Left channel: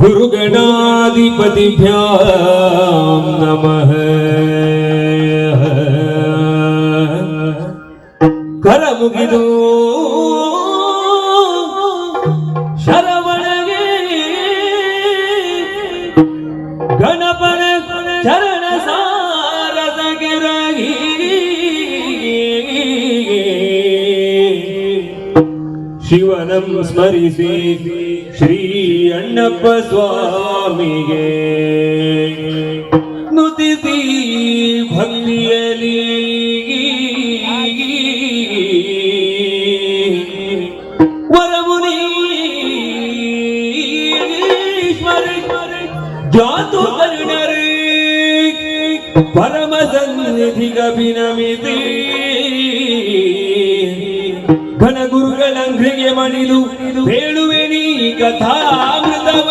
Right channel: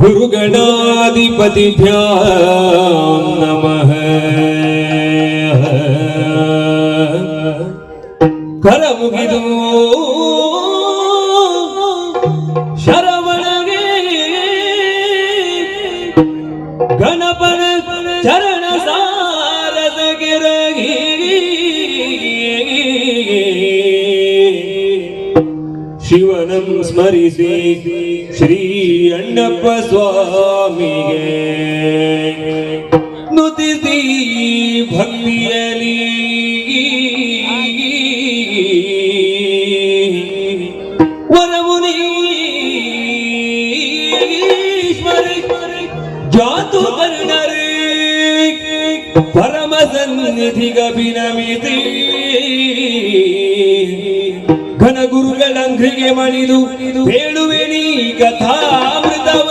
गुरुगणाधिपतिभ्यां नमः। करमुगिदु शरवणगे गणपन चरण सारसगे रगी शिवनं स्मरिಸಿ ಶ್ರೀ ಅಣ್ಣಪ್ಪ ಸ್ವಾಮಿಗೆ ನುತಿಸಿ ಭಕ್ತಿಯಲ್ಲಿ ವರಮುನೀಶ್ವರ ಜಾತು ಕರುಣರೇ ಪರಮ ಸನ್ನಿಧಿಗಭಿನಮಿತಿ ಘನಗುರುಗಳಂಘ್ರಿಗೆ ಮಣಿದು ಹೇಳುವೆ ನೀ ಕಥಾಮೃತವ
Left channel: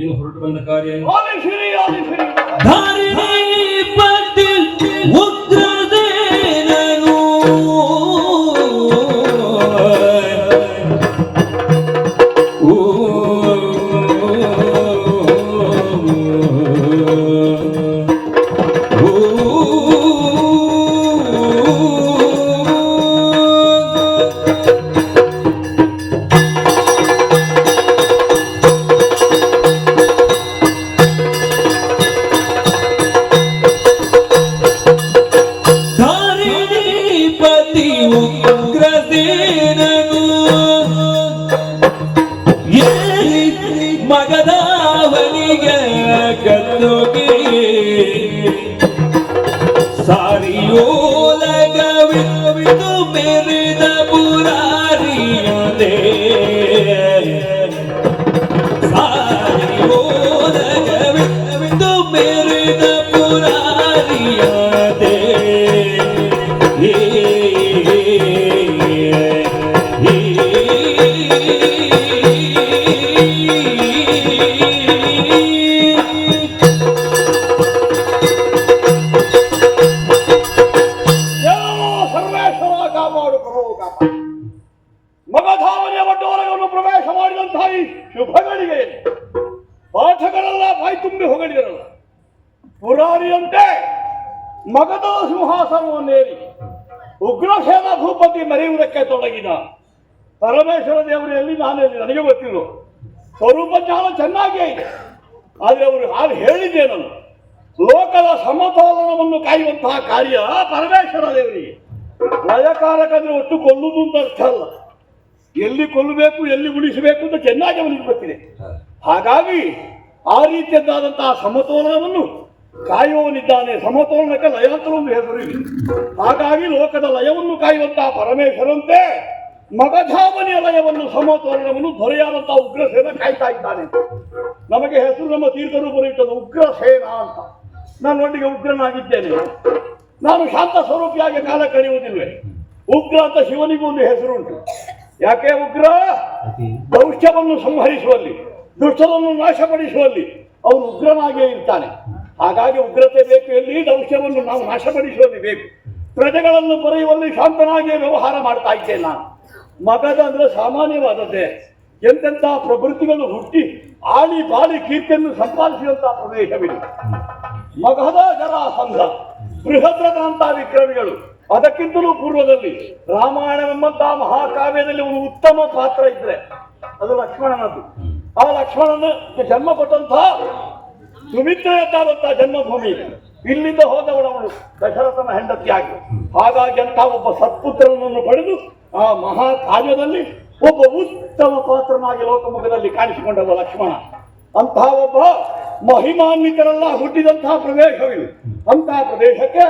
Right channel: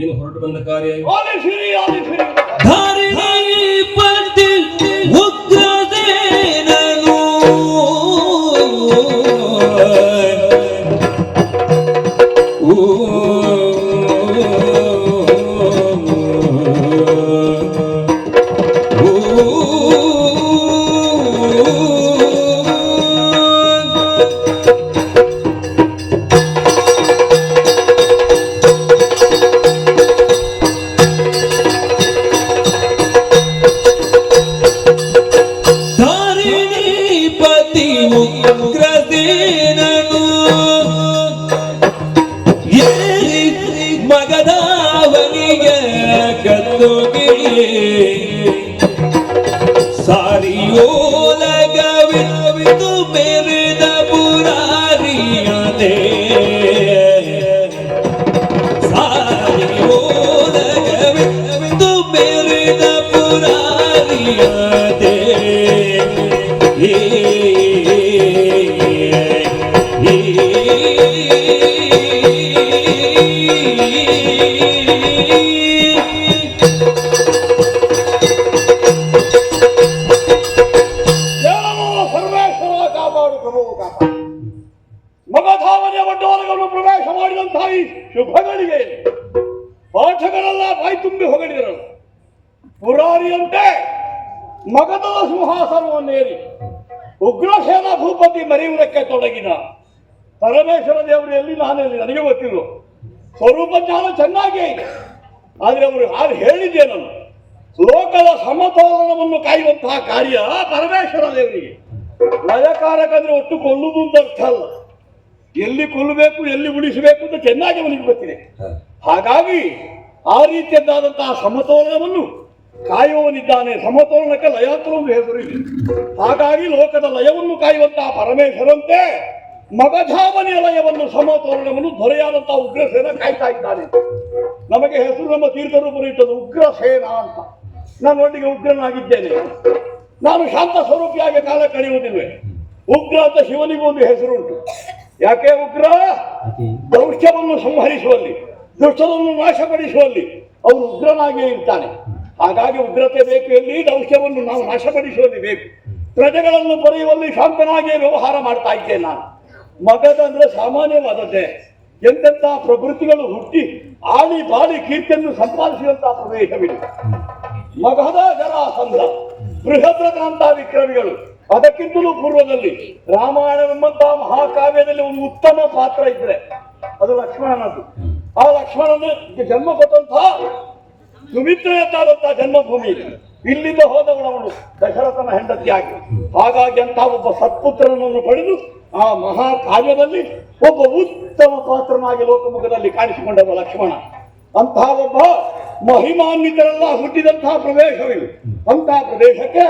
ಏನು ಹೊರಟು ಬಂದ ಕಾರ್ಯ ಧಾರಿಣೀಪತಿ ಉಗ್ರಸೇನನು ಮಗದಾವನಿಗೆ ಕತ್ತೋಗಿ ಸಾರಿಯೋಲಗವಿತು ಮೆರೆದ ಪುರಾರಿಯದೆ ಸಾರಿಯೋಲಗವಿತು ಮೆರೆದ ಪುರಾರಿಯದೆ ಮಗಧಾವನೆಯ ಒಡ್ಡೋರಗನ್ನು ಪ್ರವೇಶ ಮಾಡಿದಂತಹ ಈ ಶುಭಗಳಿಗೆ ಪಾಠಗಳೆಲ್ಲ ಬಾಯಿ ತುಂಬಿ ಹೊಗಳಿದರಲ್ಲ. ಪುರಾರಿಯಂತೆ ಮಗಧದ ಸಿಂಹಾಸನವನ್ನೇರಿ ಉಗ್ರಸೇನ ಭೂಪತಿ ಮೆರೆಯುವುದಕ್ಕೆ ತೊಡಗಿದ ಪರಮೇಶ್ವರ ದೇವರು ಎಲ್ಲಿ ನಾನೆಲ್ಲಿ ನನಗೆ ಗೊತ್ತಿಲ್ಲ. ಸ್ವರೂಪ ಜ್ಞಾನ ಚೆನ್ನಾಗಿಯೇ ಇದೆ. ಆದರೆ ಅವರು ಹಾಗೆ ಹೇಳಿದ್ದೇನು, ಲೋಕದ ಸಮತೋಲನವನ್ನು ಕಾಯುವಂತಹ ಕಾರ್ಯ ಪರಮೇಶ್ವರ ದೇವರಿಗೆ. ಲಯಕಾರಕಂದ್ರೆ ಒಟ್ಟು ಕೊಲ್ಲುವುದು ಅಂತ ಅರ್ಥ ಅಲ್ಲ, ಎಲ್ಲಿ ಕೊಲ್ಲಬೇಕು ಎಲ್ಲಿ ಉಳಿಸಬೇಕು ಅಂತ ಚೆನ್ನಾಗಿ ಅವನಿಗೆ ಗೊತ್ತಿದೆ. ಹಾಗಾಗಿ ಆ ರೀತಿಯದ್ದಾದಂತಹ ಸಮತೋಲನವನ್ನು ಕಾಯುವವನಿದ್ದಾನೆ. ಸಮತೋಲನಕ್ಕೆ ಲಯ ಅಂತ ಒಂದು ಹೆಸರು ಇದೆ. ಹಾಗಾಗಿ ಲೋಕದ ಲಯವನ್ನು ಕಾಯುವಂತಹ ಪರಮೇಶ್ವರಂತೆ ಮಗಧಾವನಿಯ ಲಯವನ್ನು ಸಮತೋಲನವನ್ನು ದೊರೆಯಾದಂತಹ ಉಗ್ರಸೇನ ಕಾಯ್ತಾ ಇದ್ದಾನೆ. ನಮಗೆ ಹೆಸರು ನಮ್ಮ ತೀರ್ಥರೂಪರು ಇಟ್ಟದ್ದು ಉಗ್ರಸೇನ ಅಂತ. ನಾನು ಒಟ್ಟಿಗೆ ಉಗ್ರನಾಗಿದ್ದೇನೆ. ನಾನು ಶಾಂತ ಸ್ವರೂಪಿಯಾಗಿ ಕಾಲ ಕಳೆಯುವುದಿಲ್ವೇ? ಉಗ್ರ ಅಂತ ಶಿವನಿಗೂ ಒಂದು ಹೆಸರುಂಟು. ಯಾಕೆ ಉಗ್ರ? ದೌಷ್ಟ್ಯವನ್ನು ಸಂಹರಿಸುವಲ್ಲಿ, ದುಷ್ಟರನ್ನು ನಾಶಪಡಿಸುವಲ್ಲಿ ಅವನು ಉಗ್ರನಾಗಿಯೇ ಇರ್ತಾನೆ. ಹಾಗಾಗಿ ಉಗ್ರತೆ ಬೇಕು, ಎಲ್ಲಿ ದೌಷ್ಟ್ಯವನ್ನು ನಾವು ನಾಶಪಡಿಸುವಲ್ಲಿ ಬೇಕು. ಪ್ರಜೆಗಳನ್ನು ಬರೆಯುವಲ್ಲಿ ಶಾಂತನಾಗಿಯೇ ವ್ಯವಹಾರ ಮಾಡ್ತಾ ಇದ್ದೇನೆ ನಾನು. ಮಗಧ ಅಂದ್ರೆ ಸಾಮಾನ್ಯವಾದದ್ದೇ. ಎಂತೆಂತಹ ಪ್ರವೃತ್ತಿಗಳು ಹುಟ್ಟಿ ಆಳಿ ಬಾಳಿ ಕೀರ್ತಿಯನ್ನು ಸಂಪಾದಿಸಿದಂತಹ ಪ್ರದೇಶವಿದೆ. ಮಗಧ ಜರಾಸಂಧ, ಬೃಹದ್ರಥಂತಹ ವಿಕ್ರಮಿಗಳು, ಅದಕ್ಕಿಂತಲೂ ಪೂರ್ವದಲ್ಲಿ ರಾಮಾಯಣವೆಂಬಂತಹ ಮಹಾಕಾವ್ಯದಲ್ಲಿ ಒಂದು ಉತ್ತಮ ಪಾತ್ರ ಇದ್ರೆ ಅದು ಲಕ್ಷ್ಮಣನದ್ದು. ಆ ಲಕ್ಷ್ಮಣನಿಗೆ ಜನ್ಮ ಕೊಟ್ಟಂತಹ ಸುಮಿತ್ರೆಯದ್ದಾದಂತಹ ಜನ್ಮಭೂಮಿ ಇಲ್ಲಿಂದ ಹೋದವಳವಳು ದಶರಥನ ಹೆಂಡತಿಯಾಗಿ. ಹಾಗಾಗಿ ಅಂತ ಒಬ್ಬ ಸತ್ಪುತ್ರನನ್ನು ಪಡೆದು ಆ ಮಹಾಕಾವ್ಯದಲ್ಲಿ ಒಬ್ಬ ಉತ್ತಮ ಪಾತ್ರನಾಗಿ ಲೋಕಮುಖದಲ್ಲಿ ಕಾಣಿಸಿಕೊಂಡವ ಲಕ್ಷ್ಮಣ. ಅಂತಹ ಒಬ್ಬ ಮಹಿಮಾನ್ವಿತರೆಲ್ಲ ಹುಟ್ಟಿದಂತಹ ಪ್ರದೇಶವಿದು. ಅಂತಹ ಪ್ರದೇಶಕ್ಕೆ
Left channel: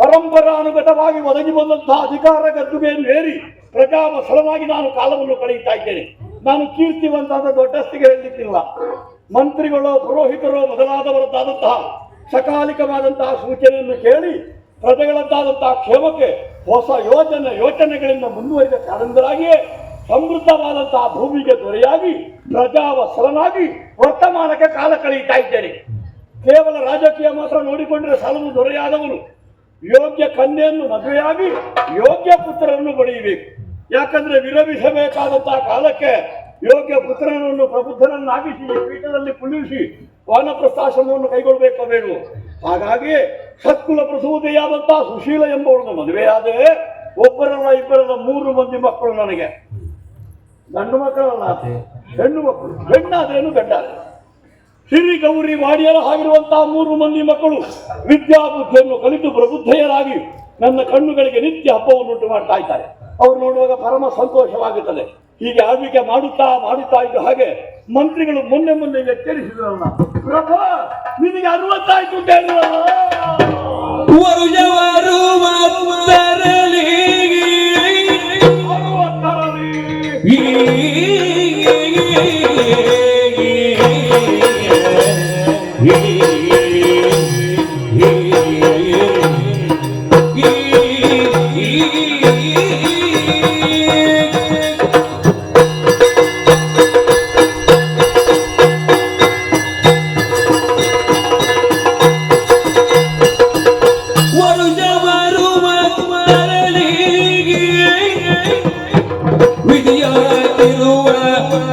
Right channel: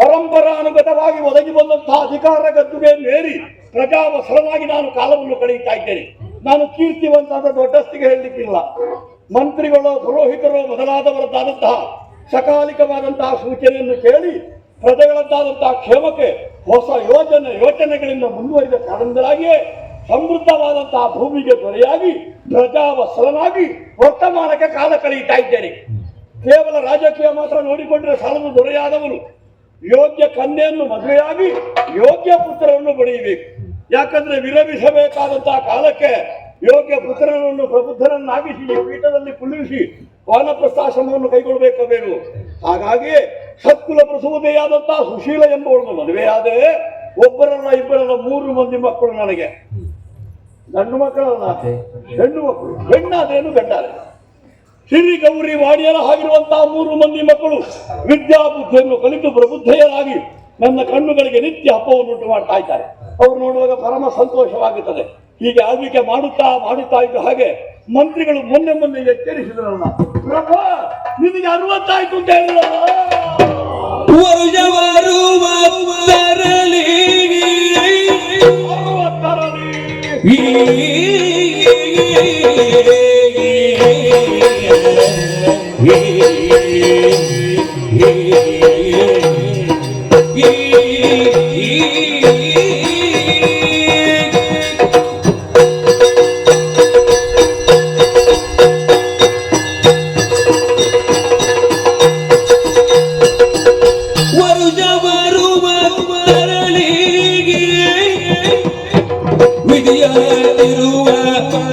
ಪರಂಪರಾನುಗತವಾಗಿ ಒದಗಿ ಬಂದಂತಹ ಅಧಿಕಾರ ಗದ್ದುಗೆಯನ್ನೇರಿ ಪ್ರಜಾವಸರನಾಗಿ ನಾನು ಕಾಲವನ್ನು ಕಳೆಯುತ್ತಾ ಇದ್ದೇನೆ. ನಾನು ಕೀರ್ತಿವಂತಾದ ದೊಡ್ಡಸ್ತಿಗೆ ಹೇಳಲಿಕ್ಕಿಲ್ಲ. ಮಂತ್ರಿಗಳು, ಪುರೋಹಿತರು ಮೊದಲಾದವರದ್ದಾದಂತಹ ಸಕಾಲಿಕವಾದಂತಹ ಸೂಚನೆಯನ್ನು ಕೇಳಿ ಪ್ರಜೆಗಳದ್ದಾದಂತಹ ಕ್ಷೇಮಕ್ಕೆ ಹೊಸ ಯೋಚನೆಗಳಿಂದ ಮುಂದುವರಿದ ಕಾರಣದಿಂದಾಗಿಯೇ ಸಮೃದ್ಧವಾದಂತಹ ಭೂಮಿಗೆ ದೊರೆಯಾಗಿ ಪ್ರಜಾವತ್ಸಲನಾಗಿ ವರ್ತಮಾನಕ್ಕೆ ಕಾಲ ಕಳೆಯುತ್ತಾ ಇದ್ದೇನೆ. ಕೇವಲ ರಾಜಕೀಯ ಮಾತ್ರ ನೋಡಿಕೊಂಡ್ರೆ ಸಾಲದು. ದೊರೆಯಾದವನು ಯೋಗ್ಯ ಕನ್ಯೆಯನ್ನು ಮದುವೆಯಾಗಿ ಯೋಗ್ಯ ಪುತ್ರರನ್ನು ಪಡೆಯಬೇಕು. ಯಾಕಂದ್ರೆ ವಿರಮಿಸಬೇಕಾದಂತಹ ಕಾಲಕ್ಕೆ ಯೋಗ್ಯ ಪುತ್ರನನ್ನು ಪ್ರಬುದ್ಧರನ್ನಾಗಿಸಿ ಪೀಠದಲ್ಲಿ ಕುಳ್ಳಿರಿಸಿ ವಾನಪ್ರಸ್ಥಾಶ್ರಮವನ್ನು ಕೈಗೊಳ್ಳಬೇಕೋ ಬೇಡವೋ. ಹಾಗಾಗಿ ಸತ್ಕುಲ ಪ್ರಸೂದೆಯಾದಂತಹ ಸುಶೀಲ ಎಂಬುವಳನ್ನು ಮದುವೆಯಾದರೆ ಒಬ್ಬರಲ್ಲ ಇಬ್ಬರಲ್ಲ 3 ಮಂದಿ ಮಕ್ಕಳು ನನಗೆ. ಗಂಡು ಮಕ್ಕಳಲ್ಲ, ಹೆಣ್ಣು ಮಕ್ಕಳು. ಹೆಣ್ಣಾದ್ರೇನು ಗಂಡಾದ್ರೆ ಸಿರಿ ಗೌರಿ ವಾಡಿಯರ ಆಗಿರುವಂತಹ 3 ಮಂದಿ ಮಕ್ಕಳು ವಿದ್ಯಾಬುದ್ಧಿಯನ್ನು ಕಲಿತು ಪ್ರಬುದ್ಧೆಯರಾಗಿ ನನ್ನ ಕಣ್ಣುಗಳಿಗೆ ನಿತ್ಯ ಹಬ್ಬವನ್ನುಂಟು ಮಾಡ್ತಾ ಇದ್ದಾರೆ. ಅವರು ನೋಡುವಾಗ ಪರಮ ಸಂತೋಷವಾಗುತ್ತದೆ. ಹೀಗೆ ಆಳ್ವಿಕೆ ಮಾಡುತ್ತಾ ಇದ್ದ ಹಾಗೆ ಮಂತ್ರಿಗಳು ಮೊನ್ನೆ ಎಚ್ಚರಿಸಿದ್ರಲ್ಲ, ಪ್ರಭು ನಿನಗೆ 60 ಆಯ್ತು ಅಂತ ಹೇಳಿದ್ರಲ್ಲ.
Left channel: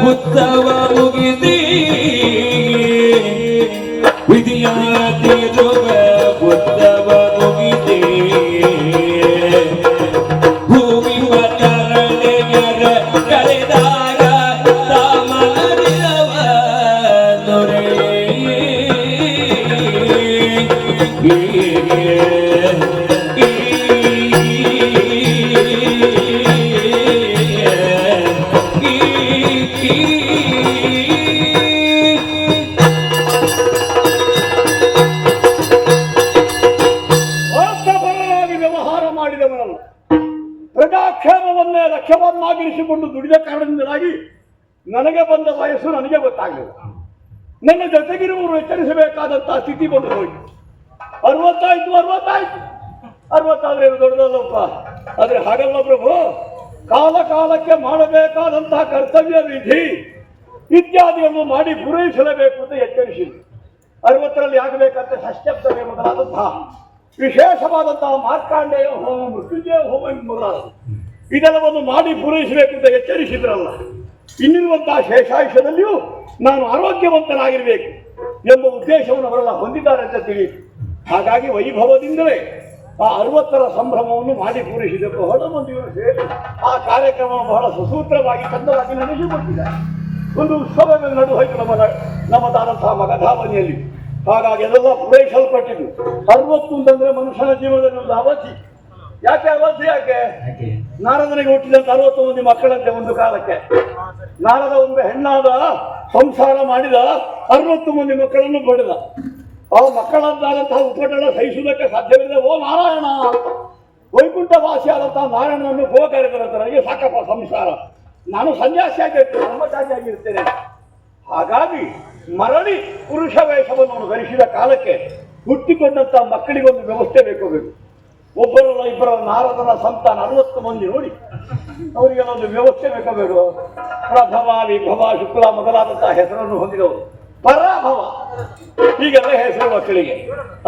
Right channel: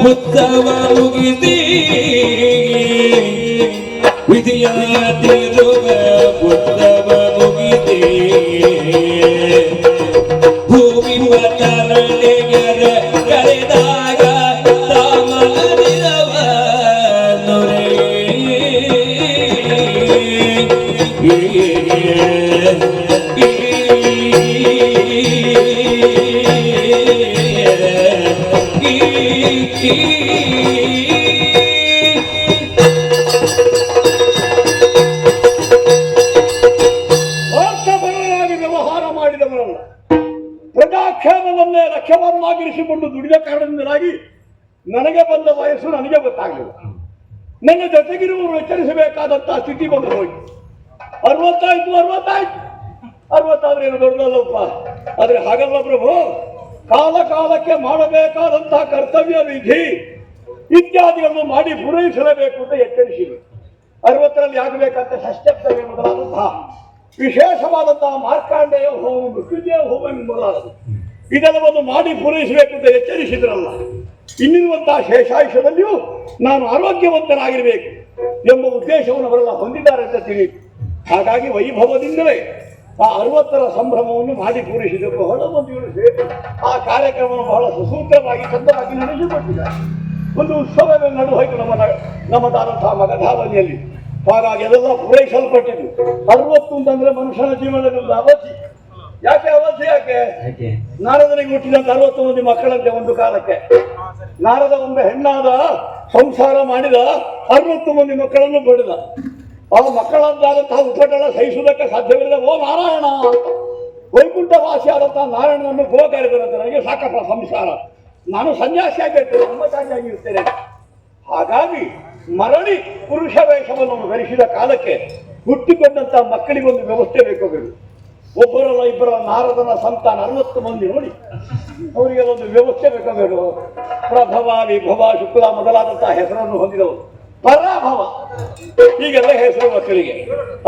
ಉತ್ಸವ ಮುಗಿಸಿ ವಿಧಿಯಾತಿರುವ ಉತ್ಸವ ಮುಗಿಸಿ ಭೂಮಿ ಮತರಳೆಗರ ಕರೆದಾಗ ಸಾಮದಿರವ ನೊರೆ ಪ್ರಜಾಕ್ಷೇಮವನ್ನೇ ಲಕ್ಷ್ಯವನ್ನಾಗಿರಿಸಿಕೊಂಡು ದುಡಿದ ಕಾರಣದಿಂದಾಗಿ ನನಗೆ ಬಂದ ವಯಸ್ಸು ನನಗೆ ಗೊತ್ತಾಗಲಿಲ್ಲ. ನನ್ನ ಜೊತೆಗಿರುವವರು ಎಚ್ಚರಿಸಬೇಕಾದಂತಹ ಸ್ಥಿತಿ ಬಂದು ಹೋಯಿತು. 60 ದೊಡ್ಡದಲ್ಲಪ್ಪ. ಆದ್ರೆ ಹಾಗಲ್ಲ ಪ್ರಭು, ಕಾಲಕ್ಕೆ ಮಾಡಬೇಕಾದಂತಹ ಕರ್ತವ್ಯ ವಿಧಿ ಇತ್ಯಾದಿಗಳನ್ನು ಮಾಡಿ ಪೂರೈಸಲೇಬೇಕು ಅಂತ ಎಚ್ಚರಿಸಿದರು. 60ರಲ್ಲಿ ಆಗಬೇಕಂತ ಷಷ್ಠಪ್ತಮಿ ಮೊದಲಾದಂತಹ ವಿಶೇಷವಾದಂತಹ ಮಾರ್ಕಾಂಡೇಯ ಹೋಮ, ಮೃತ್ಯುಂಜಯ ಹೋಮ ಮೊದಲಾದವು ಇದೆಲ್ಲವನ್ನು ಮಾಡಿ ಪೂರೈಸಬೇಕು ಅಂತ ಎಚ್ಚರಿಸಿದ್ರಲ್ಲ. ಇನ್ನಿರುವಂತಹ ಶೇಷಾಯುಷ್ಯದಲ್ಲಿಯೂ ನಾನು ಆರೋಗ್ಯವಂತನಾಗಿರಬೇಕು ಎಂಬ ಉದ್ದೇಶವನ್ನು ಅವರೆಲ್ಲ ಹೊಂದಿದ್ದಾರೆ ಅಂತ ತಿಳಿಯಿತು. ಹಾಗಾಗಿ ವೈಭವದಿಂದಲೇ ಆ 60ರ ಸಂಭ್ರಮವನ್ನು ಮಾಡಿ ಪೂರೈಸಿದರು. ಬಹಳ ಮಂದಿಗಳು ಸೇರಿ ಆ ಕಾರ್ಯಕ್ರಮವನ್ನು ಬಹಳ ಸುಸೂತ್ರವಾಗಿ ಚಂದವಾಗಿ ನಡೆಸಿಕೊಟ್ಟಿದ್ದಾರೆ. ಒಂದು ಉತ್ಸವವೇ ನಡು ಹೋಯಿತು ನಮ್ಮದಾದಂತಹ ಮಗಧಾವನಿಯಲ್ಲಿ. ಹಾಗಾಗಿ ಅದೆಲ್ಲ ಪೂರೈಸಲ್ಪಟ್ಟಿದ್ದು. 60 ಅಂತಂದ್ರೆ ಮನುಷ್ಯನ ಜೀವನದಲ್ಲಿ ಒಂದು ಅವಧಿ. ಯಾಕೆ ಅವಧಿ? ಯಾಕೆ ನಾರದನಿಗೆ ಹುಟ್ಟಿದಂತ 60 ಮಂದಿ ಮಕ್ಕಳಂತೆ ಒಂದು ಕಾಲಕ್ಕೆ. ನಾರದ ಒಬ್ಬ ಹೆಣ್ಣಾದ ಸಂಸಾರ ಮಾಡಿದ 60 ಮಂದಿ ಮಕ್ಕಳನ್ನು ಪಡೆದ. ಆ ಮಕ್ಕಳದ್ದಾದಂತಹ ಉಪಟಳ ಸಹಿಸುವುದಕ್ಕೆ ಸಾಧ್ಯವಿಲ್ಲ. ಓ ನಾರಾಯಣ ಅಂತ ವೈಕುಂಠ ವಾಸಿಯಾದಂತಹ ನಾರಾಯಣನನ್ನು ಗೋ ಕರೆದರಂತ. ನನಗೆ ಸಾಕಪ್ಪ ಸಂಸಾರ, ನಾನು ಸನ್ಯಾಸಿ ಆಗಿರ್ತೇನೆ, ಬ್ರಹ್ಮಚಾರಿಯಾಗಿರ್ತೇನೆ. ಹಾಗಾಗಿ ಮರಳಿ ಪುರುಷ ವೇಷವನ್ನು ಧರಿಸಿದ ಕಾಲಕ್ಕೆ ಹುಟ್ಟಿಕೊಂಡಂತಹ ಮಕ್ಕಳಿಗೊಂದು ವ್ಯವಸ್ಥೆ ಬೇಕು. ಒಬ್ಬರಲ್ಲ ಇಬ್ಬರಲ್ಲ, ನಾರದನ ಸಂತಾನ 60 ಮಂದಿ ನೋಡಿ ಅವರಿಗೆಲ್ಲ ಒಂದು ವ್ಯವಸ್ಥೆ ಬೇಕಾಗಬೇಕು. ಪ್ರಭವ, ವಿಭವ, ಶುಕ್ಲ ಮೊದಲಾದಂತಹ ಹೆಸರನ್ನು ಹೊಂದಿದವರು. ಪರಾಭವ ಹೀಗೆಲ್ಲ ಹೆಸರು ಮಕ್ಕಳಿಗೆ.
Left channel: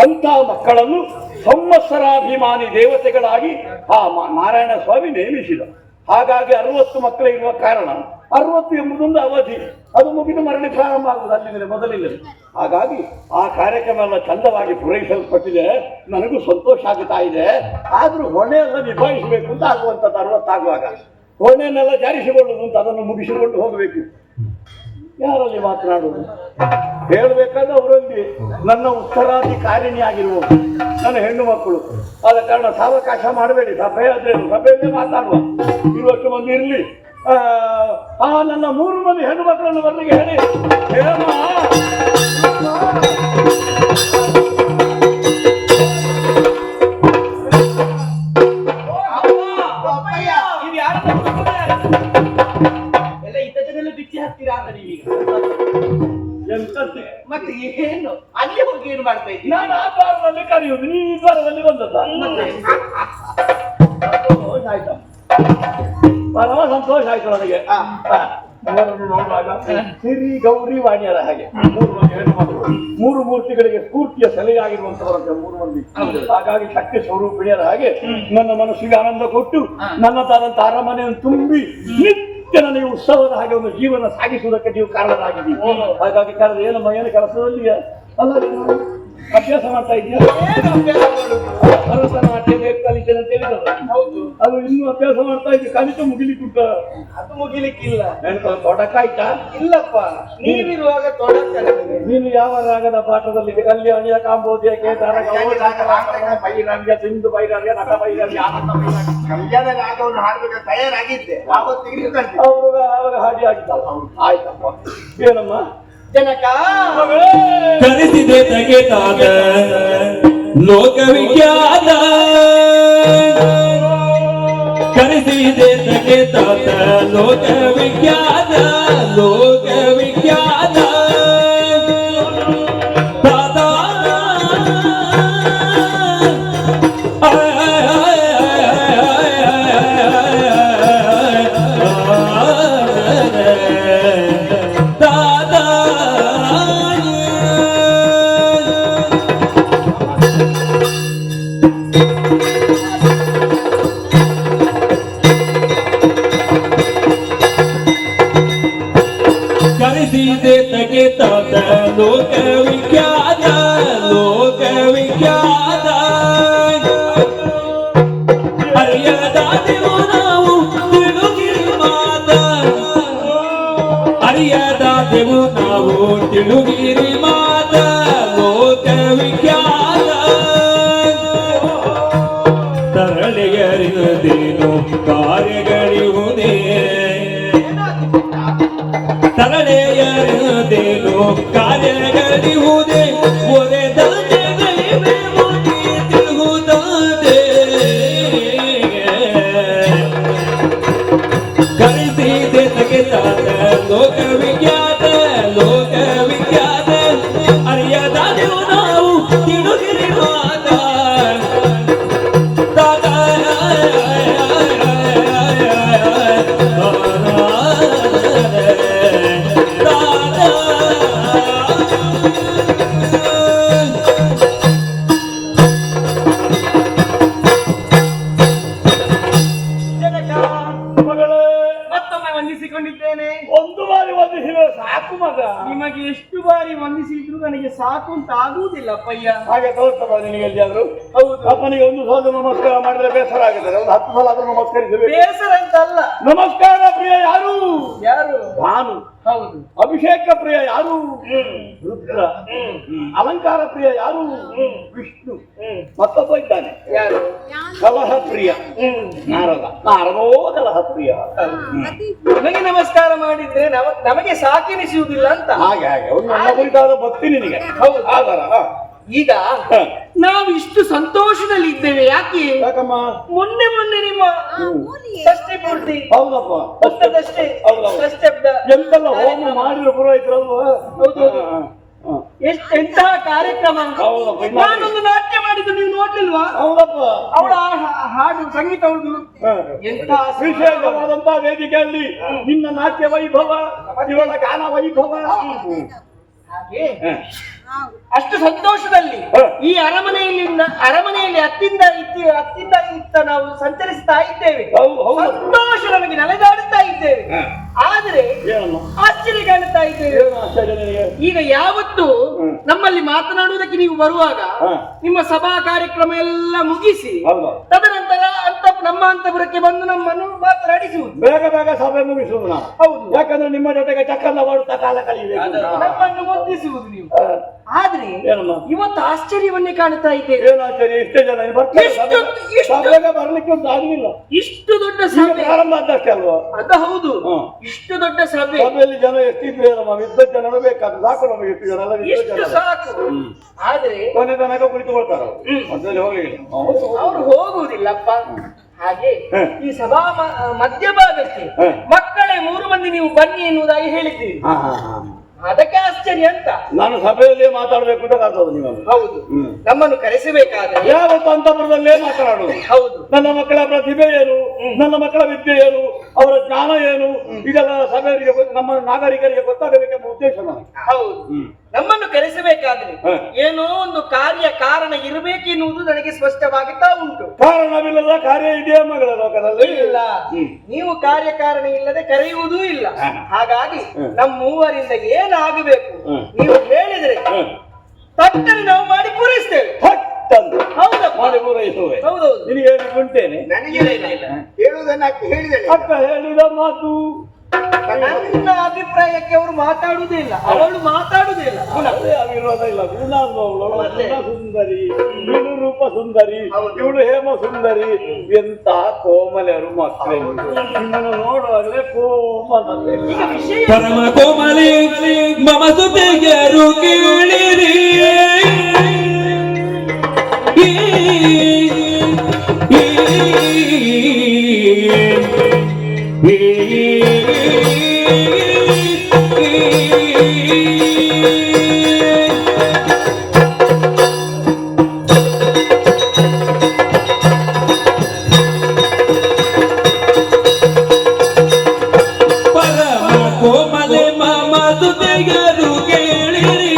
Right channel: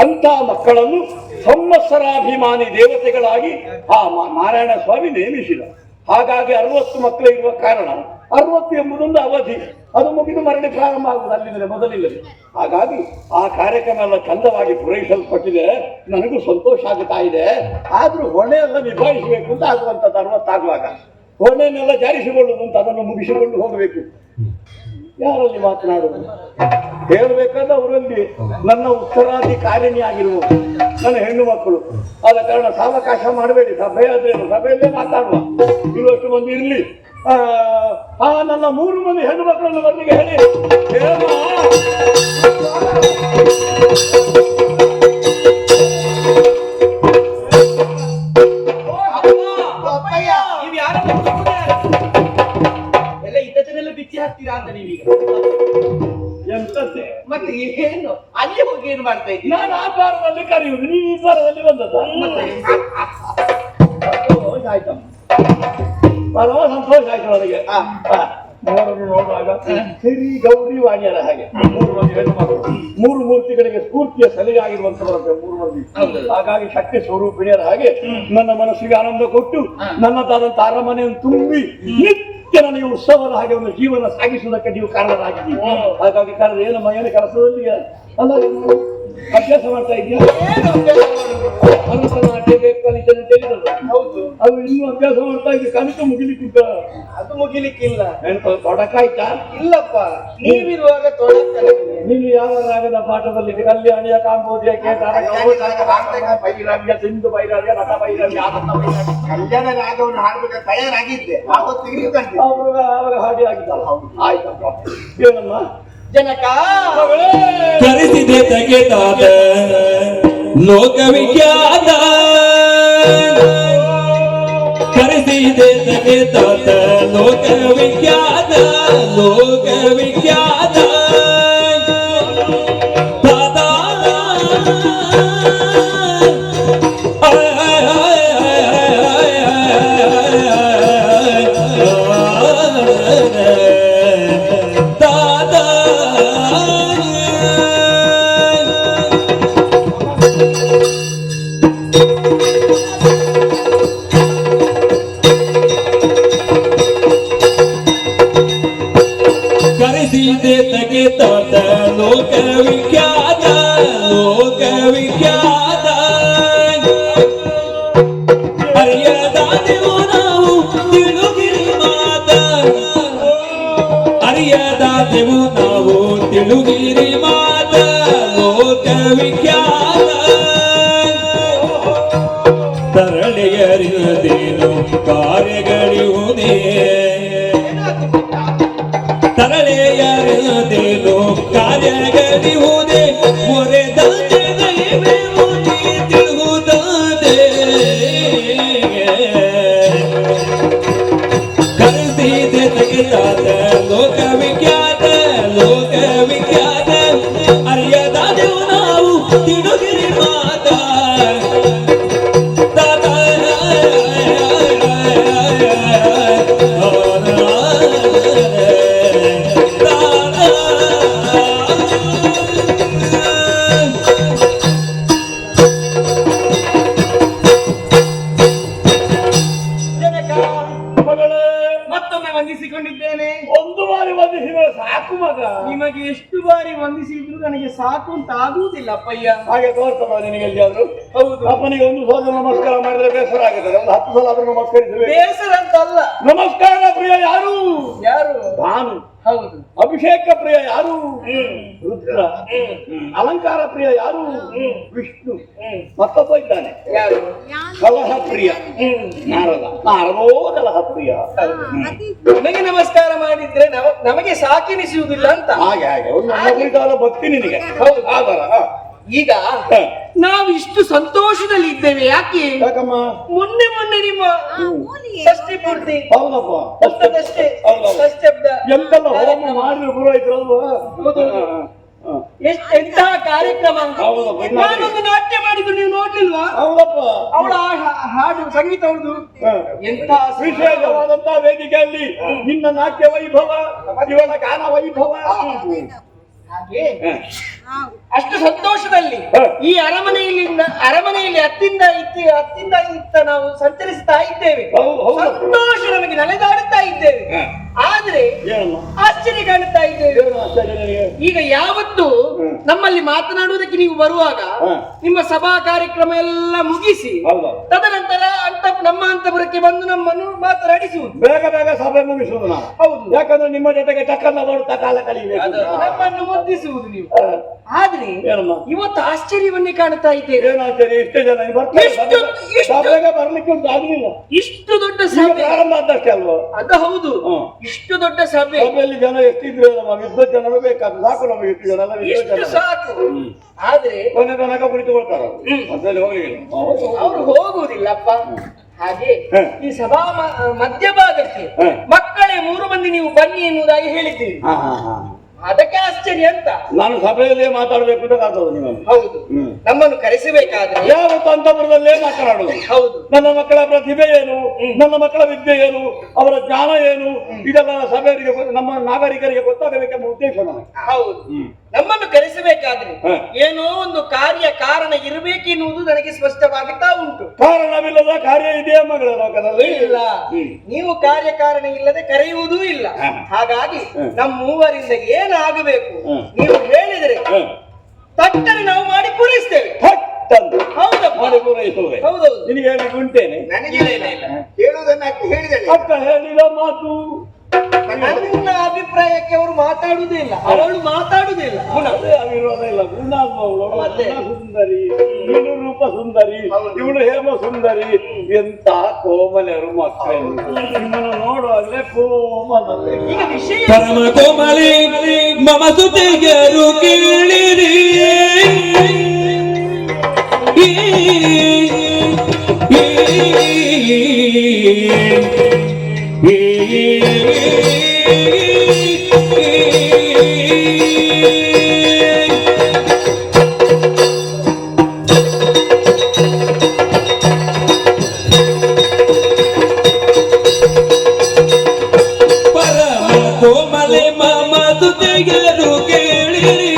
ಅಂತ ಮಕ್ಕಳನ್ನು ಸಂವತ್ಸರಾಭಿಮಾನಿ ದೇವತೆಗಳಾಗಿ ಆ ನಾರಾಯಣ ಸ್ವಾಮಿ ನೇಮಿಸಿದ. ಹಾಗಾಗಿ 60 ಮಕ್ಕಳು ಇರುವ ಕಾರಣ 60 ಎಂಬುದೊಂದು ಅವಧಿ, ಅದು ಮುಗಿದು ಮರಳಿ ಪ್ರಾರಂಭ ಆಗುವುದು ಅಲ್ಲಿಂದಲೇ ಮೊದಲಿಲ್ಲದೆ. ಹಾಗಾಗಿ ಆ ಕಾರ್ಯಕ್ರಮ ಎಲ್ಲ ಚಂದವಾಗಿ ಪೂರೈಸಲ್ಪಟ್ಟಿದೆ. ನನಗೂ ಸಂತೋಷ ಆಗುತ್ತಾ ಇದೆ. ಆದ್ರೂ ಹೊಣೆ ಎಲ್ಲ ನಿಭಾಯಿಸಬೇಕು ಅಂತ ಆಗುವಂಥದ್ದು 60 ಆಗುವಾಗ ಹೊಣೆಯನ್ನೆಲ್ಲ ಜಾರಿಸಿಕೊಳ್ಳುವುದು ಅಂತ ಅದನ್ನು ಮುಗಿಸಿಕೊಂಡು ಹೋಗಬೇಕು. ಯಾರಲ್ಲಿ ಮಾತನಾಡುವುದು ಹೇಳಬೇಕಾದ್ರೆ ಅವರಲ್ಲಿ ನನ್ನ ಉತ್ತರಾಧಿಕಾರಿಣಿ ಆಗಿರುವುದು ನನ್ನ ಹೆಣ್ಣು ಮಕ್ಕಳು. ಆದ ಕಾರಣ ಸಾವಕಾಶ ಮಾಡಬೇಡಿ. ಸಭೆ ಆದ್ರೇನು ಸಭೆಯಲ್ಲೇ ಮಾತಾಡುವ. ಇರುವಷ್ಟು ಮಂದಿ ಇರಲಿ. ನನ್ನ 3 ಮಂದಿ ಹೆಣ್ಣು ಮಕ್ಕಳನ್ನು ಬರಲಿಕ್ಕೆ ಹೇಳಿ. ಹಾಕ್ತೀರಾ ಅಂತ ನೀವೀಗ ಎಂತದ್ದೇ ಮತ್ತೆ ಏನು ಅಲ್ಲಿ ಹೋಗಿ ಏನು ಮಾಡ್ತಾ ಇದ್ದೀರಿ? ನಾನು ಆ ದ್ವಾರದಲ್ಲಿ ಕರೆಯುವುದು, ನೀವು ಈ ದ್ವಾರದಲ್ಲಿ ಬಂದದ್ದ. ಮತ್ತೆ ಸಂತೋಷ ಆಯ್ತು, ಪರಮ ಸಂತೋಷ ಆಯ್ತು ನನಗೆ. ಮೂರನ್ನು ನೋಡುವಾಗ ಸಿರಿ ಗೌರಿ ವಾಣಿಯರ ಹಾಗೆ 3 ಮಂದಿ ಹೆಣ್ಣು ಮಕ್ಕಳು, 3 ಮೂರ್ತಿಗಳಿಗೆ ಸ್ಫೂರ್ತಿಯ ಸಲಹೆಯಾಗಿರುವಂತವರು 3 ಮಂದಿ. ಹಾಗಾಗಿ ಶಕ್ತಿ ಸ್ವರೂಪಿಣಿಯರ ಹಾಗೆ ನನ್ನ ಮನಸ್ಸಿಗೆ ಆನಂದ ಕೊಟ್ಟು ನನ್ನದಾದಂತ ಅರಮನೆಯನ್ನು ತುಂಬಿ ನಿತ್ಯ ನನಗೆ ಉತ್ಸವದ ಹಾಗೆ ಒಂದು ಜೀವನ ಸಾಗಿಸುವುದಕ್ಕೆ ನೀವು ಕಾರಣರಾಗಿದ್ದೀವಿ. ಹಾಗಾಗಿ ಕರೆದ ಏನಮ್ಮ ಏನು ಕೆಲಸದಲ್ಲಿ ಅಲ್ಲ ಅಭ್ಯಾಸ ಮಾಡ್ತಾ ಇದೆಯಾ? ಭರತನಾಟ್ಯ ಬೇಕು ಕಲಿತೇನೆ ಅಂತ ಹೇಳಿದ್ರು. ಹೌದು, ಅದು ಇನ್ನೂ ಅಭ್ಯಾಸ ಮಾಡ್ತಾ ಇದ್ವಿ. ಕಲಿತು ಮುಗಿಲಿಕ್ಕುಂಟ? ಅದು ಮುಗಿಲಿಕ್ಕಿಲ್ಲ. ತೊಡಕಾಯ್ತಾ? ಇಲ್ಲಪ್ಪ, ನೀವಿರುವಾಗ ತೊಡಕ. ನೀನು ಯಾವ ರಾಗದ ಪಾಠದಲ್ಲಿ ಕಲ್ಯಾಣಿಯ ಕಾಂಬೋದಿಯ ಕೇದಾರ ಭೈರವ್ಯ ಸಿಂಧು ಭೈರವ್ಯ ನಟ ಭೈರವ್ಯ ಕಲ್ಯಾಣ ರಾಗವನ್ನು ಹಾಡ್ಬೇಕಾದ್ರೆ ತಯಾರಾಗಿದ್ದೆ, ಅವಾಗ ಹಾಡಿ ಆಗಿದ್ದಲ್ಲ. ಆಯ್ತಪ್ಪ. ಏನಮ್ಮ ಜನಕ ಕರೆಸಿದೆ ತಗೆದಾದ ಲೋಕವಿಖ್ಯಾತ, ಕರೆಸಿದೆ ತಗೆದಾದ ಲೋಕವಿಖ್ಯಾತ, ಲೋಕವಿಖ್ಯಾತ ಲೋಕವಿಖ್ಯಾತ, ಲೋಕವಿಖ್ಯಾತ ಅರಿಯದಾದೆವು ನಾವು ತಿಳುಗಿರಿ ಮಾತ, ಅರಿಯದಾದೆವು ನಾವು ತಿಳುಗಿರಿ ಮಾತ, ಲೋಕವಿಖ್ಯಾತ ತರಳೆಯರಿಯದೇನು ಕಾರ್ಯಗಳಿರುವುದೇ, ತರಳೆಯರಿಯದೇನು ಕಾರ್ಯಗಳಿರುವುದೇ, ಒರೆದಂತೆ ನೈವೇವು ನೀ ತಿಳುವುದಾದೆ, ಕರೆಸಿದೆ ತೆಗೆದಾದ ಲೋಕವಿಖ್ಯಾತ, ಲೋಕವಿಖ್ಯಾತ ಅರಿಯದಾದೆವು ನಾವು ತಿಳುಗಿರಿ ಮಾತ ವಂದಿಸಿಕೊಂಡಿದ್ದೇನೆ. ಒಂದು ಬಾರಿ ವಂದಿಸಿದ್ರೆ ಸಾಕು ಮಗ. ನಿಮಗೆ ಎಷ್ಟು ಬಾರಿ ವಂದಿಸಿದ್ರು ನನಗೆ ಸಾಕು ಅಂತ ಆಗುವುದಿಲ್ಲ ಅಪ್ಪಯ್ಯ. ಹಾಗೆ ತೋರ್ತದ ನಿನಗೆ ಎಲ್ಲಿಯಾದ್ರೂ? ಹೌದು, ಅಪ್ಪನಿಗೆ 1 ಸಲ ನಮಸ್ಕಾರ ಮಾಡಿದ್ರೆ ಬೇಸರ ಆಗುತ್ತದೆ, ಒಂದು 10 ಸಲ ಆದ್ರೂ ನಮಸ್ಕರಿಸಬೇಕು. ಬೇಸರ ಅಂತಲ್ಲ. ನಮಸ್ಕಾರ ಪ್ರಿಯ ಯಾರು? ಯಾರು? ಭಾನು. ಹೌದು. ಅಭಿಷೇಕ ಪ್ರಿಯ ಯಾರು? ರುದ್ರ. ಅಲಂಕಾರ ಪ್ರಿಯ ಯಾರು? ವಿಷ್ಣು. ಮತ್ತೊಬ್ಬ ಇದ್ದಾನೆ ಯಾರು? ಕಲಹ ಪ್ರಿಯ ನಾರದ. ನಾರದೋ ಕಲಹ ಪ್ರಿಯ. ನನಗೆ ನಮಸ್ಕಾರ ಮಾಡಿದ್ರೆ ನಮಗೆ ಸಾಕೆನಿಸುವುದಿಲ್ಲ ಅಂತ. ಹಾಗೆ ಹಾಗೆ ಒಂದು ನನ್ನ ಕುರಿತಾದ ಭಕ್ತಿ ನಿನಗೆ. ಹೌದು. ಆಧಾರ. ಈಗ ನಾವು ಇಷ್ಟು ಸಂತೋಷದಲ್ಲಿ ಇದ್ದೇವೆ ಯಾಕೆ? ಯಾಕಮ್ಮ? ಮೊನ್ನೆ ನಿಮ್ಮ ಷಷ್ಠಿ ಪೂರ್ತಿ. ಹೌದಪ್ಪ. ಅಷ್ಟೇ ಷಷ್ಠಬ್ದ ಎಂತೆಲ್ಲ ಹೋಮ ಮಾಡಿದ್ರು ಪುರೋಹಿತರಲ್ವಾ? ಹೌದು. ಎಂತಹ ಕಾರ್ಯಕ್ರಮ. ನಾನೊಂದು ನಾಟ್ಯ ಮಾಡಿದ್ದು ನೀವು ನೋಡ್ಲಿಲ್ವಾ? ಹೌದಪ್ಪ. ಅವಳ ಹಾಡು ಸಂಗೀತ ಅವ್ರದ್ದು ಎಂತ ವಿಶೇಷವಾದಂತಹ ವೇದಿಕೆಯಲ್ಲಿ ನಿನ್ನ ನಾಟ್ಯ ವೈಭವ, ಇವಳ ಗಾನ ವೈಭವ. ಹಾಗೆ ಅಷ್ಟು ಸಂತೋಷದಲ್ಲಿ ಹ. ಈ ಅರಮನೆಯಲ್ಲಿ ಅತ್ತಿಂದ ಇತ್ತ ನಾವು ಸಂಚರಿಸ್ತಾ ಇದ್ದೇವೆ. ಹೌದು. ಸಂತೋಷ ನಮಗೆ ನಲೆದಾಡುತ್ತಾ ಇದ್ದೇವೆ. ಹ. ಆದ್ರೆ ಏನಮ್ಮ ಆಶ್ಚರ್ಯ ಕಾಣುತ್ತಾ ಇದ್ದೇವೆ. ಏನು ಆಶ್ಚರ್ಯ ನಿನಗೆ? ಈಗ ಯಾವತ್ತು ನಮ್ಮಲ್ಲಿ ಮಾತನಾಡುವುದಕ್ಕೆ ನೀವು ಬರುವಾಗ ಹ. ನಿಮ್ಮ ಸಭಾ ಕಾರ್ಯಕ್ರಮ ಎಲ್ಲ ಮುಗಿಸಿ ಹೌದು. ತದನಂತರ ನಮ್ಮ ಅಂತಪುರಕ್ಕೆ ಬಂದು ನಮ್ಮನ್ನು ಮಾತನಾಡಿಸುವುದು. ಬೇಗ ಬೇಗ ಸಭೆ ಮುಗಿಸುವುದು ನಾವು. ಹೌದು. ಯಾಕಂದ್ರೆ ನಿಮ್ಮ ಜೊತೆಗೆ ಚಕ್ಕಂದ ಮಾಡುತ್ತಾ ಕಾಲ ಕಳೆಯಬೇಕು. ನಮ್ಮನ್ನು ಮುದ್ದಿಸುವುದು ನೀವು. ಆದ್ರೆ ಏನಮ್ಮ ಇವತ್ತು ಆಶ್ಚರ್ಯವನ್ನೇ ಕಾಣುತ್ತಾ ಇದ್ದೇವೆ. ಏನು ಆಶ್ಚರ್ಯ? ಇಷ್ಟೇ ಜನ ಬರ್ತಾರೆ. ಎಷ್ಟು- ಸಭೆಗೆ ಬರ್ಲಿಕ್ಕೆ ಉಂಟು ಆಗಲಿಲ್ಲ. ಇಷ್ಟು ದೊಡ್ಡ ಈಗ ಸಭೆ. ಪ್ರಾರಂಭ ಆದಷ್ಟೇ ಅಲ್ವಾ? ಅದ ಹೌದು. ಹ. ಇಷ್ಟು ದೊಡ್ಡ ಸಭೆ. ಸಭೆಯಲ್ಲಿ ಜನ ಎಷ್ಟಿದ್ರು ನಮ್ಮ ವಿದ್ಯುತ್ ಜನರು ಬೇಕಾದ್ರೆ ಸಾಕು. ನಮಗೆ ಎಷ್ಟು ಜನ ಎಲ್ಲ ವಿದ್ಯುತ್ ಇಷ್ಟು ಜನ ಸಾಕು. ಆದ್ರೆ ಕೊನೆ ತನಕ ಕುಳಿತುಕೊಳ್ತಾರೆ ಅದ್ರಲ್ಲಿ ಹೋಗ್ಲಿಲ್ಲ. ಅವರು ಹೋಗುವುದಿಲ್ಲಪ್ಪ. ಹಾಗೆ ಹ. ಈ ಸಭಾ ಮಧ್ಯಭಾಗಕ್ಕೆ ಹ. ಮಕ್ಕಳೇ 3 ಮಂದಿ ನೀವು ಬನ್ನಿ ಎನ್ನುವುದಾಗಿ ಹೇಳಿದ್ದೀರಿ. ಅದಕ್ಕೆ ಆಶ್ಚರ್ಯ ಅಂತ. ನಾನು ಸಭೆಯಲ್ಲೇ ಮಾತಾಡ್ಬೇಕು ಅಂತ ಕಾರ್ತದೆ ನೀವು. ಹೌದು. ನಮ್ಮನ್ನು ಕರೆಸಬೇಕಾದ್ರೆ ಯಾವತ್ತು ಅಂತಪುರದಲ್ಲೇ ಮಾತನಾಡುದು. ಹೌದು. ನನ್ನ ಮಕ್ಕಳ ಪ್ರತಿಭೆ ಏನು, ನನ್ನ ಮಕ್ಕಳ ವಿದ್ಯೆ ಏನು, ಅವರ ಜ್ಞಾನ ಏನು, ಇದೆಲ್ಲ ಸಭೆಯವರಿಗೆ ನಮ್ಮ ನಾಗರಿಕರಿಗೆ ಗೊತ್ತಾಗಬೇಕೆಂಬ ಉದ್ದೇಶ ನನಗೆ. ಹೌದು. ನಮ್ಮನ್ನು ಕರೆಸಬೇಕಾದ್ರೆ ಹ. ಏನೋ ಒಂದು ಕಾರಣ ಇರಬೇಕೆನ್ನುವುದು ನನಗೆ ಸ್ಪಷ್ಟವಾಗುತ್ತಾ ಉಂಟು. ಕಾರಣವಿಲ್ಲದ ಕಾರ್ಯ ಇದೆಯೇ ಮಗಳ ಲೋಕದಲ್ಲಿ? ಇಲ್ಲ. ನೀವು ಕಾರಣ ಇಲ್ಲದೆ ಕರೆಯುವುದೂ ಇಲ್ಲ. ಹ. ಹಾಗಾಗಿ ಹ. ನಮ್ಮ ಮೂವರಿಂದ ಏನಾಗಬೇಕು ಹ. ನೀವು ಹೇಳಿದ್ರೆ ಹ. ತಟ್ಟನೆ ನಾವು ಮಾಡಿ ಪೂರೈಸ್ತೇವೆ. ಥಟ್ಟಂದು ಹೌದಪ್ಪ. ಮಾಡಿ ಪೂರೈಸುವೆ. ಹೌದೌದು. ನಿನಗೆ ಹೇಳಿ ಉಂಟೇನೆ? ನನಗೆ ಇಲ್ಲ. ಹೇಳುವುದನ್ನ ಹೇಳಿದೆ. ಅಕ್ಕ ಹೇಳಿದ ಮಾತು ನನ್ನ ಅಭಿಪ್ರಾಯಕ್ಕೆ ಅವರು ಮಾತಾಡುವುದೇ ಇಲ್ಲ. ಅವಳು ಮಾತಾಡುವುದೇ ಇಲ್ಲ. ಅದೇ ಅವಿರೋಧ ಇಲ್ಲ. ಗುಣಾಂಬವಳು ಮತ್ತೆ? ಸುಂದರಿ, ಇವಳು ರೂಪ ಸುಂದರಿ, ಹೌದು. ಇವಳು ಹೇಮ ಸುಂದರಿ. ಎಂತ ಕೋಮಲೆಯರು ಮಕ್ಕಳು ನಿಮ್ಮನ್ನು ನೋಡುವಾಗಲೇ ಕೋಮಲೆ. ಈಗ ವಿಷಯ ಪರಮ ಕೋಮಲಿ ಮಮ ಸುತೆಗೆರು ಕೇಳಿರಿ. ಪರಮ ಕೋಮಲೆ ಮಮ ಸುತೆಗೆರು ಕೇಳಿರಿ.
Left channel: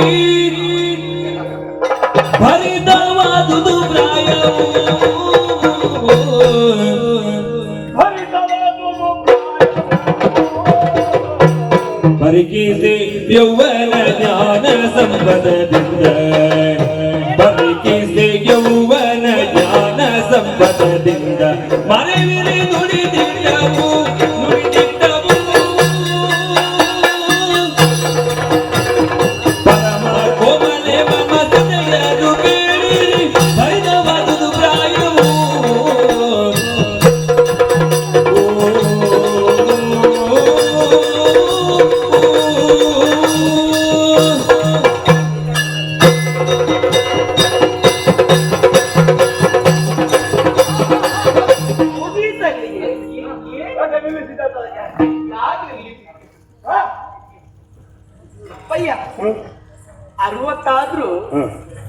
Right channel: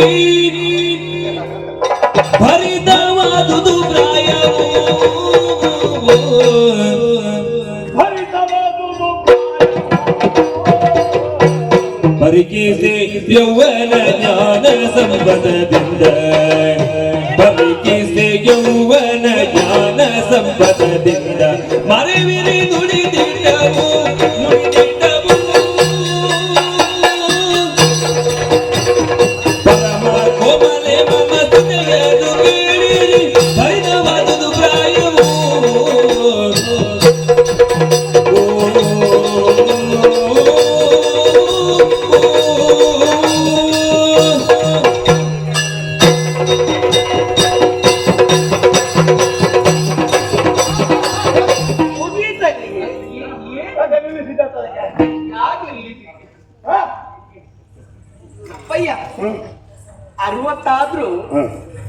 ಭರಿತವಾದುದು ಪ್ರಾಯವು ಪರಿಕಿಸಿ ಯೌವನ ಜ್ಞಾನ ಸಂಪದದಿಂದ. ಪರಿಕಿಸಿ ಯೌವನ ಜ್ಞಾನ ಸಂಪದದಿಂದ ಮರೆವಿರಿ ನುಡಿದಿದ್ದವು ನುಡಿದಿದ್ದವು. ಪರಮ ಕೋಮಲೆ ಮಮ ಸುತೆಗೆರು ಕೇಳಿರಿ. ಭರಿತವಾದುದು ಪ್ರಾಯವು ಮುಗಿಸಲ್ಲಿಗೆ ಯಾಕೆ ನಿಲ್ಲಿಸಿದ ತನಗೆ? ಹ? ಅಯ್ಯ 60 ಆದ್ರೂ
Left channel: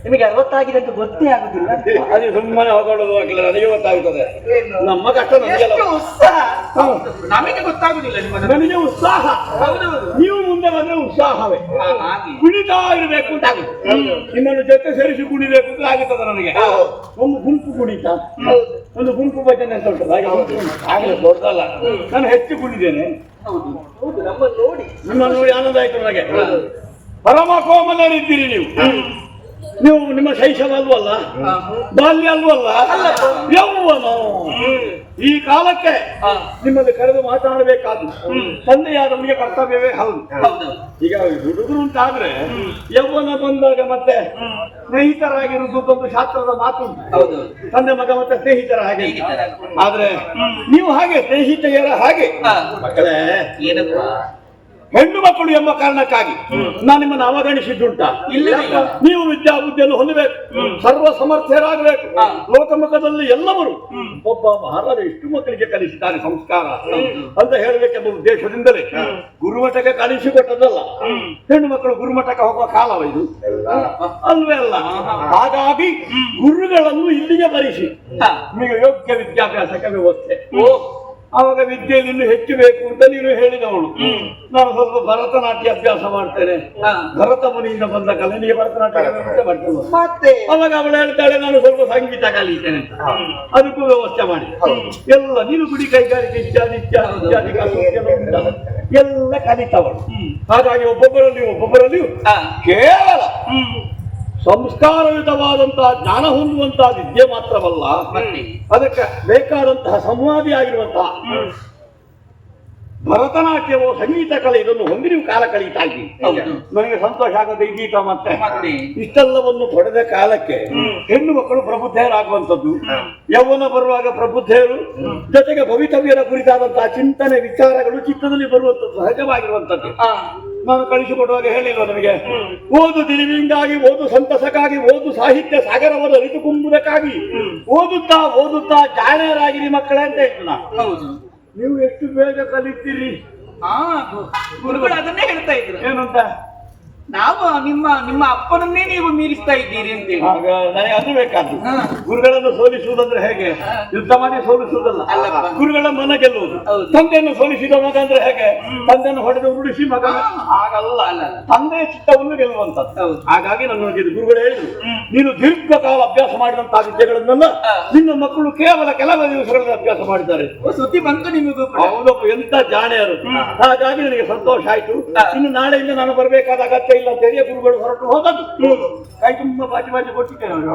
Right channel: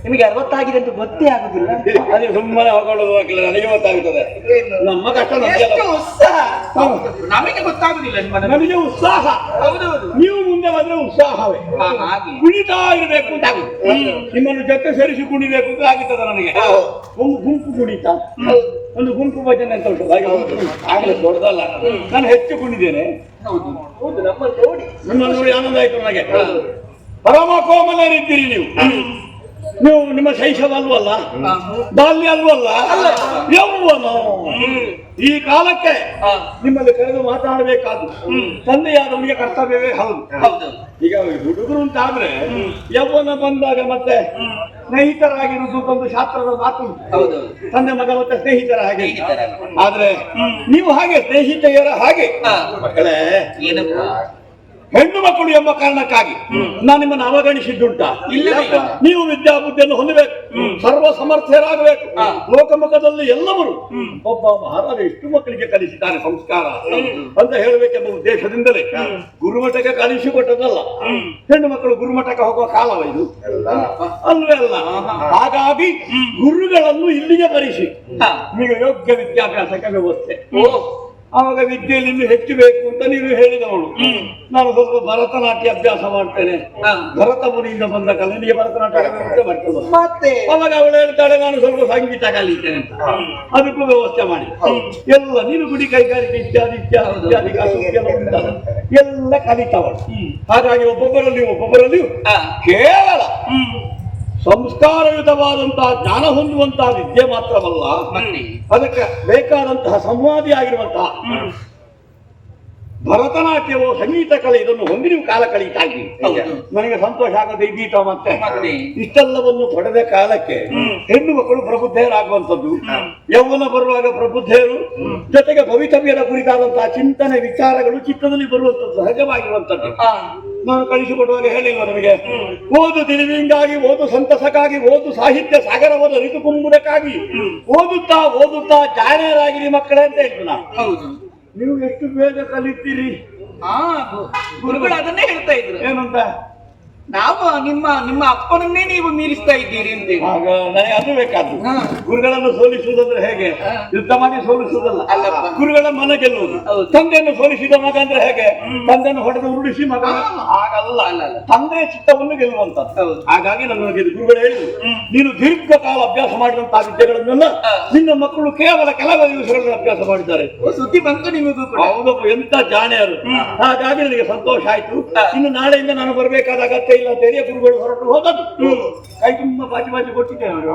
ನಿಮಗೆ 60 ಆಗಿದೆ ಅಂತ ಗೊತ್ತೇ ಆಗುದಿಲ್ಲ. ಅದೇ ಸುಮ್ಮನೆ ಹೋಗೋದು ಹಾಕಿಲ್ಲ. ನನಗೆ ಗೊತ್ತಾಗುತ್ತದೆ. ನಮ್ಮ ಕಷ್ಟ ನಮಗೆಲ್ಲ. ಎಷ್ಟು ಉತ್ಸಾಹ. ನಮಗೆ ಗೊತ್ತಾಗುದಿಲ್ಲ ನಿಮ್ಮ ನನಗೆ ಉತ್ಸಾಹ. ಹೌದೌದು. ನೀವು ಮುಂದೆ ಬಂದ್ರೆ ಉತ್ಸಾಹವೇ. ಹಾಗೆ ಕುಣಿತಾ ಇರಬೇಕು ಅಂತ ಆಗುತ್ತೆ. ನಿಮ್ಮನ್ನು ಜೊತೆ ಸೇರಿಸಿ ಕುಣಿಬೇಕು ಅಂತ ಆಗುತ್ತದೆ ನನಗೆ. ಒಂದು ಗುಂಪು ಕುಣಿತ, ಒಂದು ಗುಂಪು ಭಜನೆ ಅಂತ ಉಂಟು. ಹಾಗೆ ಆಗಲಿ ದೊಡ್ಡದಲ್ಲ. ನಾನು ಹೆಚ್ಚು ಕುಣಿದ್ದೇನೆ. ಹೌದು ಹೌದು. ನಮ್ಮನ್ನು ನೋಡಿ ನಿಮ್ಮನ್ನು ನೋಡಿ ಆನಂದ ಆಯ್ತು ನನಗೆ. ಪರಮ ಕೋಮಲರಿದ್ದೀರಿ ನೀವು. ನೀವು ನಿಮ್ಮ ಶೈಶವ ಅಲ್ವಲ್ಲ, ಬಾಲ್ಯ ಅಲ್ವಲ್ಲ, ಯೌವನ. ಈ ಕಾಲಕ್ಕೆ ನಿಮ್ಮಲ್ಲಿ ಕರೆದು ಮಾತನಾಡಬೇಕಾದ್ರು ತಂದೆಯಾದವನಿಗೆ ಕರ್ತವ್ಯವೇ ಹೌದು. ಈಗ ಹುಡುಗರು ಅಂತಾದ್ರೆ ಯೌವನ ಬಂದಾಗ ಮತ್ತೆ ಸ್ನೇಹಿತರಾಗಿರುವುದೊಂದು ಶಾಸ್ತ್ರದ ಮಾತು ಉಂಟು. ತಂದೆ ಮಗ ಮತ್ತೆ ಸ್ನೇಹಿತರ ಹಾಗೆ. ಆದ್ರೆ ನೀವು ಹಾಗೆ ಸ್ನೇಹಿತೆಯರ ಹಾಗೆ ಮಕ್ಕಳೇ. ಹೆಣ್ಣು ಮಕ್ಕಳು ಎಂಬ ಕಾರಣಕ್ಕಾಗಿ ನಾನು ನಿಮ್ಮನ್ನು ಅವಗಣಿಸಿದ್ದುಂಟ? ನೀವು ವಿದ್ಯಾಬುದ್ಧಿಯನ್ನು ಹೊಂದಬೇಕು, ಸರ್ವ ಸಮರ್ಥರಾಗಬೇಕು. ಲೋಕಮುಖದಲ್ಲಿ ಎಲ್ಲವರು ಒಬ್ಬ ಮಹಾರಾಜ ಇಷ್ಟು ಮಕ್ಕಳಿಗೆ ಕಲಿಸಿದ್ದಾರೆ ಸಂಸ್ಕಾರ ಅಂತ ಹೇಳಬೇಕೆಂಬ ಉದ್ದೇಶದಿಂದಲೇ ಗುರುಮಠಕ್ಕೆ ಕಲಿಸಿಕೊಟ್ಟದಲ್ಲ. ಹೆಣ್ಣು ಮಕ್ಕಳು ಗುರುಮಠಕ್ಕೆ ಹೋಗುವ ಕಾಲವ ಇದು ಅಲ್ವೇ ಅಲ್ಲ. ಹಾಗಾಗಿ ಗುರುಗಳನ್ನು ಇಲ್ಲಿಗೆ ಬರಿಸಿ ನಿಮಗೆ ಯೋಗ್ಯ ವಿದ್ಯಾಭ್ಯಾಸಕ್ಕೆ ವ್ಯವಸ್ಥೆ. ಆವಾಗ ವಿದ್ಯೆಯಲ್ಲಿ ಇನ್ನು ಹೆಚ್ಚು ಬೇಕು ಅಂತ ನೀನು ಹೇಳಿದವಳು. ನಾನು ಸ್ವಲ್ಪ ಭರತನಾಟ್ಯ ಅಭ್ಯಾಸ ಮಾಡ್ತೇನೆ, ಭರತ ಮುನಿಯಿಂದ ಬಂದ ಕಲೆ, ನೀ ಭರತನಾಟ್ಯ ಮಾಡ್ತೇನೆ. ಮತ್ತೆ ಅವಾಗ ಅವಳು ಹೇಳ್ತಾಳೆ ನಾನು ಸ್ವಲ್ಪ ಸಂಗೀತ ಕಲಿತೇನೆ ಅಂತ. ಅದಕ್ಕೂ ವ್ಯವಸ್ಥೆ ಮಾಡಿ ಎಲ್ಲ ನೀನು ಗುಡಿ ಕೈಗಾರಿಕೆ ಇತ್ಯಾದಿ ಇತ್ಯಾದಿ ಇತ್ಯಾದಿ ಎಲ್ಲ ಕಲಿತವಳು. ಹಾಗಾಗಿ ಒಬ್ಬೊಬ್ಬರಲ್ಲಿಯೂ ಕೇವಲ ಸಂಸ್ಕಾರಯುತವಾದಂತಹ ಜ್ಞಾನ ಹೊಂದುವಂತಹ ವಿದ್ಯೆ ಮಾತ್ರವಲ್ಲ, ಅದಕ್ಕೆ ಬೇಕಾದಂತಹ ಸಂವಾದಿ ಆಗಿರುವಂತಹ ಭರತನಾಟ್ಯವೋ ಸಂಗೀತ ಕಲೆ ಇದನ್ನು ಹೊಂದಿ ನೀವು ಕಾಲ ಕಳೀತಾ ಇದ್ದೀವಿ. ನನಗೆ ಸಂತೋಷ ಆಗದೆ ಇದೀತ. ಮತ್ತೆ ಇಷ್ಟೆಲ್ಲವನ್ನು ಪಡೆದ ಕಾಲಕ್ಕೆ ಹೆಣ್ಣು ಮಕ್ಕಳು ಪ್ರಬುದ್ಧರಾಗುವಂಥದ್ದು, ಯೌವನ ಬರುವಾಗ ಪ್ರಬುದ್ಧರು, ಜೊತೆಗೆ ಭವಿತವ್ಯದ ಕುರಿತಾದಂತಹ ಚಿಂತನೆ ವಿಚಾರಗಳು ಚಿತ್ತದಲ್ಲಿ ಬರುವಂಥದ್ದು ಸಹಜವಾಗಿರುವಂಥದ್ದು. ನಾನು ಕಳಿಸಿಕೊಡುವಾಗ ಹೇಳಿಲ್ವ ನಿಮಗೆ, ಓದು ತಿಳಿವಿಂಗಾಗಿ, ಓದು ಸಂತಸಕ್ಕಾಗಿ, ಓದು ಸಾಹಿತ್ಯ ಸಾಗರವನ್ನು ಅರಿತು ಕುಂಬುದಕ್ಕಾಗಿ ಓದುತ್ತಾ ಓದುತ್ತಾ ಜಾಣರಾಗಿರಿ ಮಕ್ಕಳೇ ಅಂತ ಹೇಳ್ತು ನಾನು. ನೀವು ಎಷ್ಟು ಬೇಗ ಕಲಿತೀರಿ? ಗುರುಗಳು ಅದನ್ನೇ ಹೇಳ್ತಾ ಇದ್ರು. ಏನಂತ? ನಾವು ನಿಮ್ಮ ಅಪ್ಪನನ್ನೇ ನೀವು ಮೀರಿಸ್ತಾ ಇದ್ದೀರಿ ಅಂತೇಳಿ. ಆಗ ನನಗೆ ಅದು ಬೇಕಾದ್ದು. ಗುರುಗಳನ್ನು ಸೋಲಿಸುವುದಂದ್ರೆ ಹೇಗೆ? ಯುದ್ಧ ಮಾಡಿ ಸೋಲಿಸುವುದಲ್ಲ, ಗುರುಗಳ ಮನ ಗೆಲ್ಲುವುದು. ತಂದೆಯನ್ನು ಸೋಲಿಸಿದ ಮಗ ಅಂದ್ರೆ ಹೇಗೆ? ತಂದೆಯನ್ನು ಹೊಡೆದು ಉರುಳಿಸಿ ಮಗ ಆಗಲ್ಲ, ತಂದೆಯ ಚಿತ್ತವನ್ನು ಗೆಲ್ಲುವಂತದ್ದು. ಹಾಗಾಗಿ ನನಗೆ ಗುರುಗಳು ಹೇಳಿದ್ರು, ನೀನು ದೀರ್ಘಕಾಲ ಅಭ್ಯಾಸ ಮಾಡಿದಂತಹ ವಿದ್ಯೆಗಳನ್ನೆಲ್ಲ ನಿನ್ನ ಮಕ್ಕಳು ಕೇವಲ ಕೆಲವು ದಿವಸಗಳಲ್ಲಿ ಅಭ್ಯಾಸ ಮಾಡಿದ್ದಾರೆ. ಸುದ್ದಿ ಬಂತು ನಿಮಗೂ. ಹೌದಪ್ಪ, ಎಂತ ಜಾಣೆಯರು. ಹಾಗಾಗಿ ನನಗೆ ಸಂತೋಷ ಆಯ್ತು. ಇನ್ನು ನಾಳೆಯಿಂದ ನಾನು ಬರಬೇಕಾದ ಅಗತ್ಯ ಇಲ್ಲ ಅಂತ ಹೇಳಿ ಗುರುಗಳು ಹೊರಟು ಹೋದದ್ದು. ಕೈ ತುಂಬ ಬಾಜಿ ಕೊಟ್ಟಿದ್ದೇವೆ.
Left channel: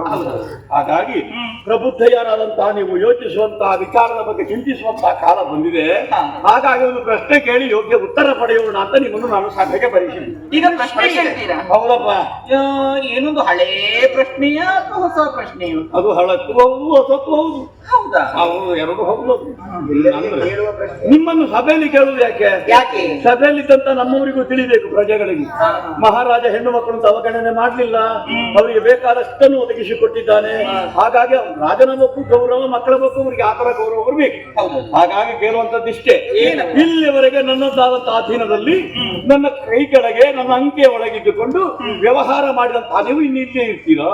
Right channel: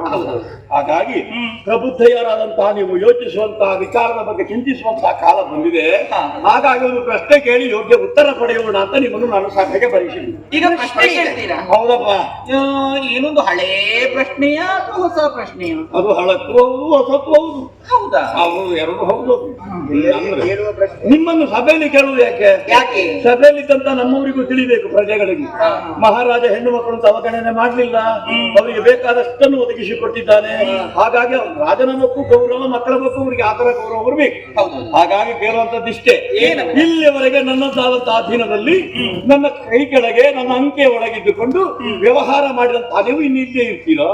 ಹಾಗಾಗಿ ಪ್ರಬುದ್ಧರಾದಂತಹ ನೀವು ಯೋಚಿಸುವಂತಹ ವಿಚಾರದ ಬಗ್ಗೆ ಚಿಂತಿಸುವಂತಹ ಕಾಲ ಬಂದಿದೆ. ಹಾಗಾಗಿ ಒಂದು ಪ್ರಶ್ನೆ ಕೇಳಿ ಯೋಗ್ಯ ಉತ್ತರ ಪಡೆಯೋಣ ಅಂತ ನಿಮ್ಮನ್ನು ನಾನು ಸಭೆಗೆ ಬರೀಸಿದ್ದೀನಿ. ಈಗ ಪ್ರಶ್ನೆ ಹೇಳ್ತೀರಾ? ಹೌದಪ್ಪ. ಏನೊಂದು ಹಳೇ ಪ್ರಶ್ನೆಯ ಅಥವಾ ಹೊಸ ಪ್ರಶ್ನೆಯು? ಅದು ಹಳತ್ತು ಹೌದು, ಹೊಸತ್ತು ಹೌದು. ಹೌದಾ? ಹೌದು, ಎರಡು ಹೌದು. ನಿಮ್ಮನ್ನು ಸಭೆಯಲ್ಲಿ ಕೇಳುವುದು ಯಾಕೆ? ಸಭೆಯಲ್ಲಿದ್ದಂತ ನಮ್ಮವರಿಗೂ ತಿಳಿಬೇಕು, ಪ್ರಜೆಗಳಿಗೆ. ಮಹಾರಾಜ ಹೆಣ್ಣು ಮಕ್ಕಳಂತ ಅವಗಣನೆ ಮಾಡಲಿಲ್ಲ, ಅವರಿಗೆ ಬೇಕಾದಷ್ಟನ್ನು ಒದಗಿಸಿಕೊಟ್ಟಿದ್ದಾನೆ. ಹಾಗಾಗಿ ರಾಜನ ಮಕ್ಕಳು ಗೌರವ, ಮಕ್ಕಳ ಮಕ್ಕಳು ಅವರಿಗೆ ಆತರ ಗೌರವ ಬರಬೇಕು. ಹಾಗಾಗಿ ಕೇಳುವಂತದ್ದಿಷ್ಟೇ, ಇಲ್ಲಿಯವರೆಗೆ ನನ್ನದಾದಂತಹ ಅಧೀನದಲ್ಲಿ ನನ್ನ ಕೈ ಕೆಳಗೆ ನನ್ನ ಅಂಕೆಯ ಒಳಗಿದ್ದುಕೊಂಡು ವ್ಯವಹಾರ ಮಾಡಿದಂತಹ ನೀವು ಇನ್ನಿಲ್ಲೇ ಇರ್ತೀರಾ?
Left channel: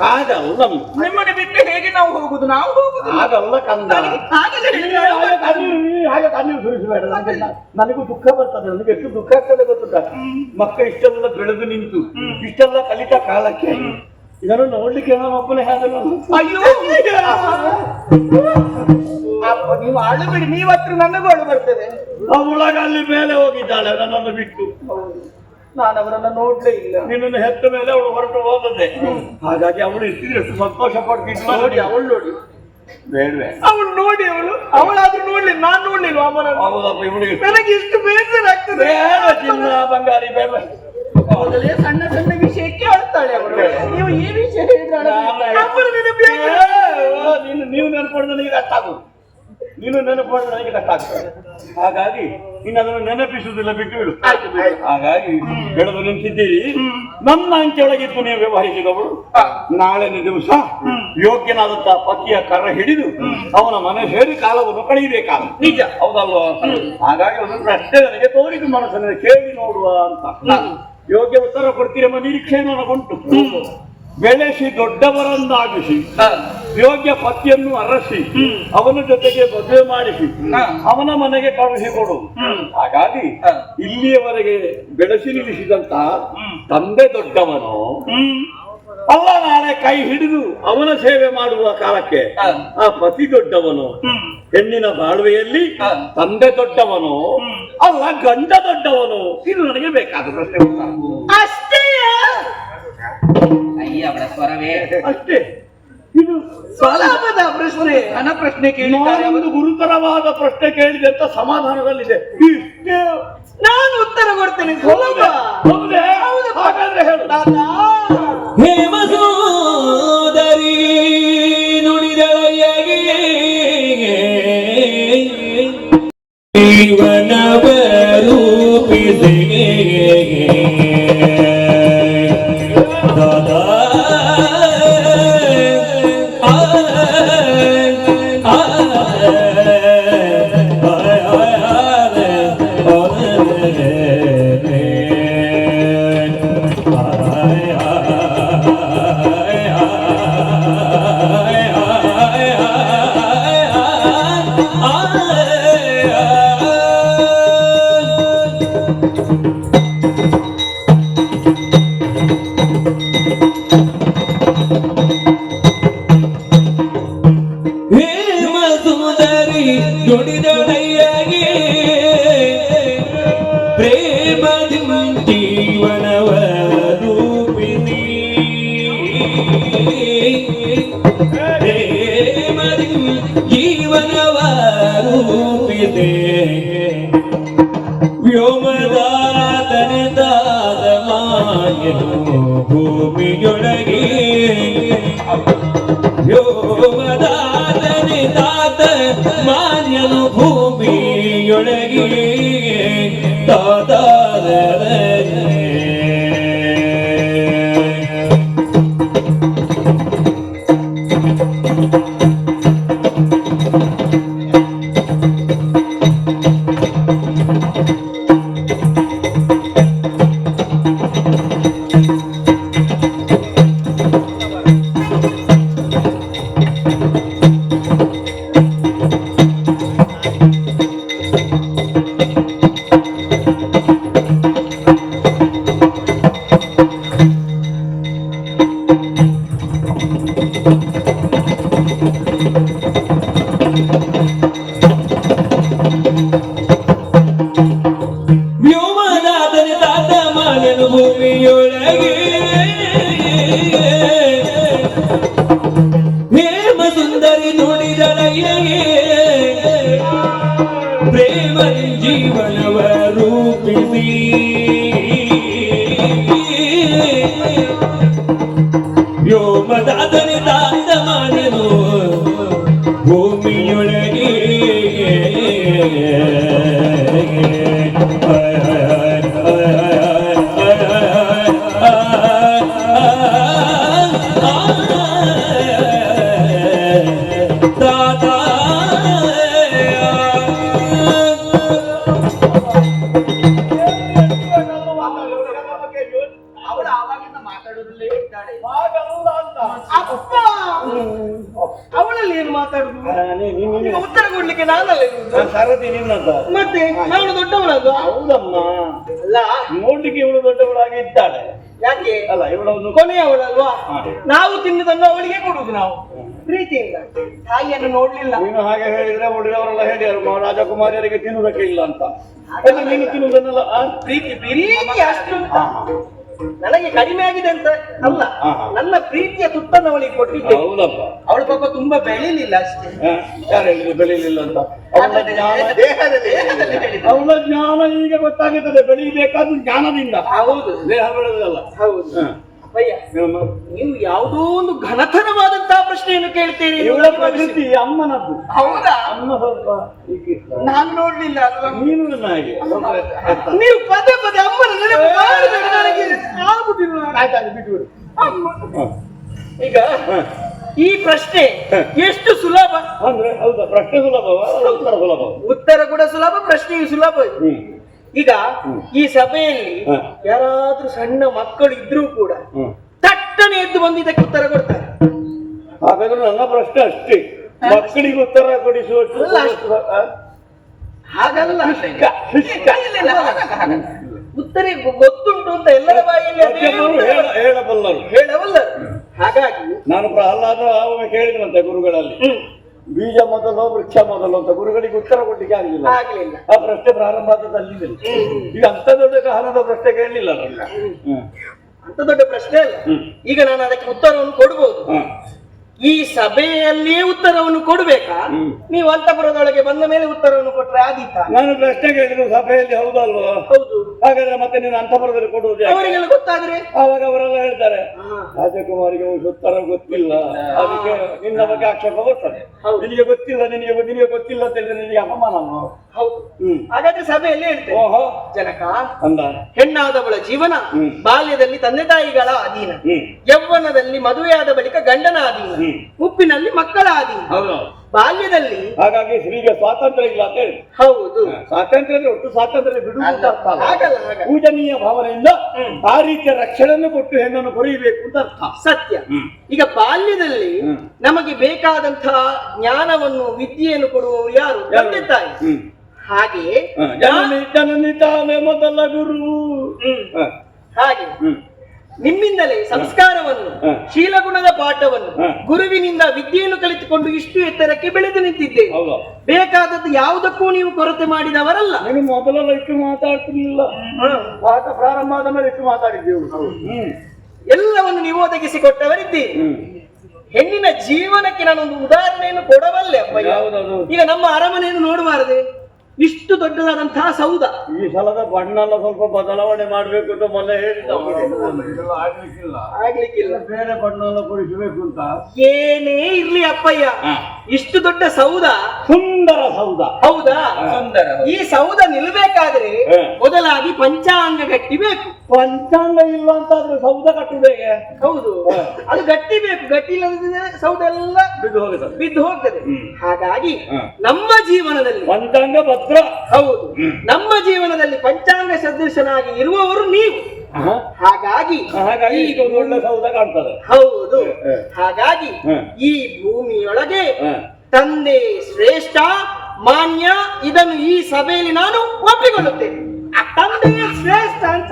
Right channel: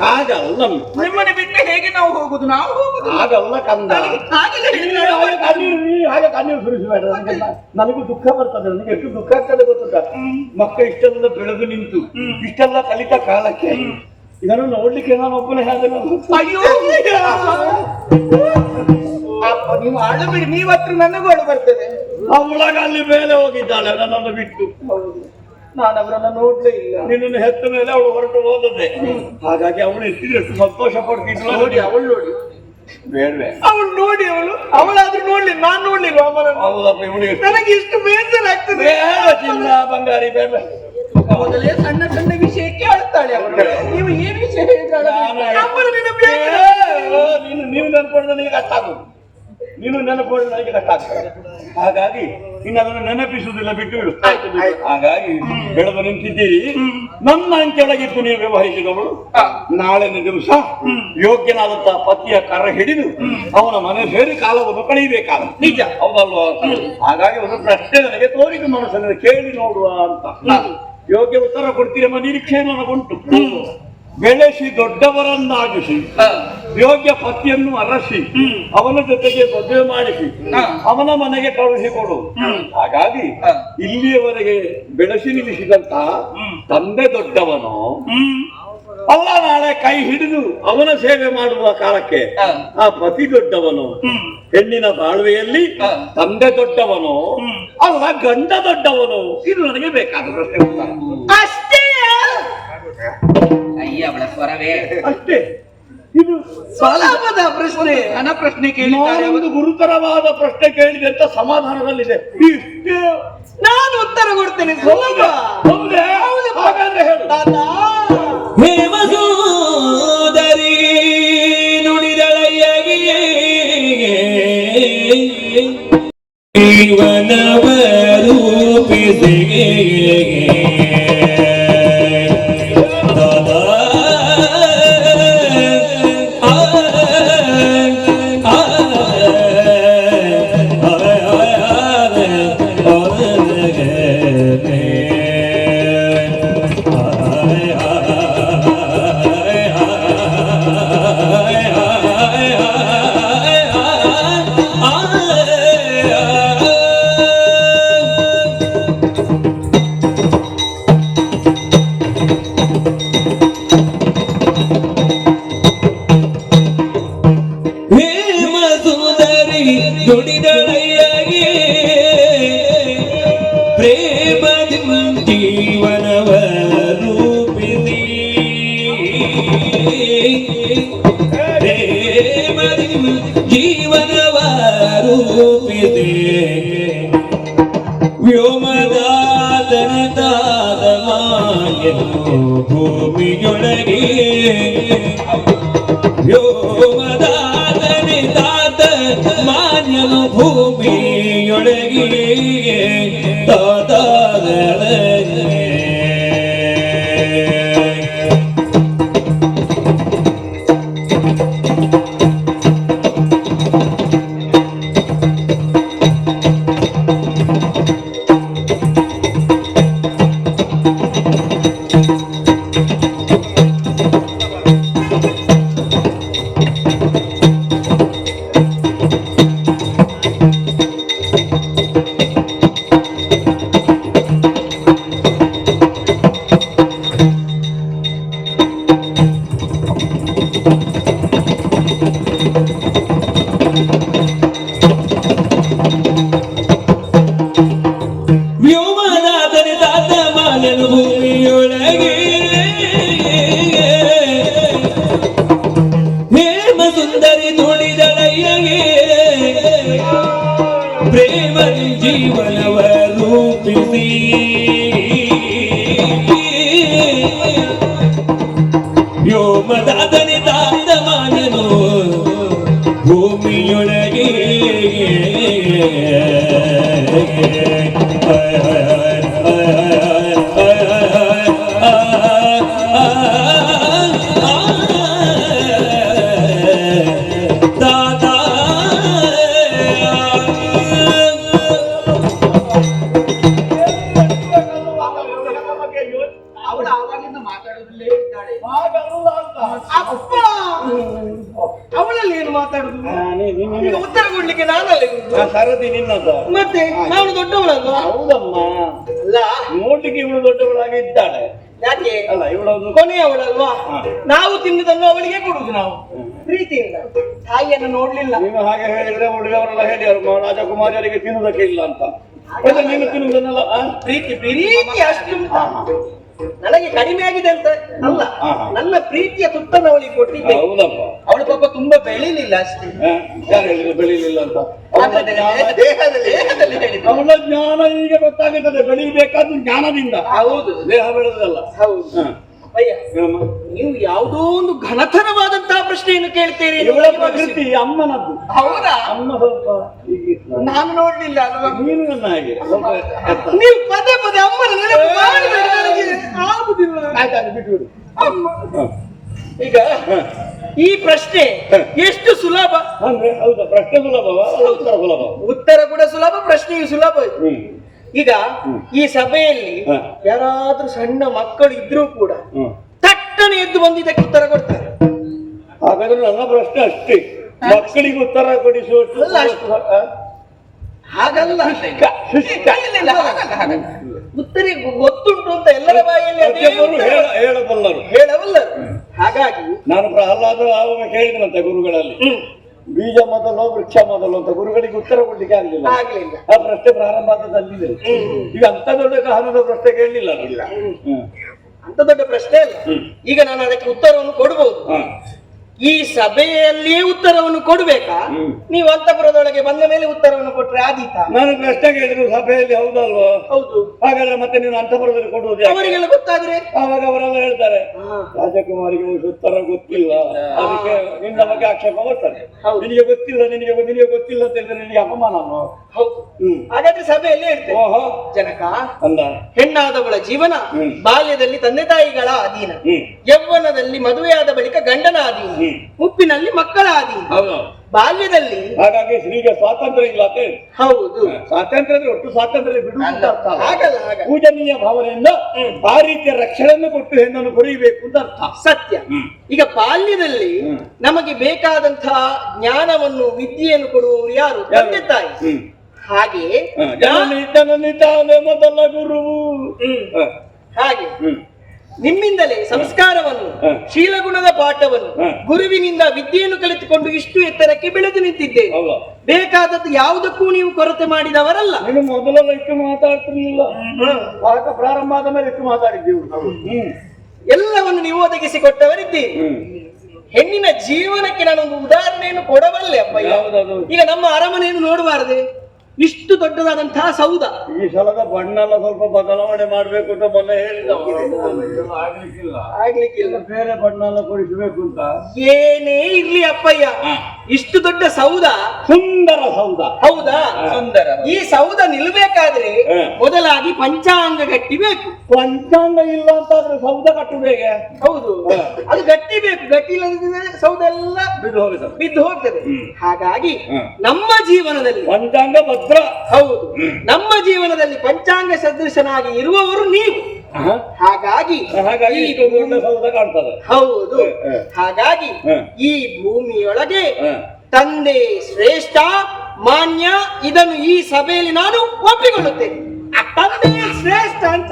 ಹಾಗಲ್ಲ, ನಿಮ್ಮನ್ನು ಬಿಟ್ಟು ಹೇಗೆ ನಾವು ಹೋಗುದು? ನಾವು ಹೋಗುದು ಹಾಗಲ್ಲ ಕಂದ. ಹಾಗೆ ಕಣ್ಣೀರು ಸುರಿಸಬೇಡ. ನನಗೂ ದುಃಖ ಬರ್ತದೆ. ನನಗೆ ಎಷ್ಟು ದುಃಖ ಆಗ್ತದೆ ಗೊತ್ತುಂಟ? ಮಕ್ಕಳು ಇಷ್ಟೆಲ್ಲ ಬೆಳೆದು ನಿಂತು ಇಷ್ಟೆಲ್ಲ ಕಲಿತ ಕಾಲಕ್ಕೆ ಇದನ್ನು ನೋಡ್ಲಿಕ್ಕೆ ನಾನು ಒಬ್ಬನೇ ಹೇಳಿದೆ. ಅಯ್ಯೋ, ನೀವು ಆಳಬೇಡಿ, ನೀವು ಹತ್ರ ನನಗೂ ಅಳು ಬರ್ತದೆ. ಅವಳಾಗ ಅಲ್ಲಿ ಮೇಲೆ ಹೋಗಿದ್ದಾಳೆ ನನ್ನನ್ನು ಬಿಟ್ಟು. ನಾನು ಅವರನ್ನ ನೋಡ್ಲೇ ಇಲ್ಲ. ನಿನ್ನನ್ನು ಹೆತ್ತ ಮೇಲೆ ಅವಳು ಹೊರಟು ಹೋದದ್ದೆ. ಹಾಗಾಗಿ ಅವಳು ಇರ್ತಿದ್ರೆ ಎಷ್ಟು ಸಂತೋಷ ಪಡ್ತಿದ್ಲು ನೋಡಿ. ಅವಳು ನೋಡಿ ಬೇಡವೆ? ಅವಳು ನೋಡಿ, ಅವಳಾದ್ರೂ ನೋಡ್ಲಿ, ನಾನ್ ನೋಡ್ಲಿಲ್ವ ಅವನನ್ನು? ಹೌದಪ್ಪ, ಇವಳಿಗೆ ನನಗೆ ಎಷ್ಟು ಬೇಸರ ಆಗ್ತದೆ. ಬೇಡ ಚಿನ್ನ ಬಂಗಾರಿ, ಬೇಡ. ಮೊದಲೇ ಸಣ್ಣ ಸಣ್ಣ ವಿಷಯಕ್ಕೆ ಅಳ್ತಾಳೆ ಅವಳು. ನೀವು ಈ ವಿಷಯ ನೀವು ನೆನಪಡಿದ್ರೆ ನನಗೆ ಕಷ್ಟ ಆಗೋದು. ನೀನು ನೆನಪಡಿದ್ರೆ ನನಗೆ ಕಷ್ಟ ಆಗ್ತದೆ. ಹಾಗಾಗಿ ಇನ್ನು ಅದನ್ನು ನೆನಪಿಸುವುದಿಲ್ಲ, ಬಿಟ್ಟು ಬಿಡು. ಹಾಗಾಗಿ ಬೆಳೆದು ನಿಂತಿದ್ದೀರಿ. ನನ್ನ ಅಂಕೆ ಒಳಗಿದ್ದು ನೀವು ವ್ಯವಹರಿಸಿದವಳು ನಾಳೆನ ದಿವಸ ಯೋಗ್ಯನಾದಂತಹ ಪತಿಯ ಕರ ಹಿಡಿದು ಅವನ ಮನೆ ಸೇರಿ ಕಾಲವನ್ನು ಕಳೀಬೇಕಾದ ನಿಜ, ಹೌದಲ್ವಾ? ಹಾಗಾಗಿ ಒಂದು ಪ್ರಶ್ನೆ ನನಗೆ ತೋರಿದು ಮನಸ್ಸನ್ನು ಕೇಳಿ ನೋಡುವ ಅಂತ. ಯೋಗ್ಯ ಉತ್ತರ ಕೊಡ್ತೀರೆಂಬ ನಿರೀಕ್ಷೆ ನನಗುಂಟು. ಬೆಳೆಸಿ ದೊಡ್ಡವರನ್ನಾಗಿಸಿ ಯೋಗ್ಯ ಪತಿಯನ್ನು ಅರಸಿ ಅವನ ಜೊತೆಗೆ ಮದುವೆ ಮಾಡಿಸಿ ಅವನ ಮನೆಗೆ ಕಳುಹಿಸಿಕೊಡು. ಹಾಗಾಗಿ ಇಲ್ಲಿಯವರೆಗೆ ಬೆಳೆಸಿ ನಿಲ್ಲಿಸಿದಂತಹ ತಂದೆ ದೊಡ್ಡವನು ಅಲ್ಲ, ನಾಳೆ ಕೈ ಹಿಡಿದು ಅವನ ಸೇವೆ ಮಾಡುವ ಕಾಲಕ್ಕೆ ಆ ಪತಿ ದೊಡ್ಡವನು. ಹೆಣ್ಣಿನ ಬಾಳ್ವೆಯಲ್ಲಿ ತಂದೆ ದೊಡ್ಡವನು ಅಲ್ಲ, ಗಂಡ ದೊಡ್ಡವನು. ಇದು ನನಗೆ ಬೇಕಾದ ಪ್ರಶ್ನೆ. ಅಷ್ಟೇ. ಅಯ್ಯ, ಅವಳ ಸ್ವರವೇ ಅಷ್ಟೇ. ಇದು ಸುಲಭದ ಪ್ರಶ್ನೆ, ನನ್ನ ಪ್ರಶ್ನೆ ಕೇಳಿದ್ದಾರೆ. ಒಂದು ಗುರುತರವಾದ ಪ್ರಶ್ನೆ ಕೇಳಿದೆ ಅಂತ ಸಮಾಧಾನದಲ್ಲಿದೆ. ಇಷ್ಟೇ ನಾನು ಉತ್ತರ ಕೊಡ್ತೇನೆ. ಸುಲಭ. ಹೌದೇ? ಹಾಗಾದ್ರೆ ಹೇಳು. ಹೇಮಸೋದರಿ ನುಡಿದಳೆಯಗೆ ಜೀವನವ ರೂಪಿಸಿ ರೂಪಿಸಿ ವ್ಯೋಮದಾತನದಾದ ಮಾಯನು ಭೂಮಿಯೊಳಗೆ ವ್ಯೋಮದಾತನಿದಾತ ಮಾನ್ಯನು ಭೂಮಿಯೊಳಗೆ ತಾತಾದ ವ್ಯೋಮನಾಥನಿದಾತ ಮಾನ್ಯನು ಭೂಮಿಯೊಳಗೆ ಹೇಮ ಸುಂದರಿ ನುಡಿದಳಯ್ಯಗೆ ಪ್ರೇಮ ಜೀವನವ ರೂಪಿಸಿ ವ್ಯೋಮನಾಥನಿದಾತ ಮಾನ್ಯನು ಭೂಮಿಯೊಳಗೆ ಅವಳು ಆವಾಗಿಂದ ಮಾತಾಡೋದ್ರಲ್ಲೇ ಇದ್ದಾಳೆ. ಹಾಗಲ್ಲ ಅಂತ. ಅಪ್ಪ ಅವಳಲ್ಲಿ ಏನು ಮಾತಾಡುದು? ಈಗ ಉತ್ತರ ಕೊಡ್ಲಿಕ್ಕೆ ನಾನಲ್ಲ ಇರುದು. ಸರದಿ ನಿನ್ನದ ಮತ್ತೆ ನಾನು ದೊಡ್ಡವಳಲ್ವಾ? ಹೌದಮ್ಮ, ಅಲ್ಲ ನೋಡ್ಲಿಕ್ಕೆ ಇವಳು ದೊಡ್ಡವಳಾಗಿ ಇದ್ದಾಳೆ. ಯಾಕೆ ಅಲ್ಲ ಇವಳೊಂದು ಕೊನೆಯವಳಲ್ವಾ? ಹಾ. ನಾವು ತಿನ್ನದನ್ನು ಅವಳಿಗೆ ಕೊಡುದು. ನಾವು ಪ್ರೀತಿಯಿಂದ ತಾಯಿಯನ್ನು ನೋಡ್ಲಿಲ್ಲ. ನೀನು ಹಾಗೆ ಹೇಳಿದ್ರೆ ಉಳಿದವರೆಲ್ಲ ಹೇಳಿದ್ರು ರಾಜಕುಮಾರಿಯರಿಗೆ ತಿನ್ನುವುದಕ್ಕೆ ಇಲ್ಲ ಅಂತ. ಮತ್ತೆ ನೀನು ತಿನ್ನುವುದನ್ನೆಲ್ಲ ಪ್ರೀತಿ ಪ್ರೀತಿ ಅಷ್ಟು ನನಗೆ ಕಡಿಮೆ ಆಗಿದೆ ಅಂತ ಅಲ್ಲ, ನನ್ನ ಪ್ರೀತಿಯ ತುತ್ತನ್ನು ಅವಳಿಗೆ ಕೊಟ್ಟಿದ್ದೆ. ಹೌದಪ್ಪ. ಅವಳು ಪಾಪ ತುಂಬಾ ಬೆಳಿಲಿಲ್ಲ ಅಷ್ಟೇ. ಯಾರು ಹೇಳಿದ್ರು ಬೆಳೀಲಿಲ್ಲ ಅಂತ? ದೇಹದಲ್ಲಿ ಹೇಳಿದ್ದು. ಅವಳ ಜ್ಞಾನ ಈಗ ಗೊತ್ತಾಗುತ್ತದೆ. ಬೆಳೀಬೇಕಾದ್ದು ಜ್ಞಾನದಿಂದ. ಹೌದು, ದೇಹ ಬೆಳೆದಲ್ಲ. ಹೌದು. ಅಯ್ಯ, ನೀವು ಯಾವುದೋ ಒಂದು ಘನತರವಾದಂತಹ ಪ್ರಶ್ನೆಯನ್ನು ಕೇಳ್ತೀರಿ. ಇವಳ ಪ್ರಕೃತಿ ಅಮ್ಮನದ್ದು. ಹೌದಾ? ಅಮ್ಮ ಸ್ವಲ್ಪ ಹೀಗಿತ್ತು. ನಾನು ನೋಡ್ಲಿಲ್ಲ ಅಲ್ವಾ? ನೀನು ನನ್ನ ಹಾಗೆ ಸ್ವಲ್ಪ ಎತ್ತ. ನೀವು ಪದೇ ಪದೇ ಅಮ್ಮನ ನೆನಪು ಮಾಡಿದರೆ ನನಗೆ ಆಗುದಿಲ್ಲ. ಆಯ್ತಾಯ್ತು, ಬಿಟ್ಬಿಡು. ಅಮ್ಮ. ಈಗ ಈ ಪ್ರಶ್ನೆ ಎಷ್ಟು ಸುಲಭ ಅಂದ್ರೆ ಹೌದಾ? ಪ್ರಶ್ನೆ ಸುಲಭವ, ಉತ್ತರ ಸುಲಭ? ಉತ್ತರ ಕೂಡ ಸುಲಭ, ಪ್ರಶ್ನೆಯು ಸುಲಭ. ಈಗ ಈ ಸಭೆಯಲ್ಲಿ ಯಾರಾದ್ರೂ ಸಣ್ಣ ಮಕ್ಕಳು ಇದ್ರೂ ಕೂಡ ತಟ್ಟನೆ ಎದ್ದು ಬಂದು ಇದಕ್ಕೆ ಉತ್ತರ ಕೊಡ್ತಾರೆ. ಹಾಗಾದ್ರೆ ನನ್ನ ಪ್ರಶ್ನೆ ಅಷ್ಟೇ, ಮಕ್ಕಳಿಗೆ ಉತ್ತರ ಕೊಡಿಸುವಷ್ಟು ಹಾಗಲ್ಲ. ಉತ್ತರ ಗೊತ್ತುಂಟು ಅಂತ ಎಲ್ಲರ ಬಾಯಲ್ಲಿ ಹೇಳಬಲ್ಲರು. ಹೇಳವಲ್ಲ. ಹಾಗಾಗಿ ನಾನು ಪ್ರಹ್ಲಾದ ಒಮ್ಮೆ ಕೇಳಿದ್ರಂತೆ ಗುರುಗಳಲ್ಲಿ, ಬೀಜ ಮೊದಲು ವೃಕ್ಷ ಮೊದಲು ಅಂತ. ಗುರುಗಳಿಗೆ ಉತ್ತರ ಕೊಡ್ಲಿಕ್ಕೆ ಆಗಲಿಲ್ಲ. ಆ ಪ್ರಶ್ನೆ ಪ್ರಾರಂಭ ಆದದಲ್ಲಿ ಈಗ ಅಂತ ದೊಡ್ಡ ಗಹನದ ಪ್ರಶ್ನೆ ಕೇಳಲಿಲ್ಲ. ಅಂತ ದೊಡ್ಡ ಪ್ರಶ್ನೆ ಅಲ್ಲ. ಈಗ ನಾನು ಅದಕ್ಕೆ ಉತ್ತರವನ್ನು ಕೊಡಬಹುದು. ಈ ಸಭೆಯಲ್ಲಿಯೇ ಉತ್ತರವನ್ನು ಕೊಡ್ಬೇಕಾ? ನೀವು ಅಂತಪುರದೊಳಗೆ ಬಂದ ಮೇಲೆ ಉತ್ತರವನ್ನು ಕೊಟ್ರೆ ಆದೀತ? ನಾನು ಪ್ರಶ್ನೆ ಕೇಳಿದ್ರು ಸಭೆಯಲ್ಲಿ, ಹೌದಲ್ವ? ಹೌದು. ಹಾಗಾದ್ರೆ ಮತ್ತೆ ನೀನು ಅಂತಪುರದಲ್ಲಿ ಕೊಡುವುದು? ಅವರಿಗೆಲ್ಲ ಗೊತ್ತಾದ್ರೆ ಆವಾಗ ಅವರೆಲ್ಲ ಹೇಳ್ತಾರೆ ರಾಜಕುಮಾರಿಗೆ ಉತ್ತರ ಗೊತ್ತಿಲ್ಲ, ಅದಕ್ಕೆ ನಿನ್ನ ಬಗ್ಗೆ ಆಕ್ಷೇಪ ಬರ್ತಾರೆ. ನಿನಗೆ ಗೊತ್ತಿಲ್ಲ, ನಿನಗೆ ಗೊತ್ತಿಲ್ಲ ಅಂತ ಹೇಳಿದ್ರೆ ನಿನಗೆ ಅಪಮಾನ. ಹೌದು. ಹಾಗಾದ್ರೆ ಸಭೆಯಲ್ಲಿ ಹೇಳ್ತೇವೆ, ಓಹೋ ಜನಕ ಅಂದ ಹೆಣ್ಣಾದವಳ ಜೀವನ ಬಾಲ್ಯದಲ್ಲಿ ತಂದೆ ತಾಯಿಗಳ ಅಧೀನ, ಯೌವನದಲ್ಲಿ ಮದುವೆಯಾದ ಬಳಿಕ ಗಂಡನ ಅಧೀನ, ಮುಪ್ಪಿನಲ್ಲಿ ಮಕ್ಕಳ ಅಧೀನ. ಬಾಲ್ಯದಲ್ಲಿ ಹಾಗಾಗಿ ಸ್ತ್ರೀಗೆ ಸ್ವಾತಂತ್ರ್ಯ ಇಲ್ಲ ಅಂತ ಹೇಳಿ. ಹೌದು. ಸ್ವಾತಂತ್ರ್ಯ ಒಟ್ಟು ಸ್ವಾತಂತ್ರ್ಯ ಬಿಡುವುದು ಆಗಲ್ಲ. ಪೂಜನೀಯ ಭಾವನೆಯಿಂದ ಆ ರೀತಿಯ ರಕ್ಷಣೆಯನ್ನು ಕೊಟ್ಟು ಹೆಣ್ಣನ್ನು ಕೊರಿಬೇಕು ಅಂತ ಅರ್ಥ. ಸತ್ಯ. ಈಗ ಬಾಲ್ಯದಲ್ಲಿ ನಮಗೆ ಬೇಕಾದಂತಹ ಜ್ಞಾನವನ್ನು ವಿದ್ಯೆಯನ್ನು ಕೊಡುವವರು ಯಾರು? ತಂದೆ ತಾಯಿ. ಹಾಗೆ ಜನನಿ ತಾನೇ ಮೊದಲ ಗುರುವು. ಹಾಗೆ ನಿಮ್ಮಿಂದಲೇ ಸಂಸ್ಕಾರವನ್ನು, ಶೀಲಗುಣದ ಪಾಠವನ್ನು, ಗುರುವಿನಿಂದ ವಿದ್ಯೆಯನ್ನು ಕಲಿತುಕೊಂಡು ಇಷ್ಟು ಎತ್ತರಕ್ಕೆ ಬೆಳೆದು ನಿಂತಿದ್ದೇವೆ. ಬೇಕಾದದ್ದು ಯಾವುದಕ್ಕೂ ನೀವು ಕೊರತೆ ಮಾಡಿದವರಲ್ಲ. ನೀನು ಮೊದಲೆಲ್ಲ ಇಟ್ಟು ಮಾತಾಡ್ತಿರ್ಲಿಲ್ಲ, ಪಾಠ ಪ್ರಾರಂಭ ಆದ ಮೇಲೆ ಇಟ್ಟು ಮಾತಾಡಿದ್ದೀವಿ. ಎಲ್ಲವನ್ನು ನೀವು ಒದಗಿಸಿ ಕೊಟ್ಟವರಿದ್ದೀರಿ. ಹೆಣ್ಣಿನ ಜೀವನಕ್ಕೆ ನಾನೊಂದು ಉದಾಹರಣೆಯನ್ನು ಕೊಡಬಲ್ಲೆ ಅಪ್ಪ. ಯಾವುದದು? ಈಗ ನಮ್ಮ ಅರಮನೆಯನ್ನು ನೋಡಬಾರದೆ? ಇಷ್ಟು ದೊಡ್ಡದಾದಂತಹ ಸೌಧ. ಈ ಸಲದ ಬಣ್ಣ ಎಲ್ಲ ಸ್ವಲ್ಪ ಬದಲಾವಣೆ ಮಾಡ್ಬೇಕು ಅಂತ ಮೊನ್ನೆ ಹೇಳಿದ ಆಗ್ಲಿಕ್ಕಿಲ್ಲ. ಬೇರೆ ಬಣ್ಣ ಎಲ್ಲ ಕೊಡಿಸಬೇಕು ಅಂತ. ಏನೇ ಇರ್ಲಿ ಅಪ್ಪಯ್ಯ, ಇಷ್ಟು ದೊಡ್ಡ ಸೌಧ, ಸುಂದರ ಸೌಧ. ಹೌದಾ? ಸುಂದರ. ಈ ಸೌಧ ನಿಲ್ಬೇಕಾದ್ರೆ ಮೊದಲಾಗಿ ಪಂಚಾಂಗ ಗಟ್ಟಿ ಬೇಕು. ಪಂಚಾಂಗ ಇಲ್ಲ ಅಂತಾದ್ರೆ ಸೌಧ ಕಟ್ಟುದು ಹೇಗೆ? ಹೌದು, ಅದು ಗಟ್ಟಿ ಬೇಕು. ಗಟ್ಟಿ ಇಲ್ಲದಿದ್ರೆ ಸೌಧ ಎಲ್ಲ ಬಿದ್ದು ಹೋಗುತ್ತದೆ. ಬಿದ್ದು ಹೋಗ್ತದೆ. ಹಾಗಾಗಿ ನಮ್ಮ ಜೀವನದಲ್ಲಿ ಪಂಚಾಂಗ ಭದ್ರ. ಹೌದು, ನಮ್ಮ ಜೀವನದಲ್ಲಿ ಪಂಚಾಂಗ ಸದೃಶನಾಗಿ ಇರುವವರು ನೀವು. ಹಾಗಾಗಿ ಹಾಗಾಗಿ ಇದೊಂದು ಒಳ್ಳೆ ಸೌಧ ಕಾಣ್ತದೆ. ಹೌದು, ಹಾಗಾಗಿ ಈ ಭೂಮಿಯೊಳಗೆ ತಂದೆ ಶ್ರೇಷ್ಠ ಮಾನ್ಯ, ಇದನ್ನು ಈ ಸಭೆಯಲ್ಲಿ ನಾನು ಒಪ್ಪಿಕೊಳ್ಳುತ್ತೇನೆ. ತಂದೆ ಶ್ರೇಷ್ಠ ಅಂತ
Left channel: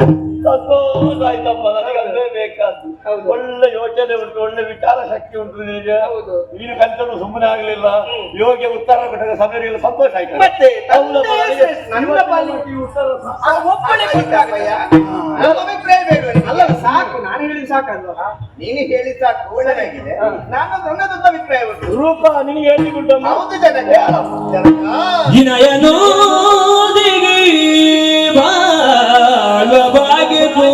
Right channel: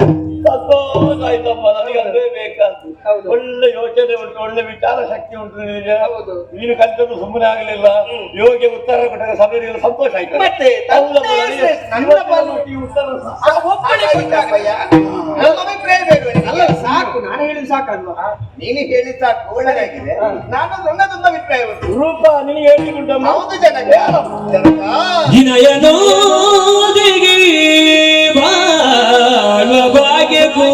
ಆಯ್ತಪ್ಪ, ನನಗೆ ಅದೇ ಬೇಕಾದ್ದು. ಒಳ್ಳೆ ಯೋಚನೆ ಉಂಟು, ಒಳ್ಳೆ ವಿಚಾರ ಶಕ್ತಿ ಉಂಟು ನಿನಗೆ. ಹೌದು, ನೀನು ಕಲಿತದ್ದು ಸುಮ್ಮನೆ ಆಗಲಿಲ್ಲ. ಯೋಗ್ಯ ಉತ್ತರ ಕೊಟ್ಟರೆ ಸಭೆಯಲ್ಲಿ ಸಂತೋಷ ಆಯ್ತು. ಮತ್ತೆ ಹೌದಪ್ಪ, ನನಗೆ ನನ್ನ ಪಾಲಿಗೆ ಈ ಉತ್ತರ ಒಪ್ಪಣೆ ಕೊಟ್ಟಾಗಯ್ಯ. ನಮ್ಮ ಅಭಿಪ್ರಾಯ ಬೇಡವೇ? ಅಲ್ಲ, ಸಾಕು, ನಾನು ಹೇಳಿದ್ ಸಾಕಲ್ವಾ? ನೀನು ಹೇಳಿದ ಸಾಕು, ಒಳ್ಳೆದಾಗಿದೆ. ನನ್ನದೊಂದು ಅಭಿಪ್ರಾಯ ಉಂಟು. ರೂಪ ನಿನಗೆ ಹೇಳಿಕೊಟ್ಟಮ್ಮ. ಹೌದು ಜನಕ, ವಿನಯನೋದಿಗೆ ಬಾಳು ಭಾಗ್ಯಕ್ಕೂ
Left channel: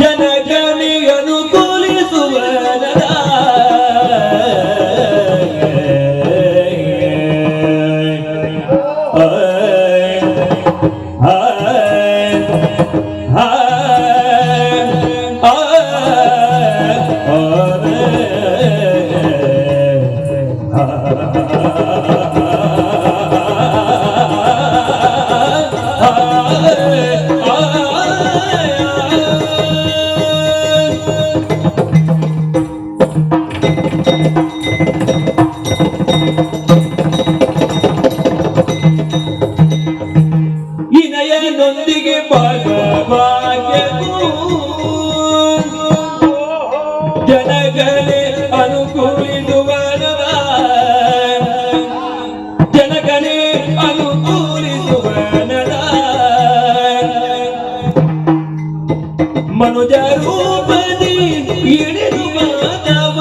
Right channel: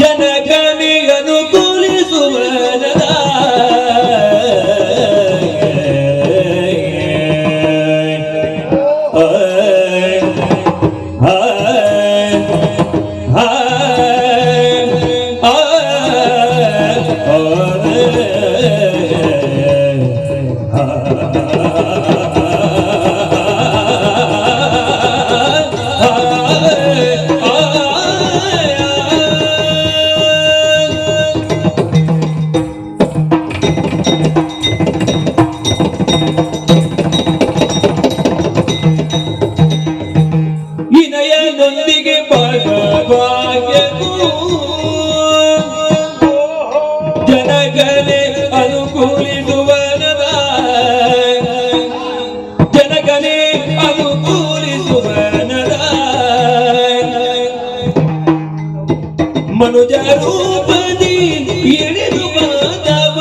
ಜನಕನಿಗೆ ಅನುಕೂಲಿಸುವನದ ವಿನಯನೊಂದಿಗೆ ಭಾಗ್ಯಕ್ಕೂ ಜನಗಣೆ ಅನುಕೂಲಿಸುವನದ ಜನಗಣೆ ಅನುಕೂಲಿಸುವನದ ಮನುಜ ರೂಪದಿ ಇಳಿದು ಮಾಧವ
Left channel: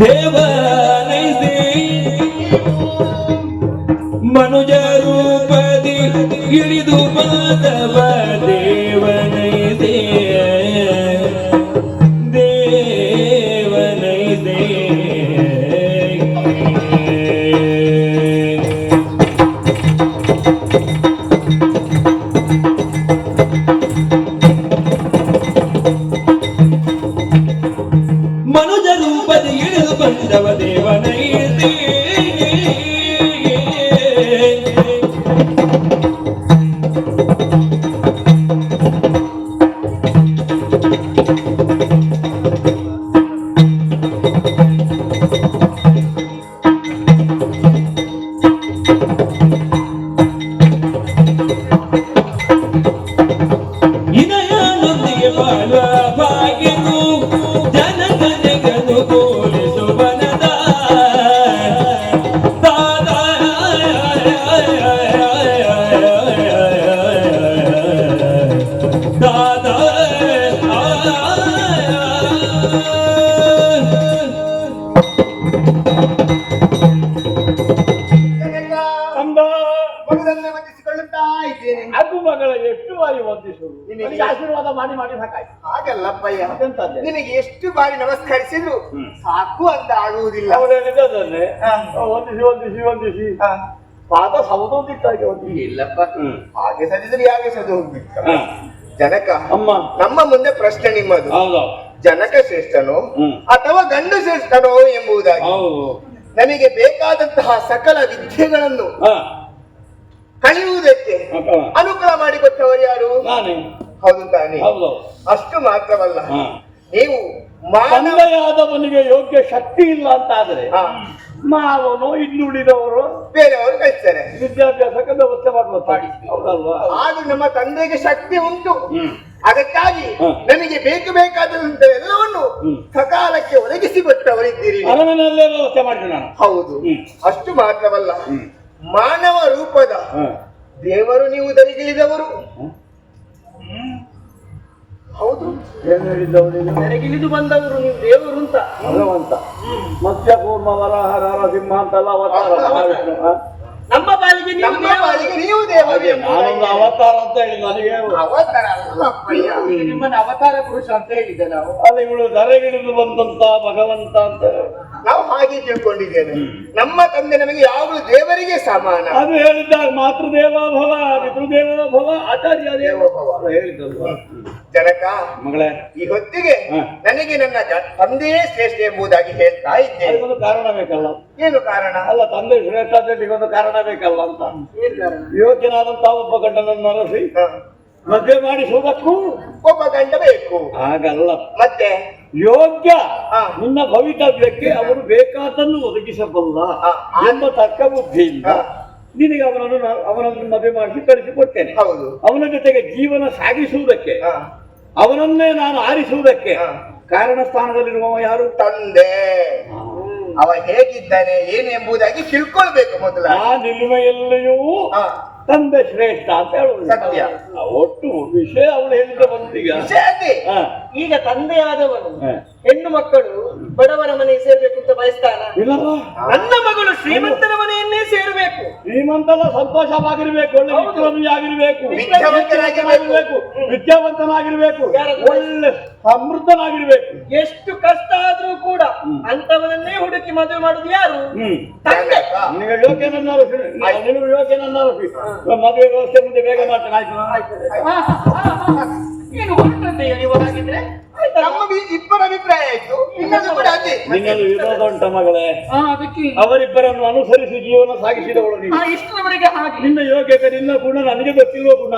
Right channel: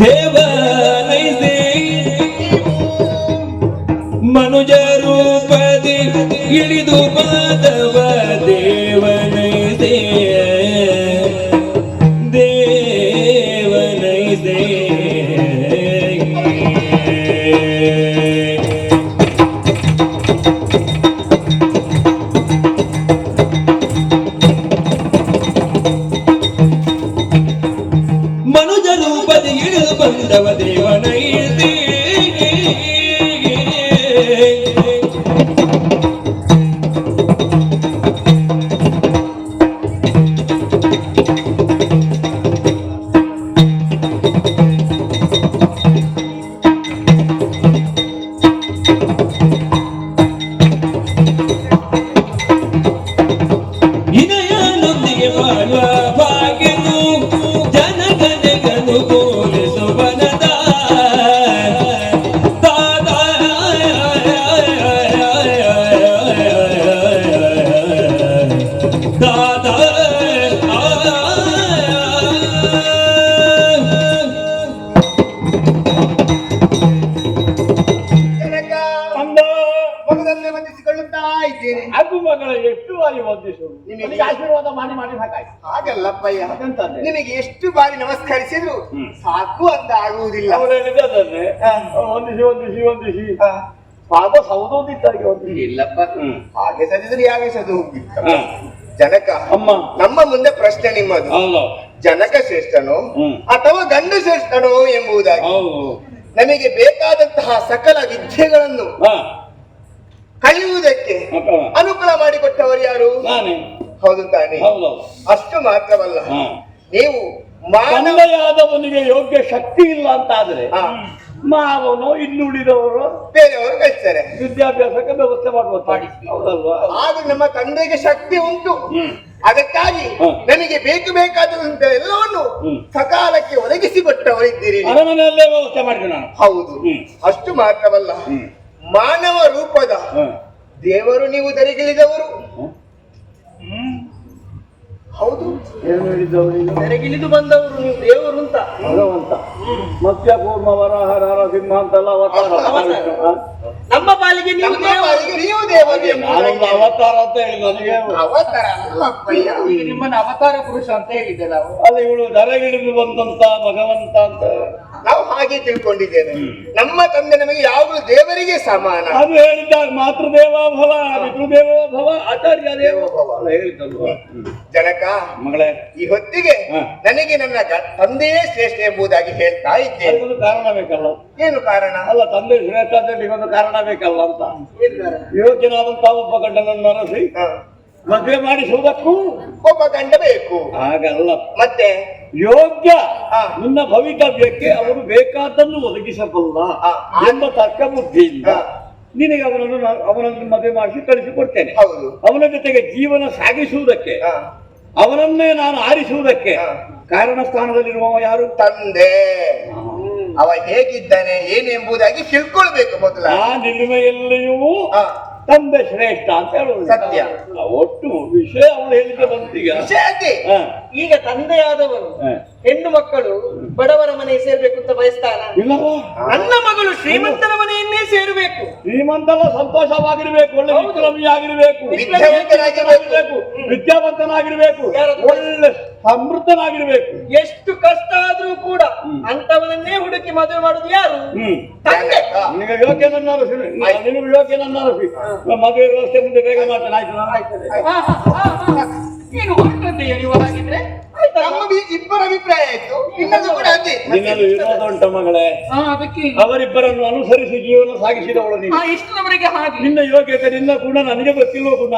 ದೇವನೈಸಿ ಮನುಜ ರೂಪದಿ ಇಳಿದು ಮಾಧವ ದೇವನೈಸೆ ದೇವನೈಸೆ ಮನುಜ ರೂಪದಿ ಇಳಿದು ಬಂದವ ದೇವನೈಸೆ ವಿನಯನೊಂದಿಗೆ ಬಾಳುವ ಭಾಗ್ಯನು ಜನಗಣೆಗನು ತೋರಿಸುವನದ ದಾದಾ ಜನಕ, ಅಂದ ಮಗದನ್ನೇ ವಂದಿಸಿಕೊಳ್ಳುತ್ತಾ ಇದ್ದೇನೆ. ಅದು ಮಗಳ ಎಷ್ಟು ಬಾರಿ ವಂದಿಸುವುದು. ನಿನಗೆ ನಿನಗೆ ಆಶೀರ್ವಾದ ಮಾಡಿ ಮಾಡಿ ಸಾಕಾಯ್ತು. ಹಾಗಲ್ಲಪ್ಪಯ್ಯ, ಎಂತದ್ದೆ? ನಿನಗೆ ಎಷ್ಟು ಬಾರಿ ನಮಸ್ಕರಿಸಿದ್ರು ಸಾಕು ಅಂತ ಆಗುವುದಿಲ್ಲ. ಅವ್ರು ಹೇಳಿದ್ದನ್ನೇ ವಂದಿಸಿ ವಂದಿಸಿ ವಂದಿಸಿ ಪಾದ ಸೌದೋದಿತ್ತಾಗಿ ವಂದಿಸಿ. ಇಲ್ಲಪ್ಪ, ಹಾಗೆ ಸದಿದ್ರೆ ಯಾಕೆ ಸದು ಹೋಗ್ಬಿಟ್ಟು. ಜನಕ, ಅಮ್ಮ ನಮ್ಮ ಮುಂದೆ ಪ್ರಶ್ನೆ ನಿಮ್ಮದು. ಹೌದು ಜನಕ ಶ್ರೇಷ್ಠನೋ ಅಥವಾ ಗಂಡು ಶ್ರೇಷ್ಠನೋ ಎಂಬುದಾಗಿ. ಹೌದು. ನಮಗೆ ಬೇಕಾದಂತಹ ಸಕಲ ವಿದ್ಯೆಗಳನ್ನು ಕಲಿಯುವುದಕ್ಕೆ ಅನುಕೂಲ ಮಾಡಿಕೊಟ್ಟವರು ಯಾರು? ನಾನೇ. ಹೌದು ತಾನೆ? ಹೌದು. ಅಷ್ಟು ಮಾತ್ರವಲ್ಲ, ನೀವು ತಂದೆಯಾದವನಿಗೆ ಯೋಗ್ಯ ಶಕ್ತಿ ಇಲ್ಲ ಅಂತ ಆದ್ರೆ ಮಾವನು ಇನ್ನುಳಿದವರು ಬೇರೆಯವರು ಕಳಿಸ್ತಾರೆ ವಿದ್ಯಾಭ್ಯಾಸಕ್ಕೆ ವ್ಯವಸ್ಥೆ ಮಾಡುತ್ತಾರೆ. ಹೌದಲ್ವಾ? ಆದ್ರೂ ನಮ್ಮ ತಂದೆಗೆ ಶಕ್ತಿ ಉಂಟು. ಅದಕ್ಕಾಗಿ ನಮಗೆ ಬೇಕಾದಂತ ಎಲ್ಲವನ್ನು ಸಕಾಲಕ್ಕೆ ಒದಗಿಸಿಕೊಟ್ಟವರಿದ್ದೀರಿ. ಅರಮನೆಯಲ್ಲೇ ವ್ಯವಸ್ಥೆ ಮಾಡಿದೆ ನಾನು. ಹೌದು. ಅಷ್ಟು ಮಾತ್ರವಲ್ಲ, ಮಾನವ ರೂಪದ ದೇವರು ನೀವು ಧರಿಗಿಳಿದವರು. ಹೌದು, ಏನು ಹೇಳಿದ್ದವರು ನೆರೆಗಿಳಿದು ಬಂದವರು ನೀವು ದೇವರು ಅಂತ. ಭಗವಂತ ಮತ್ಸ್ಯ ಕೂರ್ಮ ವರಾಹ ನರಸಿಂಹ ಅಂತೆಲ್ಲ ಅವತಾರ. ನಮ್ಮ ಪಾಲಿಗೆ ನೀವು ನಮ್ಮ ದೇವರು. ಪಾಲಿಗೆ ನೀವು ದೇವರು ಎಂಬುದಾಗಿ ನಾನೊಂದು ಅವತಾರ ಅಂತ ಹೇಳಿ ನನಗೆ ಅವತಾರ ಅಲ್ಲಪ್ಪಯ್ಯ. ಈಗ ನಿಮ್ಮನ್ನ ಅವತಾರ ಪುರುಷ ಅಂತ ಹೇಳಿದ್ದೆ ನಾವು. ಅಲ್ಲ ಇವಳು ಧರೆಗಿಳಿದು ಬಂದಂತ ಭಗವಂತ ಅಂತ ನಾವು ಹಾಗೆ ತಿಳ್ಕೊಂಡಿದ್ದೇವೆ. ನಮ್ಮ ತಂದೆ ನಮಗೆ ಯಾವಾಗಲೂ ದೇವರಿಗೆ ಸಮಾನ. ಅದು ಹೇಳಿದ್ದಾಗ ಮಾತೃದೇವ ಭವ ಪಿತೃದೇವ ಭವ ಆಚಾರ್ಯ ದೇವ ಭವ ಅಂತ ಹೇಳಿದ್ದಲ್ವಾ. ಜನಕ ಮಗಳೇ, ಈ ಹೊತ್ತಿಗೆ ಹ. ನನಗೆ ನನ್ನ ತಂದೆಯೇ ಶ್ರೇಷ್ಠ ಎಂಬುದಾಗಿ ಹೇಳ್ತಾ ಇದ್ದೇನೆ. ಅದಕ್ಕೊಂದು ಕಾರಣ ಬೇಕಲ್ಲ. ಏನು ಕಾರಣ? ಅಲ್ಲ, ತಂದೆ ಶ್ರೇಷ್ಠ ಅಂತ ಒಂದು ಕಾರಣ ಬೇಕಲ್ಲ ಅಂತ. ಏನ್ ಕಾರಣ? ಯೋಗ್ಯನಾದಂತ ಒಬ್ಬ ಗಂಡನನ್ನು ಮನಸ್ಸಿ ಹ. ಮದುವೆ ಮಾಡಿಸುವುದಕ್ಕೂ ಒಬ್ಬ ಗಂಡ ಬೇಕು. ಹಾಗಲ್ಲ, ಮತ್ತೆ ಯೋಗ್ಯ ಹ. ನಿನ್ನ ಭವಿತವ್ಯಕ್ಕೆ ಅವನು ಬೇಕಾದನ್ನು ಒದಗಿಸಬಲ್ಲ ಹ. ಎಂಬ ತರ್ಕ ಬುದ್ಧಿಯಿಂದ ಹ. ನಿನಗೆ ಅವನನ್ನು ಮದುವೆ ಮಾಡಿಸಿ ಕಳಿಸಿಕೊಡ್ತೇನೆ. ಹೌದು. ಅವನ ಜೊತೆಗೆ ಜೀವನ ಸಾಗಿಸುವುದಕ್ಕೆ, ಹ. ಅವನನ್ನೇ ನಾನು ಆರಿಸುವುದಕ್ಕೆ ಹ. ಕಾರಣ ಸ್ಥಾನದಲ್ಲಿರುವವ ಯಾರು? ತಂದೆ. ಅವ ಹೇಗಿದ್ದಾನೆ ಏನು ಎಂಬುದಾಗಿ ತಿಳ್ಕೊಳ್ಬೇಕು ಮೊದಲ. ಆ ನಿಲುಮೆಯಲ್ಲಿಯೂ ಹ. ತಂದೆ ಶ್ರೇಷ್ಠ ಅಂತ ಹೇಳುವುದು ಸತ್ಯ. ಒಟ್ಟು ವಿಷಯ ಅವಳು ಹೇಳಿದ್ದೆ ಬಂತೀಗ. ವಿಷಯ ಅದೇ. ಹ. ಈಗ ತಂದೆಯಾದವನು ಹ. ಹೆಣ್ಣು ಮಕ್ಕಳು ಬಡವರ ಮನೆ ಸೇರ್ಬೇಕು ಅಂತ ಬಯಸ್ತಾನ? ಇಲ್ಲವಾ? ನನ್ನ ಮಗಳು ಶ್ರೀಮಂತರ ಮನೆಯನ್ನೇ ಸೇರ್ಬೇಕು. ಶ್ರೀಮಂತಲ್ಲ, ಸಂತೋಷವಾಗಿರ್ಬೇಕು, ಒಳ್ಳೆ ಹೌದು. ವಿಕ್ರಮಿಯಾಗಿರ್ಬೇಕು, ವಿದ್ಯಾವಂತನಾಗಿರ್ಬೇಕು. ವಿದ್ಯಾವಂತನಾಗಿರ್ಬೇಕು, ಒಳ್ಳೆ ಸಮೃದ್ಧನಾಗಿರ್ಬೇಕು. ಎಷ್ಟು ಕಷ್ಟ ಆದ್ರೂ ಕೂಡ ಅಂತವನನ್ನೇ ಹುಡುಕಿ ಮದುವೆ ಮಾಡುದು ಯಾರು? ತಂದೆ. ನಿನಗೆ ಯೋಗ್ಯನನ್ನಾರು ನಿನಗೆ ಯೋಗ್ಯನನ್ನಾರು ಮದುವೆ ವ್ಯವಸ್ಥೆ ಮುಂದೆ ಬೇಗ ಮಾಡ್ತೇನೆ. ಆಯ್ತು. ಏನು ಹೊರಟದ್ದೆ ನೀವು ಹಾಗಿದ್ರೆ? ನಮ್ಮ ಇಬ್ಬರ ಅಭಿಪ್ರಾಯ ಆಯ್ತು. ಇನ್ನೊಂದು ಕೂಡ ಅದೇ. ನಿನ್ನಲ್ಲಿ ವಿರೋಧ ಉಂಟ ಮಗಳೇ? ಅದಕ್ಕೆ ಅವರಿಬ್ಬರನ್ನು ಅನುಸರಿಸಿ ಜೀವನ ಸಾಗಿಸಿದವಳು ನೀನು. ಇಷ್ಟರವರೆಗೆ ಹಾಗೆ ನಿನ್ನ ಯೋಗ್ಯತೆ, ನಿನ್ನ ಗುಣ ನನಗೆ ಗೊತ್ತಿಲ್ವ ಗುಣ.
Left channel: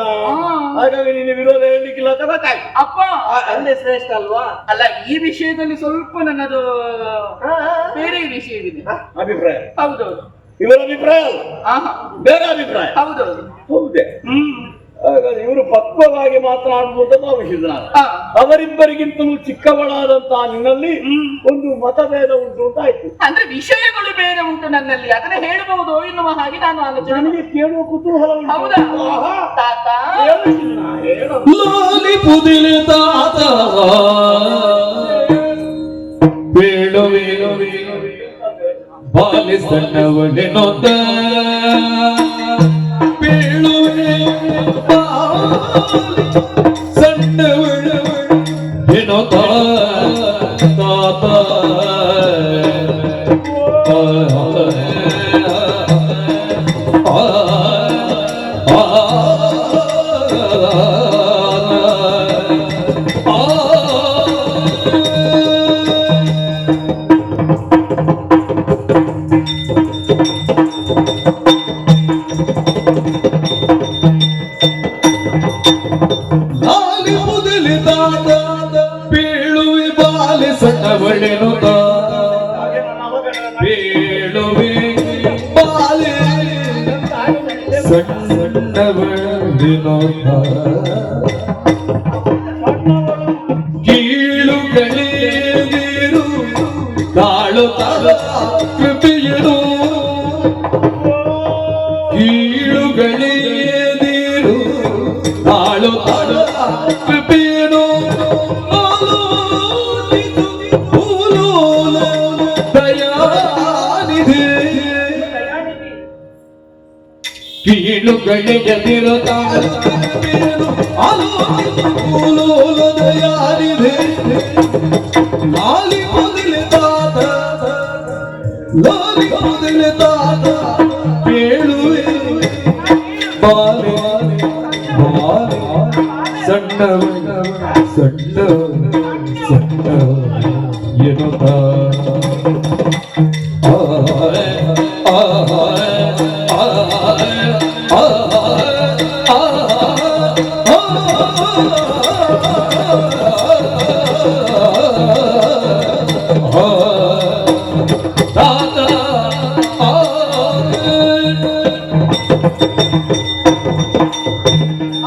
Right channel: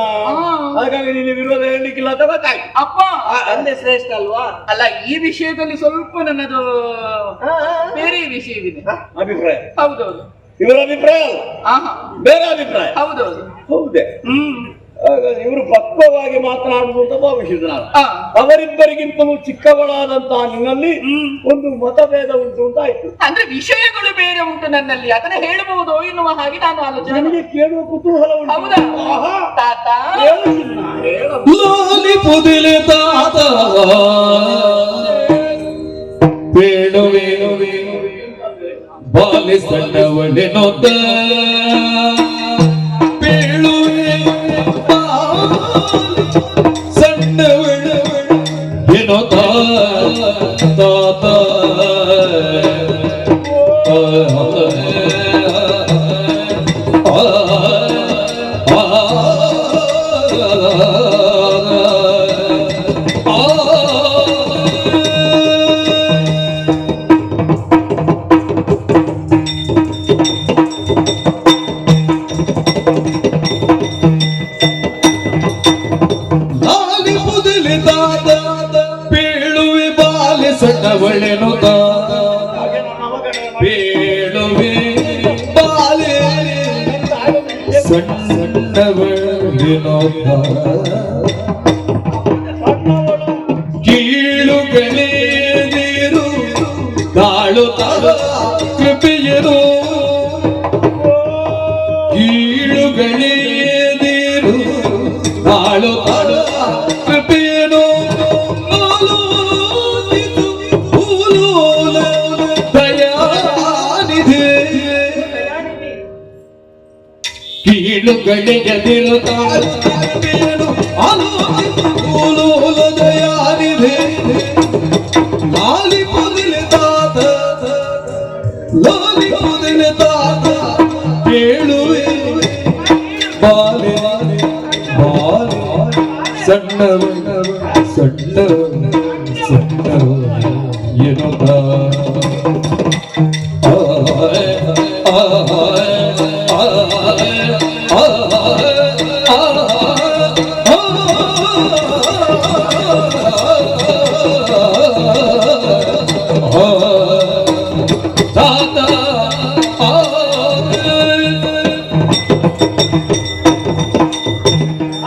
ಹಾಗಾಗಿ ನಿನ್ನ ವಿರೋಧ ಹೇಳಲಿಕ್ಕಿಲ್ಲ ಅಂತ ಗೊತ್ತಾಯ್ತು. ಅಪ್ಪ ತಂದೆ ಶ್ರೇಷ್ಠ ಅಲ್ವಾ? ಅಲ್ಲ, ಈ ವಿಷಯದಲ್ಲಿ ಸ್ವಲ್ಪ ನನ್ನದು ಬೇರೆ ವಿಷಯವಿದೆ. ಅಭಿಪ್ರಾಯ ಹೌದೌದು. ಇವರ ಅಭಿಪ್ರಾಯ ಅಲ್ಲ, ಆಹಾ, ಬೇರೆ ಅಭಿಪ್ರಾಯ. ಹೌದೌದು. ಹೌದೇ? ಹಾಗಾಗಿ ಇವರು ಪಕ್ವವಾಗಿ ಮಾತನಾಡುವುದು ಅಂತ ಭಾವಿಸಿದ್ರು ನಾನು. ಆ, ಅವರಿಬ್ಬರಿಗಿಂತಲೂ ಚಿಕ್ಕವಳಾದಂತಹ ನಿನ್ನಲ್ಲಿ ಒಂದು ಮತಭೇದ ಉಂಟು ಅಂತ ಆಯ್ತು. ಅಂದ್ರೆ ವಿಷಯಗಳು ಬೇರೆ ಉಂಟು ನನ್ನಲ್ಲಿ, ಅದನ್ನ ಹೇಳಬಹುದು ಎನ್ನುವ ಹಾಗೆ ನಾನು ಆಲೋಚನೆ. ನನಗೆ ಕೇಳುವ ಕುತೂಹಲ ಉಂಟು. ಹೌದಾ? ಆಹಾ. ತಾತ ಹೇಳು ಚಿನ್ನ, ಹೇಳು. ಲಾಲಿ ಪುದಿಲೆ ತಾತ ಬೇಳುವೆ ಬಾಲಿ ಸಣ್ಣವಳೆ ನೋತ ಬೇಳುವೆ ಸಣ್ಣವಳೆ ಏನೋತ ತಾತ ಲಾಲಿ ಮುದಲಿ ತಾತ ಬೀಳುವೆ ಬಾಲಿ ಸಣ್ಣವಳೆನು ತಾತ ಬೀಳುವೆ ಬಾಲಿ ಸಣ್ಣವಳೆನು ಕೀಳುಗಳೇದಿರು ಕಾಳು ಕೃಪೆಯರು ಕೀಳುಗಳೇದಿರು ಕಾಳು ಕೃಪೆಯರು ದಯಾನಿಧಿ ಕೀಳುಗಳೆದಿರು ಕಾಳು ಕೃಪೆಯರು ದಯಾನಿಧಿ ಲಾಲಿ ಕೂದಲೆ ತಾತ ಲಾಲಿ ಕೂದಲೆ ತಾತ ಬೇಳುವೆ ಬಾಲೆ ಬಾಲೆ ಸಣ್ಣ ಸಣ್ಣ ಸಣ್ಣ ಏನೋ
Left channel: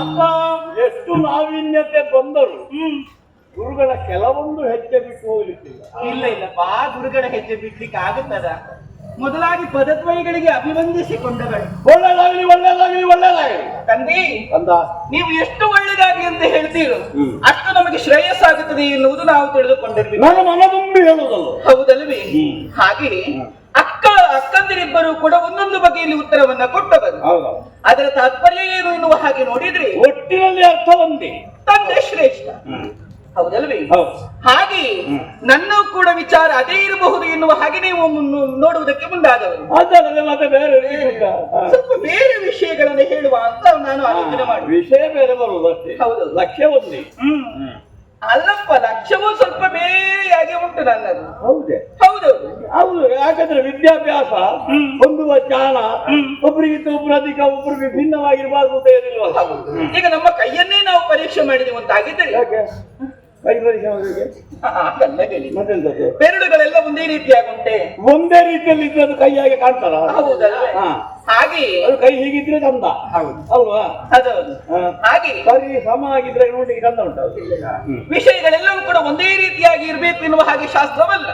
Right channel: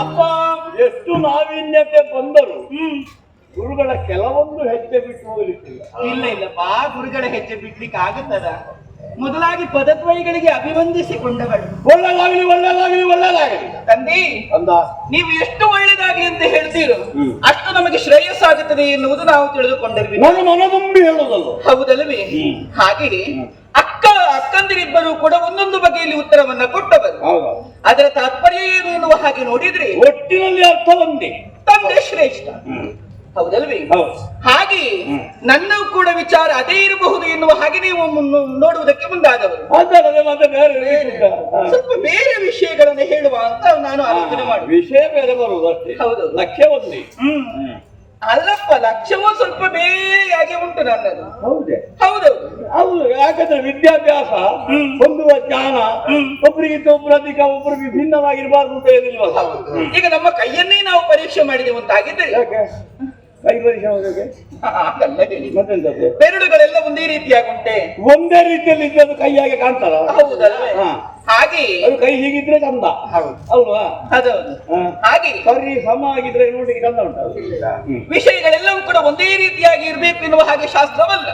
ಅಪ್ಪ, ಎಷ್ಟು ನಾವೀನ್ಯತೆ ಬಂದರು ಗುರುಗಳ ಕೆಲವೊಂದು ಹೆಜ್ಜೆ ಬಿಟ್ಟು ಹೋಗ್ಲಿಕ್ಕಿಲ್ಲ. ಇಲ್ಲ ಇಲ್ಲಪ್ಪ, ಗುರುಗಳ ಹೆಜ್ಜೆ ಬಿಡ್ಲಿಕ್ಕೆ ಆಗುತ್ತದ? ಮೊದಲಾಗಿ ಪದದ್ವಯಗಳಿಗೆ ಅಭಿವಂದಿಸಿಕೊಂಡವಳು. ಒಳ್ಳೇದಾಗ್ಲಿ ಒಳ್ಳೇದಾಗ್ಲಿ ಒಳ್ಳೇದಾಗ್ಲಿ ತಂದೆ, ಅಂದ. ನೀವು ಎಷ್ಟು ಒಳ್ಳೆದಾಗಿ ಅಂತ ಹೇಳ್ತೀರೋ ಅಷ್ಟು ನಮಗೆ ಶ್ರೇಯಸ್ಸಾಗುತ್ತದೆ ಎನ್ನುವುದು ನಾವು ತಿಳಿದುಕೊಂಡಿರ್ಬೇಕು. ನಾನು ಮನದುಂಬಿ ಹೇಳುವುದಲ್ಲ. ಹೌದಲ್ವೇ? ಹಾಗೆ ಅಕ್ಕಂದಿರಿಬ್ಬರು ಕೂಡ ಒಂದೊಂದು ಬಗೆಯಲ್ಲಿ ಉತ್ತರವನ್ನ ಕೊಟ್ಟವರು. ಹೌದಾ? ಅದರ ತಾತ್ಪರ್ಯ ಏನು ಎನ್ನುವ ಹಾಗೆ ನೋಡಿದ್ರೆ ಒಟ್ಟಿನಲ್ಲಿ ಅರ್ಥ ಒಂದೇ, ತಂದೆ ಶ್ರೇಷ್ಠ. ಹೌದಲ್ವೇ? ಹೌದು. ಹಾಗೆ ನನ್ನ ಕೂಡ ವಿಚಾರ ಅದೇ ಇರಬಹುದು ಎನ್ನುವ ಹಾಗೆ ನೀವು ನೋಡುವುದಕ್ಕೆ ಮುಂದಾದವರು. ಅದಲ್ಲದೆ ಮತ್ತೆ ಬೇರೆ ಸ್ವಲ್ಪ ಬೇರೆ ವಿಷಯಗಳನ್ನು ಹೇಳುವ ಅಂತ ನಾನು ಆಲೋಚನೆ ಮಾಡಿ. ವಿಷಯ ಬೇರೆ ಬರುವುದು ಅಷ್ಟೇ. ಹೌದು. ಲಕ್ಷ್ಯ ಒಂದೇ. ಅಲ್ಲಪ್ಪ, ಲಕ್ಷ್ಯವೂ ಸ್ವಲ್ಪ ಬೇರೆಯಾಗಿ ಉಂಟು ನನ್ನದು. ಹೌದೇ? ಹೌದೌದು. ಹೌದು. ಯಾಕಂದ್ರೆ ವಿದ್ಯಾಭ್ಯಾಸ ಹೊಂದುವ ಜ್ಞಾನ ಒಬ್ಬರಿಗಿಂತ ಒಬ್ರು ಅಧಿಕ, ಒಬ್ರು ವಿಭಿನ್ನವಾಗಿರ್ಬಾರ್ದು ಅಂತ ಏನಿಲ್ವಲ್ಲ. ಈಗ ನಮ್ಮ ಕೈಯನ್ನೇ ನಾವು ಪರೀಕ್ಷೆ ಮಾಡಿದೆವು ಅಂತಾಗಿದ್ದರೆ ಯಾಕೆ ಕೈ ಪರೀಕ್ಷೆ ಮಾಡೋಕೆ ಹಾಗಲ್ಲ ಹೇಳಿ. ಮತ್ತೆಂತದ್ದು? ಬೆರಳುಗಳೆಲ್ಲ ಒಂದೇ ರೀತಿಯಾಗುಂಟೆ. ಒಂದೇ ರೀತಿಯಲ್ಲಿ ಇದ್ದದ್ದು ಕೈಯಾಗಿ ಕಾಣ್ತಾರ. ಹೌದಲ್ವೇ? ಹಾಗೆ ಅದು ಕೈ ಹೀಗಿದ್ರೆ ಚಂದ ಅಲ್ವಾ? ಅದೌದು. ಹಾಗೆ ಸರಿ ಸಮ ಆಗಿದ್ರೆ ನೋಡ್ಲಿಕ್ಕೆ ಚಂದ ಉಂಟು. ವಿಷಯಗಳೆಲ್ಲವೂ ಕೂಡ ಒಂದೇ ರೀತಿಯಾಗಿ ಇರಬೇಕು ಎನ್ನುವ ಹಾಗೆ ಶಾಸ್ತ್ರವಲ್ಲ.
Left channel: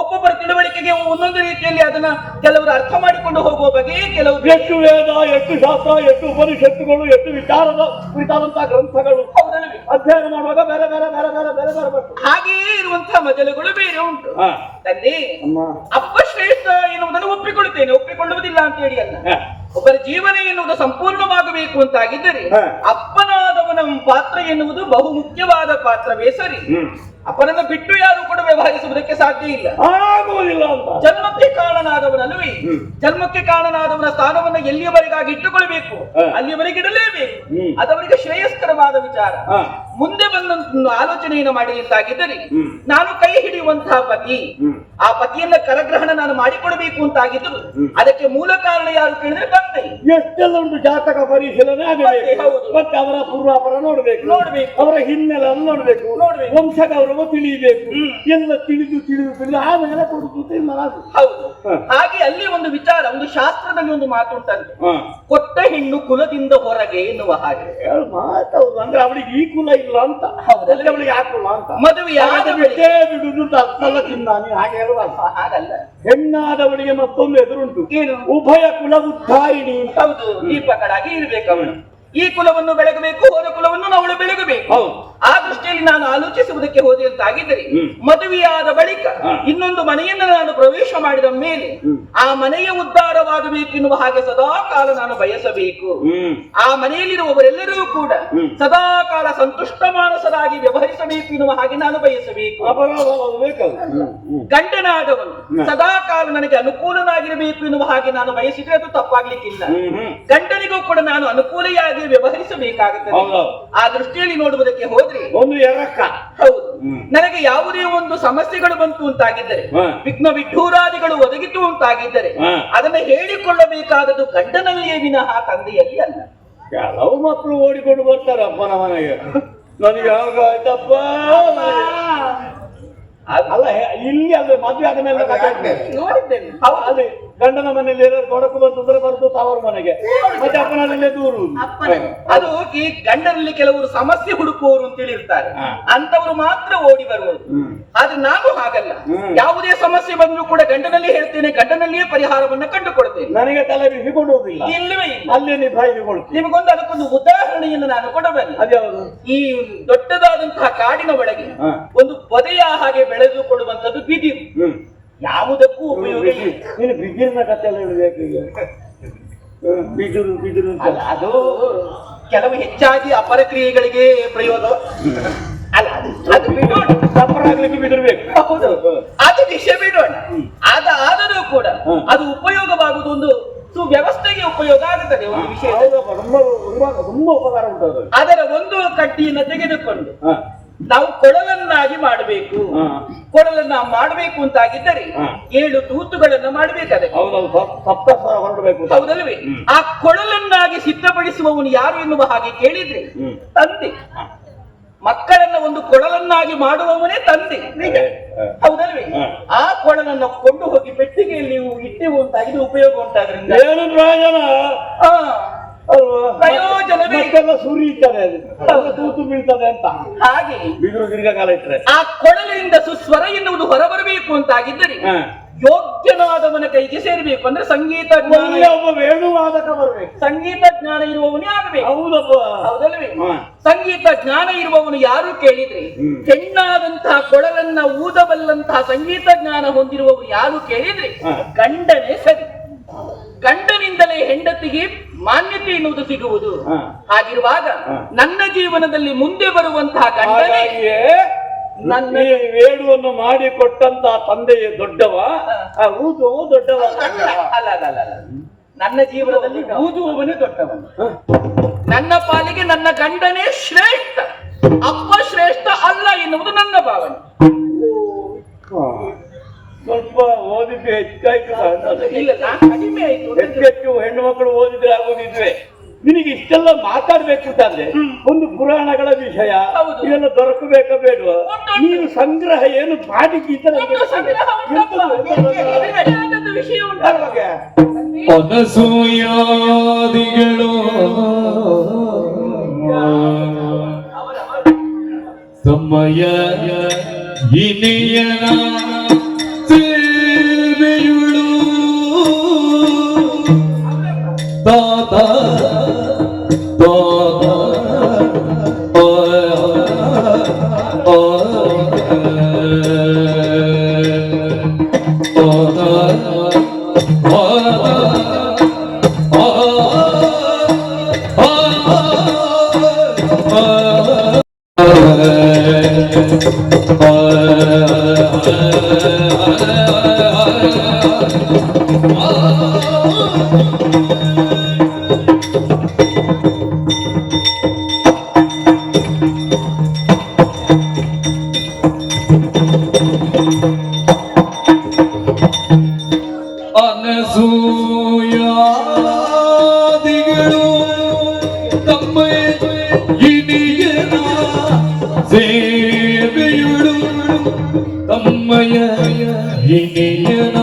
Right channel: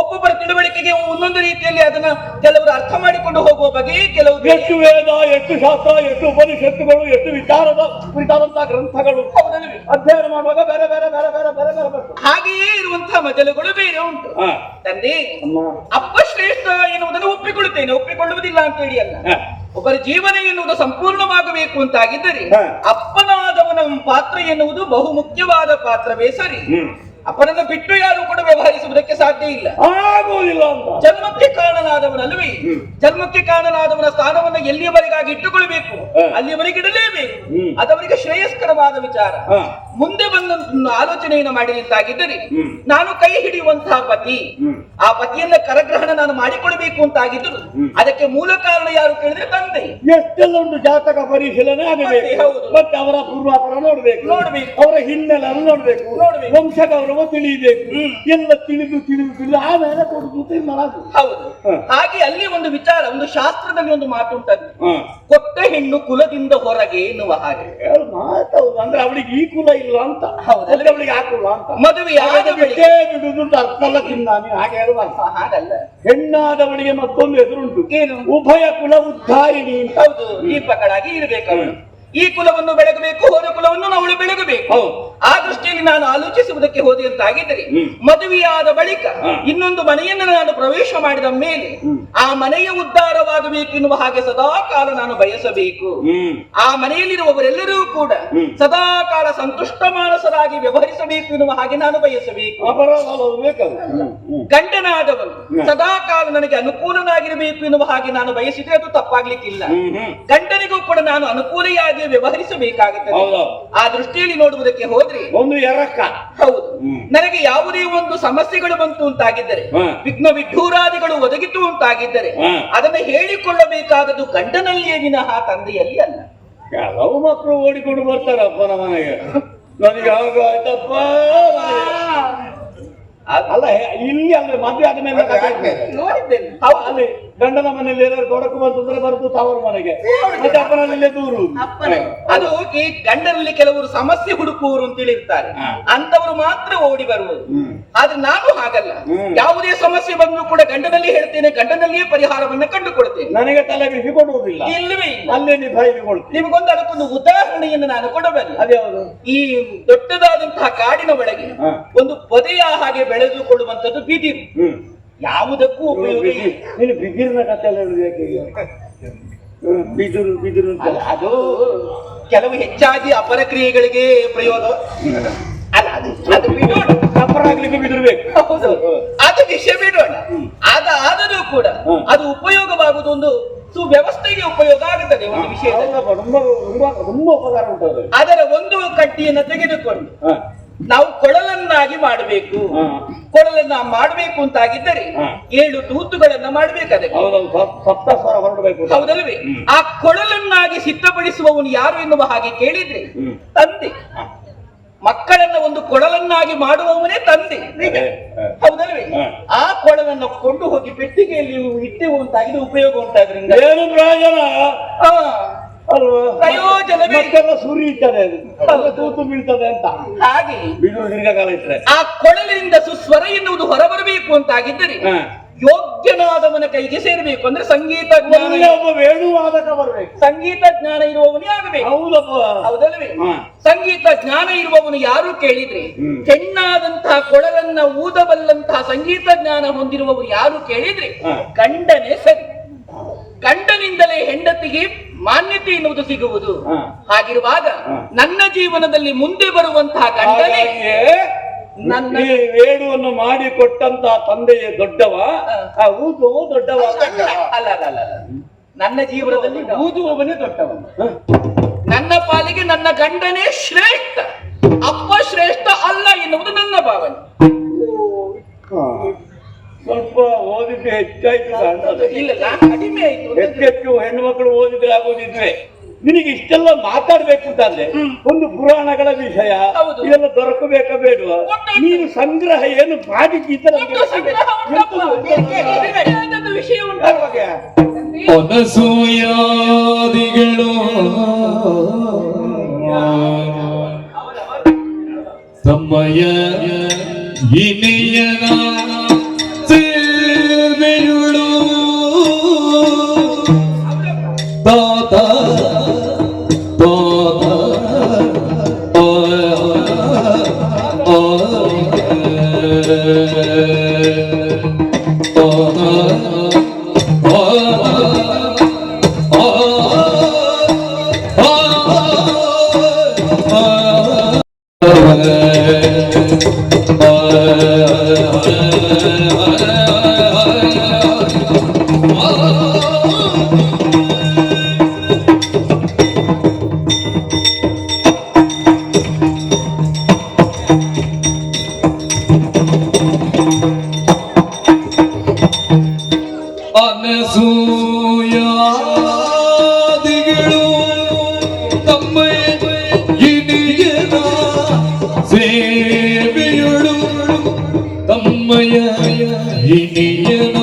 ಒಬ್ಬೊಬ್ಬರ ತಿಳುವಳಿಕೆಗೆ ಒಂದೊಂದು ರೀತಿಯಲ್ಲಿ ಅದನ್ನ ಕೆಲವರು ಅರ್ಥ ಮಾಡಿಕೊಂಡು ಹೋಗುವ ಬಗ್ಗೆ ಕೆಲವು ಎಷ್ಟು ವೇದ, ಎಷ್ಟು ಶಾಸ್ತ್ರ, ಎಷ್ಟು ಉಪನಿಷತ್ತುಗಳು, ಎಷ್ಟು ವಿಚಾರದ ಕುರಿತಾದಂತಹ ಗ್ರಂಥಗಳು ಹೌದಲ್ವೇ? ಅಧ್ಯಯನ ಮಾಡುವಾಗ ಬೇರೆ ಬೇರೆ ಬೇರೆ ಬೇರೆ ಬೇರೆ ಬೇರೆ ಬರ್ತದೆ. ಹಾಗೆಯೇ ಇರುವಂತಹ ಮಜಲುಗಳು ಬೇರೆ ಉಂಟು. ತಂದೆ, ಅಪ್ಪ ಶ್ರೇಷ್ಠ ಎನ್ನುವುದನ್ನು ಒಪ್ಪಿಕೊಳ್ಳುತ್ತೇನೆ, ಒಪ್ಪಿಕೊಳ್ಳುವುದಿಲ್ಲ ಅಂತ ಹೇಳಿ ಅಲ್ಲ. ಒಬ್ಬರ ಜೀವನ ಎನ್ನುವುದು ಸಂಪೂರ್ಣವಾಗಬೇಕು ಅಂತಾಗಿದ್ದರೆ ಅಪ್ಪನಾದವನ ಪಾತ್ರ ಎನ್ನುವುದು ಬಹು ಮುಖ್ಯವಾದ ಪಾತ್ರವೇ ಸರಿ. ಅಪ್ಪನನ್ನು ಬಿಟ್ಟು ಯಾರು ಕೂಡ ವ್ಯವಹರಿಸುವುದಕ್ಕೆ ಸಾಧ್ಯ ಇಲ್ಲ, ಆಗುವುದಿಲ್ಲ ಅಂತ. ಜನ್ಮಕ್ಕೆ ಕಾರಣನಾದವನಲ್ವೇ? ಜನ್ಮಕ್ಕೆ ಕಾರಣನಾದವನ ಸ್ಥಾನವನ್ನು ಎಲ್ಲಿಯವರೆಗಾಗಿ ಇಟ್ಟುಕೊಳ್ಳಬೇಕು ಅಲ್ಲಿಯವರೆಗೆ ಇಡಲೇಬೇಕು. ಅದವರಿಗೆ ಶ್ರೇಯಸ್ಕರವಾದ ವಿಚಾರ. ಮುಂದೆ ಬಂದ ಆಲೋಚನೆಯನ್ನು ಮಾಡಲಿದ್ದಾಗಿದ್ದರೆ ನಾನು ಕೈ ಹಿಡಿಯುವಂತಹ ಪತಿ, ಆ ಪತಿಯನ್ನ ಕರಗ್ರಹಣ ನಾನು ಮಾಡಿಕೊಡಬೇಕು ಅಂತಾಗಿದ್ದರು ಅದಕ್ಕೆ ಮೂಲ ಕಾರಣ ಯಾರು ಕೇಳಿದ್ರೆ ತಂದೆ. ಎಷ್ಟೆಲ್ಲ ಉಂಟು, ಜಾತಕ ಪರಿಶೀಲನೆ ಆಗಬೇಕು, ಮತ್ತೆ ಅವರ ಪೂರ್ವಾಪರ ನೋಡ್ಬೇಕು, ಅವರ ಹಿನ್ನೆಲೆಯನ್ನು ನೋಡ್ಬೇಕು, ವಂಶ ಗೌರವ ತಿಳಿಯಬೇಕು. ಎಲ್ಲ ತಿಳಿದು ತಿಳಿದು ತಿಳಿದು ಆಮೇಲೆ ಕೊಡುತ್ತೆ. ಹೌದು. ಹಾಗೆ ಅಲ್ಲಿ ಒಂದು ವಿಚಾರ, ಒಂದು ಶಾಸ್ತ್ರದಲ್ಲಿ ಒಂದು ಮಾತುಂಟಂತೆ, ಕೊಟ್ಟ ಹೆಣ್ಣು ಕುಲದಿಂದ ಹೊರಗೆ ಎನ್ನುವ ಹಾಗೆ ಮಾತೌದು. ಅಂದ್ರೆ ಅವಳಿಗೆ ಈ ಕುಲ ಇಲ್ಲ ಅಂತ. ಹೌದಲ್ಲ? ಅವಳಿಗೆ ಆ ಕುಲ ಅಂತ ಮದುವೆಯಾದ ಬಿಟ್ಟೇ ಬಿಡುದು ಅಂತ ಅರ್ಥ ಅಲ್ಲ. ಚಿನ್ನ ನೀವು ಹಾಗೆ ಹೇಳುವಾಗ ಹಾಗಲ್ಲ. ಹೆಣ್ಣಾದವಳಿಗೆ ಮತ್ತೊಂದು ಎದುರುಂಟು, ಏನು? ಉಭಯ ಕುಲ ಉದ್ಧಾರಿಣಿ. ಹೌದು. ದೀಪಗಳಾಗಿ ಇರಬೇಕು ಅವಳು. ಈ ಕುಲವನ್ನು ಬೆಳಗಬೇಕು, ಹೋದ ಕುಲವನ್ನು ಅವಳು ಬೆಳಗಬೇಕು. ಆ ದೃಷ್ಟಿಯಲ್ಲಿ ನಾನು ಆಲೋಚಿಸುವುದಕ್ಕೆ ಹೋದೆ ಅಂತಾಗಿದ್ದರೆ ಮದುವೆಯಾದ ಬಳಿಕ ಇನ್ನೊಂದು ಮನೆಯನ್ನು ನಾನು ಪ್ರವೇಶ ಮಾಡಿದ ಮೇಲೆ ಆ ಮನೆಯ ಉದ್ಧಾರವಾಗಬೇಕು ಎನ್ನುವ ಹಾಗೆ ಸದಾ ಕಾಲ ನಾನು ಬಯಸಬೇಕು. ಆ ಮನೆಯಲ್ಲಿರುವವರೆಲ್ಲರೂ ಕೂಡ ಸದಾ ಕಾಲ ಸಂತುಷ್ಟ ಮಾನಸರಾಗಿ ವ್ಯವಹರಿಸಬೇಕು ಎನ್ನುವ ಹಾಗೆ ನಾನು ಬಯಸಬೇಕು. ಗಂಡನಾದವನು ಸದಾ ಕಾಲ ನನಗೆ ಅನುಕೂಲನಾಗಿರಬೇಕು ಎನ್ನುವ ಹಾಗೆ ನಾನು ಬಯಸಿದ್ರೆ ಅದು ತಪ್ಪಾಗ್ಲಿಕ್ಕಿಲ್ಲ. ಗಂಡನಿಗೂ ಕೂಡ ನಾನು ಅನುಕೂಲಿಯಾಗಿ ವ್ಯವಹರಿಸಬೇಕಾಗುತ್ತದೆ. ಆ ದೃಷ್ಟಿಯಲ್ಲಿ ನೋಡುವುದಕ್ಕೆ ಹೋದ್ರೆ ಒಂದು ಎರಕ. ಹೌದು. ನನಗೆ ಯಾವುದೇ ಒಂದು ಸಮಸ್ಯೆಗಳು ಬಂತು ಅಂತಾಗಿದ್ದರೆ, ವಿಘ್ನ ವಿಢೂರಾದಿಗಳು ಒದಗಿತು ಅಂತಾಗಿದ್ದರೆ ಅದನ್ನು ಹೇಳಿಕೊಳ್ಳಬೇಕಾದದ್ದು ಗಂಡನಲ್ಲಿಯೇ ವಿನಃ ತಂದೆಯಲ್ಲಿ ಅಲ್ಲ. ಕೆಲವು ಮಕ್ಕಳು ಓಡಿಕೊಂಡು ಬರ್ತಾರಪ್ಪನ ಮನೆಗೆ, ನನಗೆ ಹಾಗಾಯ್ತಪ್ಪ ಅಲ್ಲ. ಇಲ್ಲಿ ಅಲ್ವೇ ಮದುವೆ ಆದ ಮೇಲೆ ನೋಡಿದ್ದೇನೆ. ಅಲ್ಲಿ ಗಂಡನ ಮನೆಯಲ್ಲಿ ಏನಾದ್ರು ತೊಡಕು ಬಂತಂದ್ರೆ ಬರ್ತದೆ ತವರು ಮನೆಗೆ, ಮತ್ತೆ ಅಪ್ಪನಲ್ಲೇ ದೂರು. ಅದು ಈ ಗಂಡನಲ್ಲಿ ಕೆಲವರು ಸಮಸ್ಯೆ ಹುಡುಕುವವರು ಅಂತೇಳಿ ಇರ್ತಾರೆ, ಅಂತವರು ಮಾತ್ರ ಓಡಿ ಬರುವುದು. ಆದ್ರೆ ನಾನು ಹಾಗಲ್ಲ. ಯಾವುದೇ ಸಮಸ್ಯೆ ಬಂದರೂ ಕೂಡ ಗಂಡನಲ್ಲಿ ಹೇಳ್ತೇನೆ, ಗಂಡನಲ್ಲಿಯೇ ಪರಿಹಾರವನ್ನ ಕಂಡುಕೊಳ್ತೇನೆ. ನನಗೆ ತಲೆ ಬಿಸಿಕೊಳ್ಳುವುದಿಲ್ಲ, ಇಲ್ಲವೇ ಇಲ್ಲ. ಅಲ್ಲೇ ನಿಭಾಯಿಸಿಕೊಳ್ತೇನೆ. ನಿಮಗೊಂದು ಅದಕ್ಕೊಂದು ಉದಾಹರಣೆಯನ್ನು ನಾನು ಕೊಡಬಲ್ಲೆ. ಅದ್ಯಾವುದು? ಈ ದೊಡ್ಡದಾದಂತಹ ಕಾಡಿನ ಒಳಗೆ ಒಂದು ಪೊದೆಯ ಹಾಗೆ ಬೆಳೆದುಕೊಳ್ಳುವಂತದ್ದು ಬಿದಿರು. ಯಾವುದಕ್ಕೂ ಉಪಯೋಗ ಇಲ್ಲ. ನೀನು ಬಿದಿರಿನ ಕಥೆ ಎಲ್ಲ ಹೇಳಬೇಕು ಈಗ. ಬಿದಿರು ಬಿದಿರು ಅದು ಕೆಲವು ಹೆಚ್ಚಾಗಿ ಅಪರ ಕ್ರಿಯೆಗಳಿಗೆ ಪ್ರಯೋಗ ಅಲ್ಲ. ಅದು ಬಿಡೋಣ, ತಪ್ಪರಾಗ್ಲಿಕ್ಕೆ ಬಿದಿರು ಬೇಕು. ಹೌದು, ಅದು ವಿಷಯ ಬಿಡೋಣ. ಆದರೂ ಕೂಡ ಅದು ಉಪಯೋಗವಾಗುವುದು ಒಂದು ಸುವ್ಯವಸ್ಥೆಗೆ ಉಪಯೋಗ ಆಗುತ್ತದೆ. ಒಂದು ವಿಷಯ ತುಂಬಾ ಉಪಕಾರ ಉಂಟು. ಅದರ ಒಂದು ಕಡ್ಡಿಯನ್ನು ತೆಗೆದುಕೊಂಡು ನಾವು ಕೊಳಲನ್ನಾಗಿ ಮಾಡಬೇಕು. ಕೊಳಲನ್ನ ಮಾಡಬೇಕು ಅಂತಾಗಿದ್ದರೆ 7 ತೂತುಗಳನ್ನ ಮಾಡಬೇಕಾದ್ರೆ ಸಪ್ತಸ್ವರ ಹೊರಡಬೇಕು. ಹೌದಲ್ವೇ? ಆ ಕೊಳಲನ್ನಾಗಿ ಸಿದ್ಧಪಡಿಸುವವನು ಯಾರು ಎನ್ನುವ ಹಾಗೆ ಕೇಳಿದ್ರೆ ತಂದೆ. ಮಕ್ಕಳನ್ನ ಒಂದು ಕೊಳಲನ್ನಾಗಿ ಮಾಡುವವನೇ ತಂದೆ. ಹೌದಲ್ವೇ? ಆ ಕೊಳಲನ್ನು ಕೊಂಡು ಹೋಗಿ ಪೆಟ್ಟಿಗೆಯಲ್ಲಿ ಇಟ್ಟೆವು ಅಂತಾಗಿದೆ, ಉಪಯೋಗ ಉಂಟಾದ್ರಿಂದ ಏನು ಪ್ರಯೋಜನ ಅಲ್ವಾ? ಪ್ರಯೋಜನವೇ ಸುರಿಯುತ್ತದೆ, ತೂತು ಬೀಳ್ತದೆ ಅಂತ. ಹಾಗೆ ಬಿಡು ದೀರ್ಘಕಾಲ ಇಟ್ಟರೆ ಆ ಕೊಳಲಿನಿಂದ ಸುಸ್ವರ ಎನ್ನುವುದು ಹೊರಬರಬೇಕು ಅಂತಾಗಿದ್ದರೆ ಯೋಗ್ಯನಾದವನ ಕೈಗೆ ಸೇರಬೇಕು. ಅಂದ್ರೆ ಸಂಗೀತ ಜ್ಞಾನ, ಒಳ್ಳೆ ಒಬ್ಬ ವೇಣುವಾದಕ ಬರ್ಬೇಕು. ಸಂಗೀತ ಜ್ಞಾನ ಇರುವವನೇ ಆಗಬೇಕು. ಹೌದಪ್ಪ. ಹೌದಲ್ಲವೇ? ಹಾ. ಸಂಗೀತ ಜ್ಞಾನ ಇರುವವನು ಯಾರು ಕೇಳಿದ್ರೆ, ಹೆಣ್ಣಾದಂತಹ ಕೊಳಲನ್ನ ಊದಬಲ್ಲಂತಹ ಸಂಗೀತ ಜ್ಞಾನ ಹೊಂದಿರುವವರು ಯಾರು ಕೇಳಿದ್ರೆ ಗಂಡನೇ ಸರಿ. ಗಂಡನಿಂದಲೇ ಹೆಂಡತಿಗೆ ಮಾನ್ಯತೆ ಎನ್ನುವುದು ಸಿಗುವುದು. ಹಾಗಿರುವಾಗ ನನ್ನ ಜೀವನದಲ್ಲಿ ಮುಂದೆ ಬರುವಂತಹ ಗಂಡನೇ ನನ್ನ ಈ ವೇಣುವನ್ನು ಮಾಡಿ ಕೊಟ್ಟಂತ ತಂದೆಯೇ ದೊಡ್ಡವ, ಊದು ದೊಡ್ಡವ. ಅಲ್ಲ ಅಲ್ಲ ಅಲ್ಲ ಅಲ್ಲ, ನನ್ನ ಜೀವನದಲ್ಲಿ ಊದುವವನೇ ದೊಡ್ಡವನು. ನನ್ನ ಪಾಲಿಗೆ ನನ್ನ ಗಂಡನೇ ಶ್ರೇಷ್ಠ, ಅಪ್ಪ ಶ್ರೇಷ್ಠ ಅಲ್ಲ ಎನ್ನುವುದು ನನ್ನ ಭಾವನೆ. ಸ್ವಲ್ಪ ಓದಿದ್ದು ಹೆಚ್ಚಾಯ್ತು ಕಾಣ್ತದೆ. ಇಲ್ಲ, ಕಡಿಮೆ ಆಯ್ತು. ಹೆಚ್ಚು ಹೆಣ್ಣು ಮಕ್ಕಳು ಓದಿದ್ರೆ ಆಗೋದಿದ್ವೆ. ನಿನಗೆ ಇಷ್ಟೆಲ್ಲ ಮಾತಾಡ್ಬೇಕು ಅಂತಾದ್ರೆ ಒಂದು ಪುರಾಣಗಳ ವಿಷಯ ಹೌದು. ಇದೆಲ್ಲ ದೊರಕಬೇಕ ಬೇಡುವ? ಉಂಟು. ನೀನು ಸಂಗ್ರಹ ಏನು ಮಾಡಿದ್ದ ಒಂದು ಸಂಗ್ರಹ ಉಂಟಪ್ಪ. ಬೇಕಾದದ್ದು ವಿಷಯ ಉಂಟು. ಅನಸೂಯಾದಿಗಳು ತಮ್ಮಯ ಇನಿಯನ ಸೇವೆಯುಳು ತಾತ ಅನಸೂಯಾದಿಗಳು ತಮ್ಮ ಇನಿಯನ ಸೇವೆಯುಳು ತಮ್ಮಯ ಇನಿಯನ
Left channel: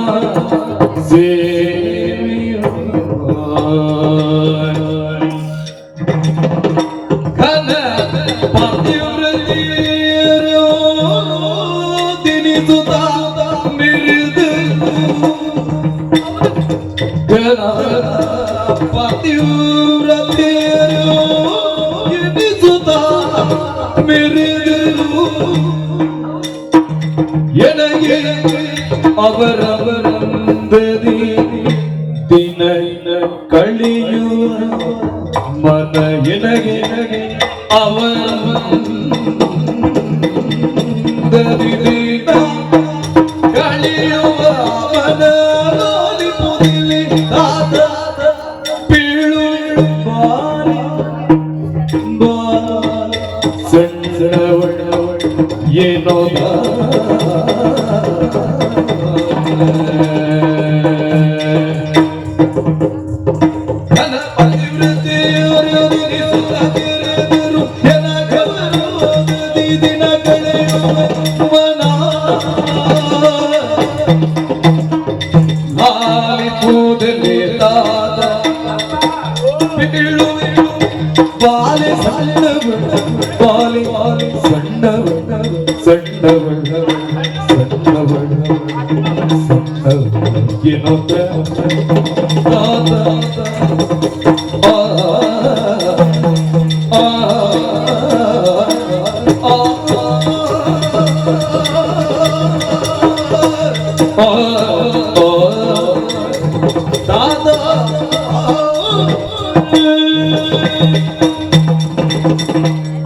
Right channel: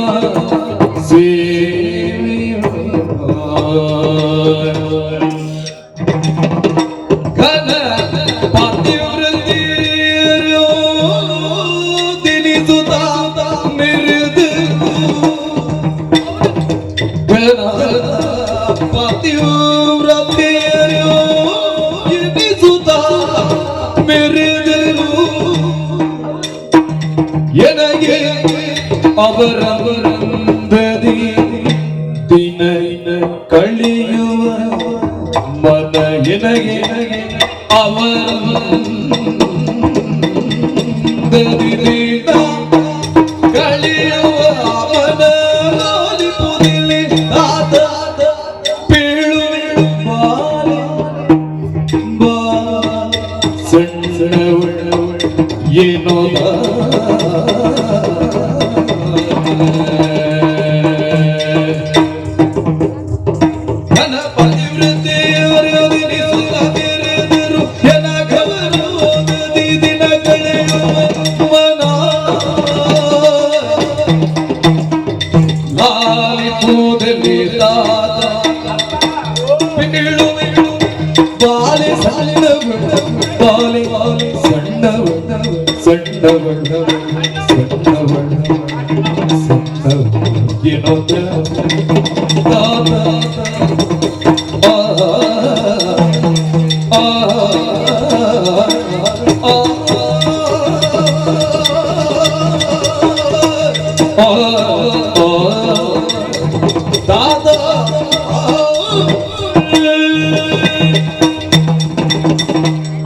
ಘನ ಪತಿವ್ರತಿಯರು ದಿನಿಸುತ್ತ ಮೆರೆದು ಘನ ಪತಿವ್ರತಿಯರು ಎನಿಸುತ್ತ ಮೆರೆದರು ಎನಗೆ ಅವರವರಂದದಿ ದಿನ ಕಳೆಯುವ ಮನ ಎನಗೆ ಅವರವರಂದದಿ ದಿನ ಕಳೆಯುವ ಮನ ಪುದಿಲಿ ತಾತ ಪೀಳು ಬಾಲೆ ಬಾ ಸಣ್ಣವಳ ಏನೋ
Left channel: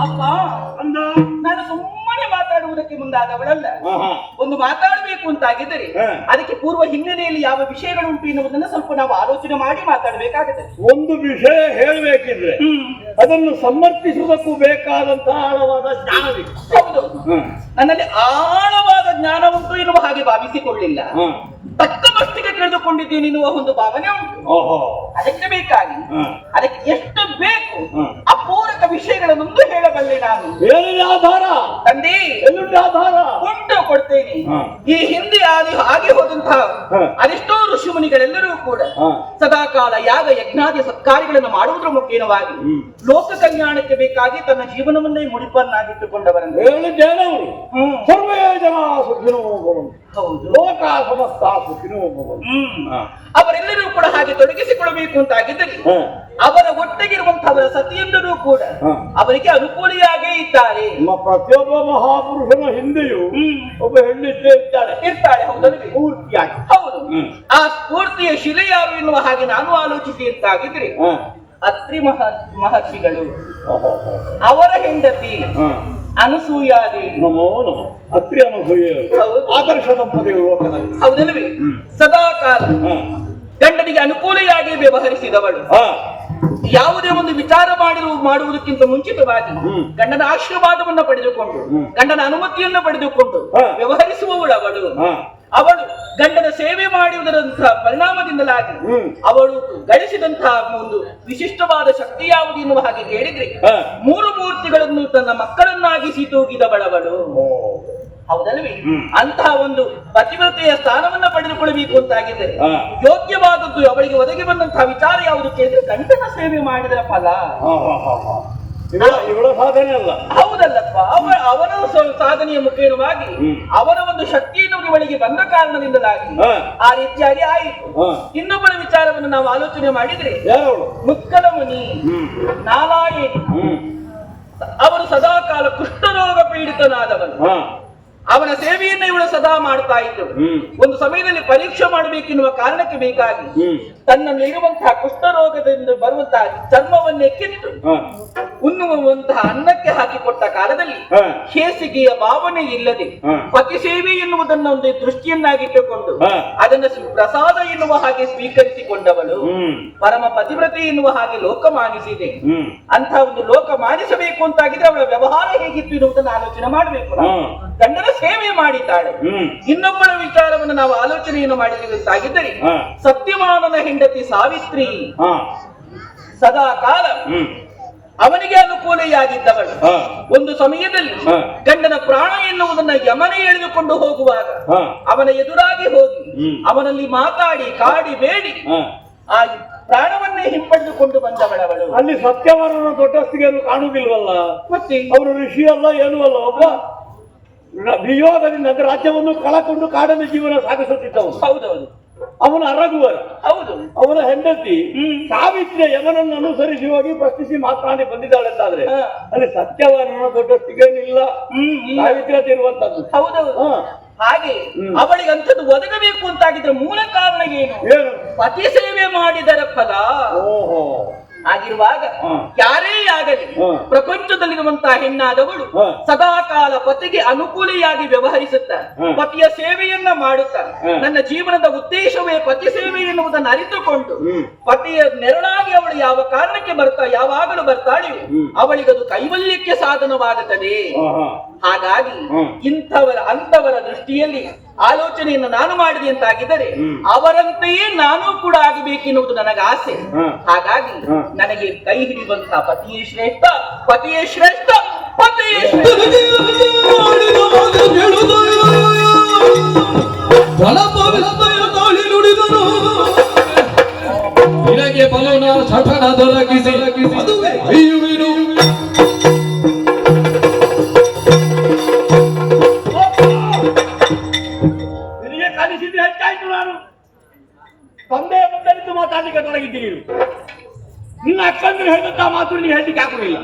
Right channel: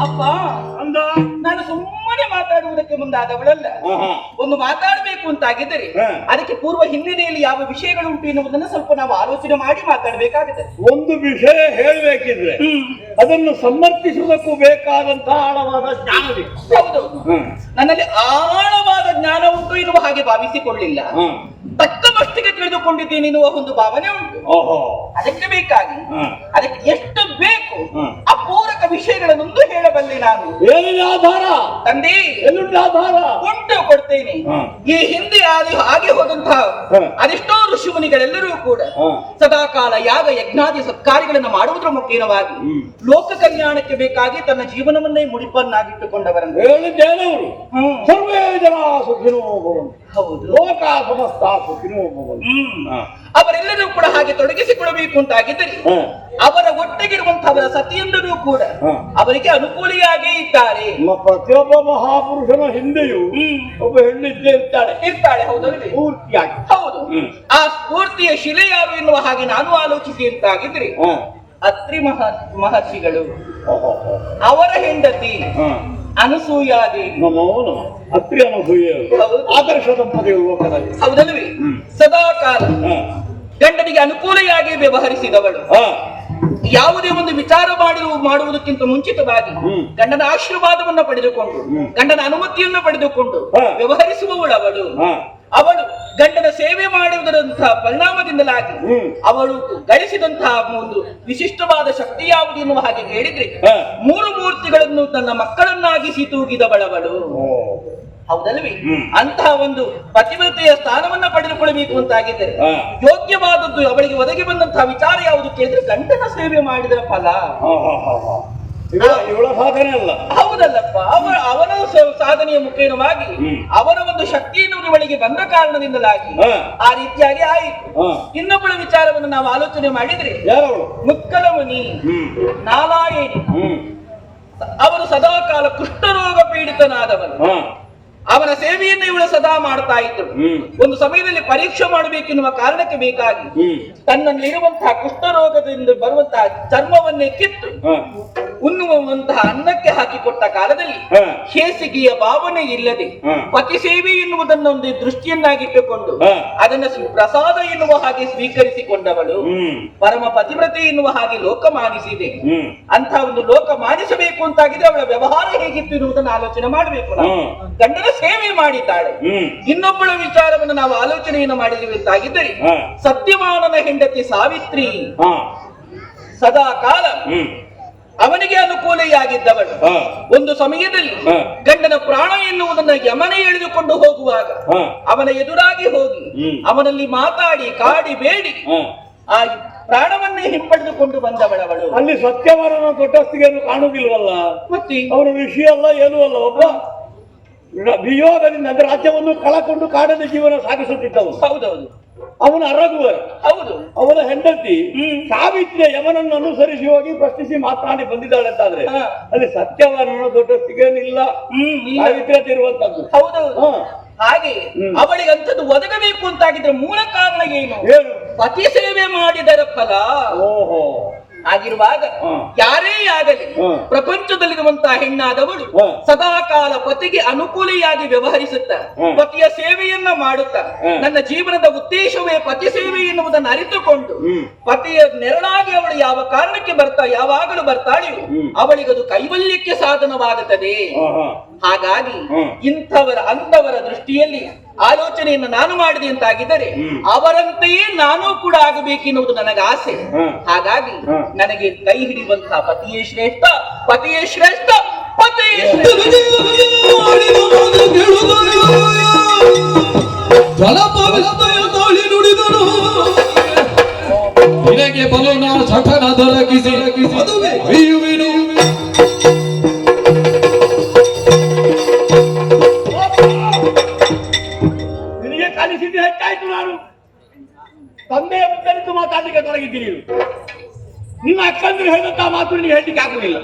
ಅಪ್ಪ, ನಾನು ಸುಮ್ಮನೆ ಮಾತಾಡುವುದಕ್ಕೆ ಮುಂದಾದವಳಲ್ಲ. ಒಂದು ಮಾತಾಡಬೇಕು ಅಂತಾಗಿದ್ದರೆ ಅದಕ್ಕೆ ಪೂರ್ವ ಹಿನ್ನೆಲೆಯಲ್ಲಿ ಯಾವ ವಿಷಯಗಳು ಉಂಟು ಎನ್ನುವುದನ್ನು ಸ್ವಲ್ಪ ನಾವು ಆಲೋಚನೆ ಮಾಡಿ ಮಾತಾಡಬೇಕಾಗಿದೆ. ಒಂದು ವಿಷಯ ಹೇಳಬೇಕಿದ್ರೆ ಅದನ್ನು ಸಮರ್ಥಿಸುವುದಕ್ಕೂ ಬೇಕಾದಂತಹ ಆಳವಾದ ಜ್ಞಾನ ಬೇಕು. ಹೌದು, ನನ್ನಲ್ಲಿ ಆಳವಾದ ಜ್ಞಾನ ಉಂಟು ಎನ್ನುವ ಹಾಗೆ ಭಾವಿಸಿಕೊಳ್ಳಿಲ್ಲ. ತಕ್ಕ ಮಟ್ಟಿಗೆ ತಿಳಿದುಕೊಂಡಿದ್ದೇನೆ ಎನ್ನುವ ಒಂದು ಭಾವನೆ ಉಂಟು. ಅದಕ್ಕೆ ಬೇಕಾಗಿ ಅದಕ್ಕೆ ಎಷ್ಟು ಬೇಕು ಅಪೂರಕ ವಿಷಯಗಳನ್ನೊಂದು ಹೇಳಬಲ್ಲೆ ನಾನು. ಏನಿದೆ ಆಧಾರ? ತಂದೆ ಎಲ್ಲಿಂದ ಆಧಾರ? ಉಂಟು. ಕೊಡ್ತೇನೆ. ಹಾ. ಈ ಹಿಂದೆ ಹಾಗೆ ಹೋದಂತಹ ಹಾ. ಅದೆಷ್ಟೋ ಋಷಿ ಮುನಿಗಳೆಲ್ಲರೂ ಕೂಡ ಹಾ. ಸದಾಕಾಲ ಯಾಗ ಯಜ್ಞಾದಿ ಸತ್ಕಾರ್ಯಗಳನ್ನು ಮಾಡುವುದರ ಮುಖೇನವಾಗಿ ಲೋಕ ಕಲ್ಯಾಣಕ್ಕೆ ಬೇಕಾಗಿ ತನ್ನ ಜೀವನವನ್ನೇ ಮುಡಿಪನ್ನಾಗಿಟ್ಟುಕೊಂಡವರನ್ನು ಹೇಳಿದ್ದೇನೆ ಅವರು ಹ್ಮ್. ಸರ್ವೇ ಜನ ಸುಖಿನೋ ಭವಂತು ಹೌದು. ಲೋಕ ಸಮಸ್ತ ಸುಖಿನೋ ಭವಂತು. ಹಾ. ಅವರೆಲ್ಲರೂ ಕೂಡ ಹಾಗೆ ತೊಡಗಿಸಿಕೊಳ್ಳಬೇಕು ಅಂತಾಗಿದ್ದರೆ ಹಾ. ಅವರ ಒಟ್ಟಿಗಿರುವಂತಹ ಸತಿಯಂದರೂ ಕೂಡ ಹಾ. ಅವರಿಗೆ ಅನುಕೂಲಿಯಾಗೇ ಇದ್ದಾರೆ. ಪ್ರತಿಯೊಬ್ಬ ಮಹಾಪುರುಷನ ಹಿಂದೆಯೂ ಒಬ್ಬ ಹೆಣ್ಣಿದ್ದೇ ಇರ್ತಾಳೆ ಇರ್ತಾಳೆ. ಹೌದಲ್ವೇ? ಪೂರ್ತಿಯಾಗಿ. ಹೌದು. ಆ ಸ್ಫೂರ್ತಿಯ ಶಿಲೆ ಯಾರು ಎನ್ನುವ ಹಾಗೆ ನಾನು ಆಲೋಚಿಸಿ ಅಂತಾಗಿದ್ರೆ ಹಾ. ಅತ್ರಿ ಮಹರ್ಷಿಗಳು, ಓಹೋ. ಅವರ ಹೆಂಡತಿ ಹಾ. ಅನಸೂಯಾದೇವಿ. ನಮೋ ನಮ. ಅತ್ರಿ ಅನುಭವಿಯರು ಹೌದು. ಆದರ್ಶ ದಂಪತಿಗಳು ಲೋಕದಲ್ಲಿ. ಹೌದಲ್ವೇ? ಸದಾಕಾಲ ಹಾ. ಗಂಡನಿಗೆ ಅನುಕೂಲಿಯಾಗಿ ವ್ಯವಹರಿಸಿದವಳು. ಹಾ. ಯಾವುದೇ ಒಂದು ವಿಚಾರ ಮಾಡುವುದಕ್ಕಿಂತ ಮುಂಚಿತವಾಗಿ ಗಂಡನ ಆಶೀರ್ವಾದವನ್ನು ಪಡೆದುಕೊಂಡು ಗಂಡನ ಅನುಮತಿಯನ್ನು ಪಡೆದುಕೊಂಡು ಹಾ. ವ್ಯವಹರಿಸುವವಳು ಅವಳು. ಹಾ. ಅವಳು ಗಂಡನ ಸೇವೆ ಮಾಡುವುದರಂತಹ ಪರಿಣಾಮದಿಂದಲಾಗಿ ಅವಳು ಗಳಿಸಿದಂತಹ ಒಂದು ವಿಶಿಷ್ಟವಾದ ಶಕ್ತಿ ಯಾವುದು ಎನ್ನುವ ಹಾಗೆ ಹೇಳಿದ್ರೆ ಹಾ. ಮೂರು ಮೂರ್ತಿಗಳನ್ನು ತನ್ನ ಮಕ್ಕಳನ್ನಾಗಿಸಿ ತೂಗಿದವಳವಳು. ಓ. ಹೌದಲ್ವೇ? ಅಂತಹ ಒಂದು ಪತಿವ್ರತೆಯ ಸ್ಥಾನವನ್ನ ಪಡೆದುಕೊಳ್ಳಬೇಕು ಅಂತಾಗಿದ್ದರೆ ಹಾ. ಯೋಗ್ಯವಾದದ್ದು ಅವಳಿಗೆ ಒದಗಿ ಬಂದಂತಹ ವಿಚಾರ ಯಾವುದು ಕೇಳಿದ್ರೆ ಗಂಡನ ಸೇವೆ ಮಾಡಿದ ಫಲ. ಹಾ, ಹಾ, ಹಾ, ಹಾ. ಇವಳ ಸಾಧನೆ ಅಲ್ಲ. ಹೌದಲ್ಲಪ್ಪ. ಅವನ ಸಾಧನೆಯ ಮುಖೇನವಾಗಿ ಅವರ ಒಂದು ಶಕ್ತಿಯನ್ನು ಇವಳಿಗೆ ಬಂದ ಕಾರಣದಿಂದಲಾಗಿ ಹಾ. ಆ ರೀತಿಯಾಗಿ ಆಯಿತು. ಹಾ. ಇನ್ನೊಬ್ಬಳ ವಿಚಾರವನ್ನು ನಾವು ಆಲೋಚನೆ ಮಾಡಿದ್ರೆ ಯಾರವಳು? ಮುಕ್ಕಲಮುನಿ ನಾರಾಯಣಿ. ಅವರು ಸದಾಕಾಲ ಕುಷ್ಠರೋಗ ಪೀಡಿತನಾದವನು. ಹಾ. ಅವನ ಸೇವೆಯನ್ನು ಇವಳು ಸದಾ ಮಾಡ್ತಾ ಇದ್ರು. ಒಂದು ಸಮಯದಲ್ಲಿ ಪರೀಕ್ಷೆ ಮಾಡಬೇಕೆನ್ನುವ ಕಾರಣಕ್ಕೆ ಬೇಕಾಗಿ ತನ್ನಲ್ಲಿರುವಂತಹ ಕುಷ್ಠರೋಗದಿಂದ ಬರುವಂತಹ ಚರ್ಮವನ್ನೇ ಕಿತ್ತು ಉಣ್ಣುವಂತಹ ಅನ್ನಕ್ಕೆ ಹಾಕಿಕೊಟ್ಟ ಕಾಲದಲ್ಲಿ ಹೇಸಿಗೆಯ ಭಾವನೆ ಇಲ್ಲದೆ ಪತಿ ಸೇವೆ ಎನ್ನುವುದನ್ನು ಒಂದು ದೃಷ್ಟಿಯನ್ನಾಗಿಟ್ಟುಕೊಂಡು ಅದನ್ನು ಪ್ರಸಾದ ಎನ್ನುವ ಹಾಗೆ ಸ್ವೀಕರಿಸಿಕೊಂಡವಳು ಪರಮ ಪತಿವ್ರತೆ ಎನ್ನುವ ಹಾಗೆ ಲೋಕ ಮಾನಿಸಿದೆ. ಅಂತಹ ಒಂದು ಲೋಕ ಮಾನಿಸಬೇಕು ಅಂತಾಗಿದೆ ಅವಳ ವ್ಯವಹಾರ ಹೇಗಿತ್ತು ಎನ್ನುವುದನ್ನು ಆಲೋಚನೆ ಮಾಡಬೇಕು. ಗಂಡನ ಸೇವೆ ಮಾಡಿದ್ದಾಳೆ. ಇನ್ನೊಬ್ಬಳ ವಿಚಾರವನ್ನು ನಾವು ಆಲೋಚನೆಯನ್ನು ಮಾಡಿದ್ದೀವಿ ಅಂತಾಗಿದ್ದರೆ ಸತ್ಯವಾನನ ಹೆಂಡತಿ ಸಾವಿತ್ರಿ ಸದಾ ಕಾಲ ಅವನಿಗೆ ಅನುಕೂಲೆಯಾಗಿದ್ದವಳು. ಒಂದು ಸಮಯದಲ್ಲಿ ಗಂಡನ ಪ್ರಾಣ ಎನ್ನುವುದನ್ನ ಯಮನೆ ಎಳೆದುಕೊಂಡು ಹೋಗುವಾಗ ಅವನ ಎದುರಾಗಿ ಹೋಗಿ ಅವನಲ್ಲಿ ಮಾತಾಡಿ ಕಾಡಿ ಬೇಡಿ ಆ ಪ್ರಾಣವನ್ನೇ ಹಿಂಪಡೆದುಕೊಂಡು ಬಂದವಳವಳು. ಅಲ್ಲಿ ಸತ್ಯವರನ ದೊಡ್ಡಸ್ತಿಗೆ ಕಾಣುವುದಿಲ್ವಲ್ಲ. ಮತ್ತೆ ಅವರು ಋಷಿ ಅಲ್ಲ ಏನೂ ಅಲ್ಲ. ಒಬ್ಬ ವಿಯೋಗದಿಂದ ರಾಜ್ಯವನ್ನು ಕಳಕೊಂಡು ಕಾಡಲ್ಲಿ ಜೀವನ ಸಾಗಿಸುತ್ತಿದ್ದವನು. ಹೌದೌದು. ಅವನ ಅರಗುವರ. ಹೌದು. ಅವನ ಹೆಂಡತಿ ಸಾವಿತ್ರಿಯ ಯಮನನ್ನು ಅನುಸರಿಸಿ ಹೋಗಿ ಪ್ರಶ್ನಿಸಿ ಮಾತನಾಡಿ ಬಂದಿದ್ದಾಳೆ ಅಂತಾದ್ರೆ ಅಲ್ಲಿ ಸತ್ಯವರನ ದೊಡ್ಡಸ್ತಿಗೇನಿಲ್ಲ. ಸಾವಿತ್ರಿ ಇರುವಂತದ್ದು. ಹೌದೌದು. ಹಾಗೆ ಅವಳಿಗೆ ಅಂಥದ್ದು ಒದಗಬೇಕು ಅಂತಾಗಿದ್ರೆ ಮೂಲ ಕಾರಣ ಏನು? ಪತಿ ಸೇವೆ ಮಾಡಿದರ ಫಲ. ಓಹೋ. ಆಗಿರುವಾಗ ಯಾರೇ ಆಗಲಿ ಪ್ರಪಂಚದಲ್ಲಿರುವಂತಹ ಹೆಣ್ಣಾದವಳು ಸದಾಕಾಲ ಪತಿಗೆ ಅನುಕೂಲಿಯಾಗಿ ವ್ಯವಹರಿಸುತ್ತಾ ಪತಿಯ ಸೇವೆಯನ್ನ ಮಾಡುತ್ತಾ ನನ್ನ ಜೀವನದ ಉದ್ದೇಶವೇ ಪತಿ ಸೇವೆ ಎನ್ನುವುದನ್ನು ಅರಿತುಕೊಂಡು ಪತಿಯ ನೆರಳಾಗಿ ಅವಳು ಯಾವ ಕಾರಣಕ್ಕೆ ಯಾವಾಗಲೂ ಬರ್ತಾಳೆಯೋ ಅವಳಿಗದು ಕೈವಲ್ಯಕ್ಕೆ ಸಾಧನವಾಗುತ್ತದೆ. ಹಾಗಾಗಿ ಅಂತವರ ದೃಷ್ಟಿಯಲ್ಲಿ ಆಲೋಚನೆಯನ್ನು ನಾನು ಮಾಡಿದೆ ಅಂತಾಗಿದ್ದರೆ ಅವರಂತೆಯೇ ನಾನು ಕೂಡ ಆಗಬೇಕೆನ್ನುವುದು ನನಗೆ ಆಸೆ. ಹಾಗಾಗಿ ನನಗೆ ಕೈ ಹಿಡಿಯುವಂತಹ ಪತಿಯೇ ಶ್ರೇಷ್ಠ, ಪತಿಯೇ ಶ್ರೇಷ್ಠ, ಪತಿಯೇ ಶ್ರೇಷ್ಠ. ನಿನಗೆ ಬಲನ ಸಠನ ದೊರಕಿಸಿ ಅಯ್ಯುವಿನು ನಿನಗೆ ಕಲಿಸಿದ್ದು ಹೆಚ್ಚಾಯ್ತು. ನಾನು ತಂದೆಯ ಮುಂದೆ ನಿಂತು ಮಾತಾಡ್ಲಿಕ್ಕೆ ತೊಡಗಿದ್ದೀನಿ. ನಿನ್ನ ಅಕ್ಕಂದ್ರೆ ಹೇಳಿದಂತ ಮಾತು ನಿನಗೆ ಹೇಳಲಿಕ್ಕೆ ಆಗುದಿಲ್ಲ.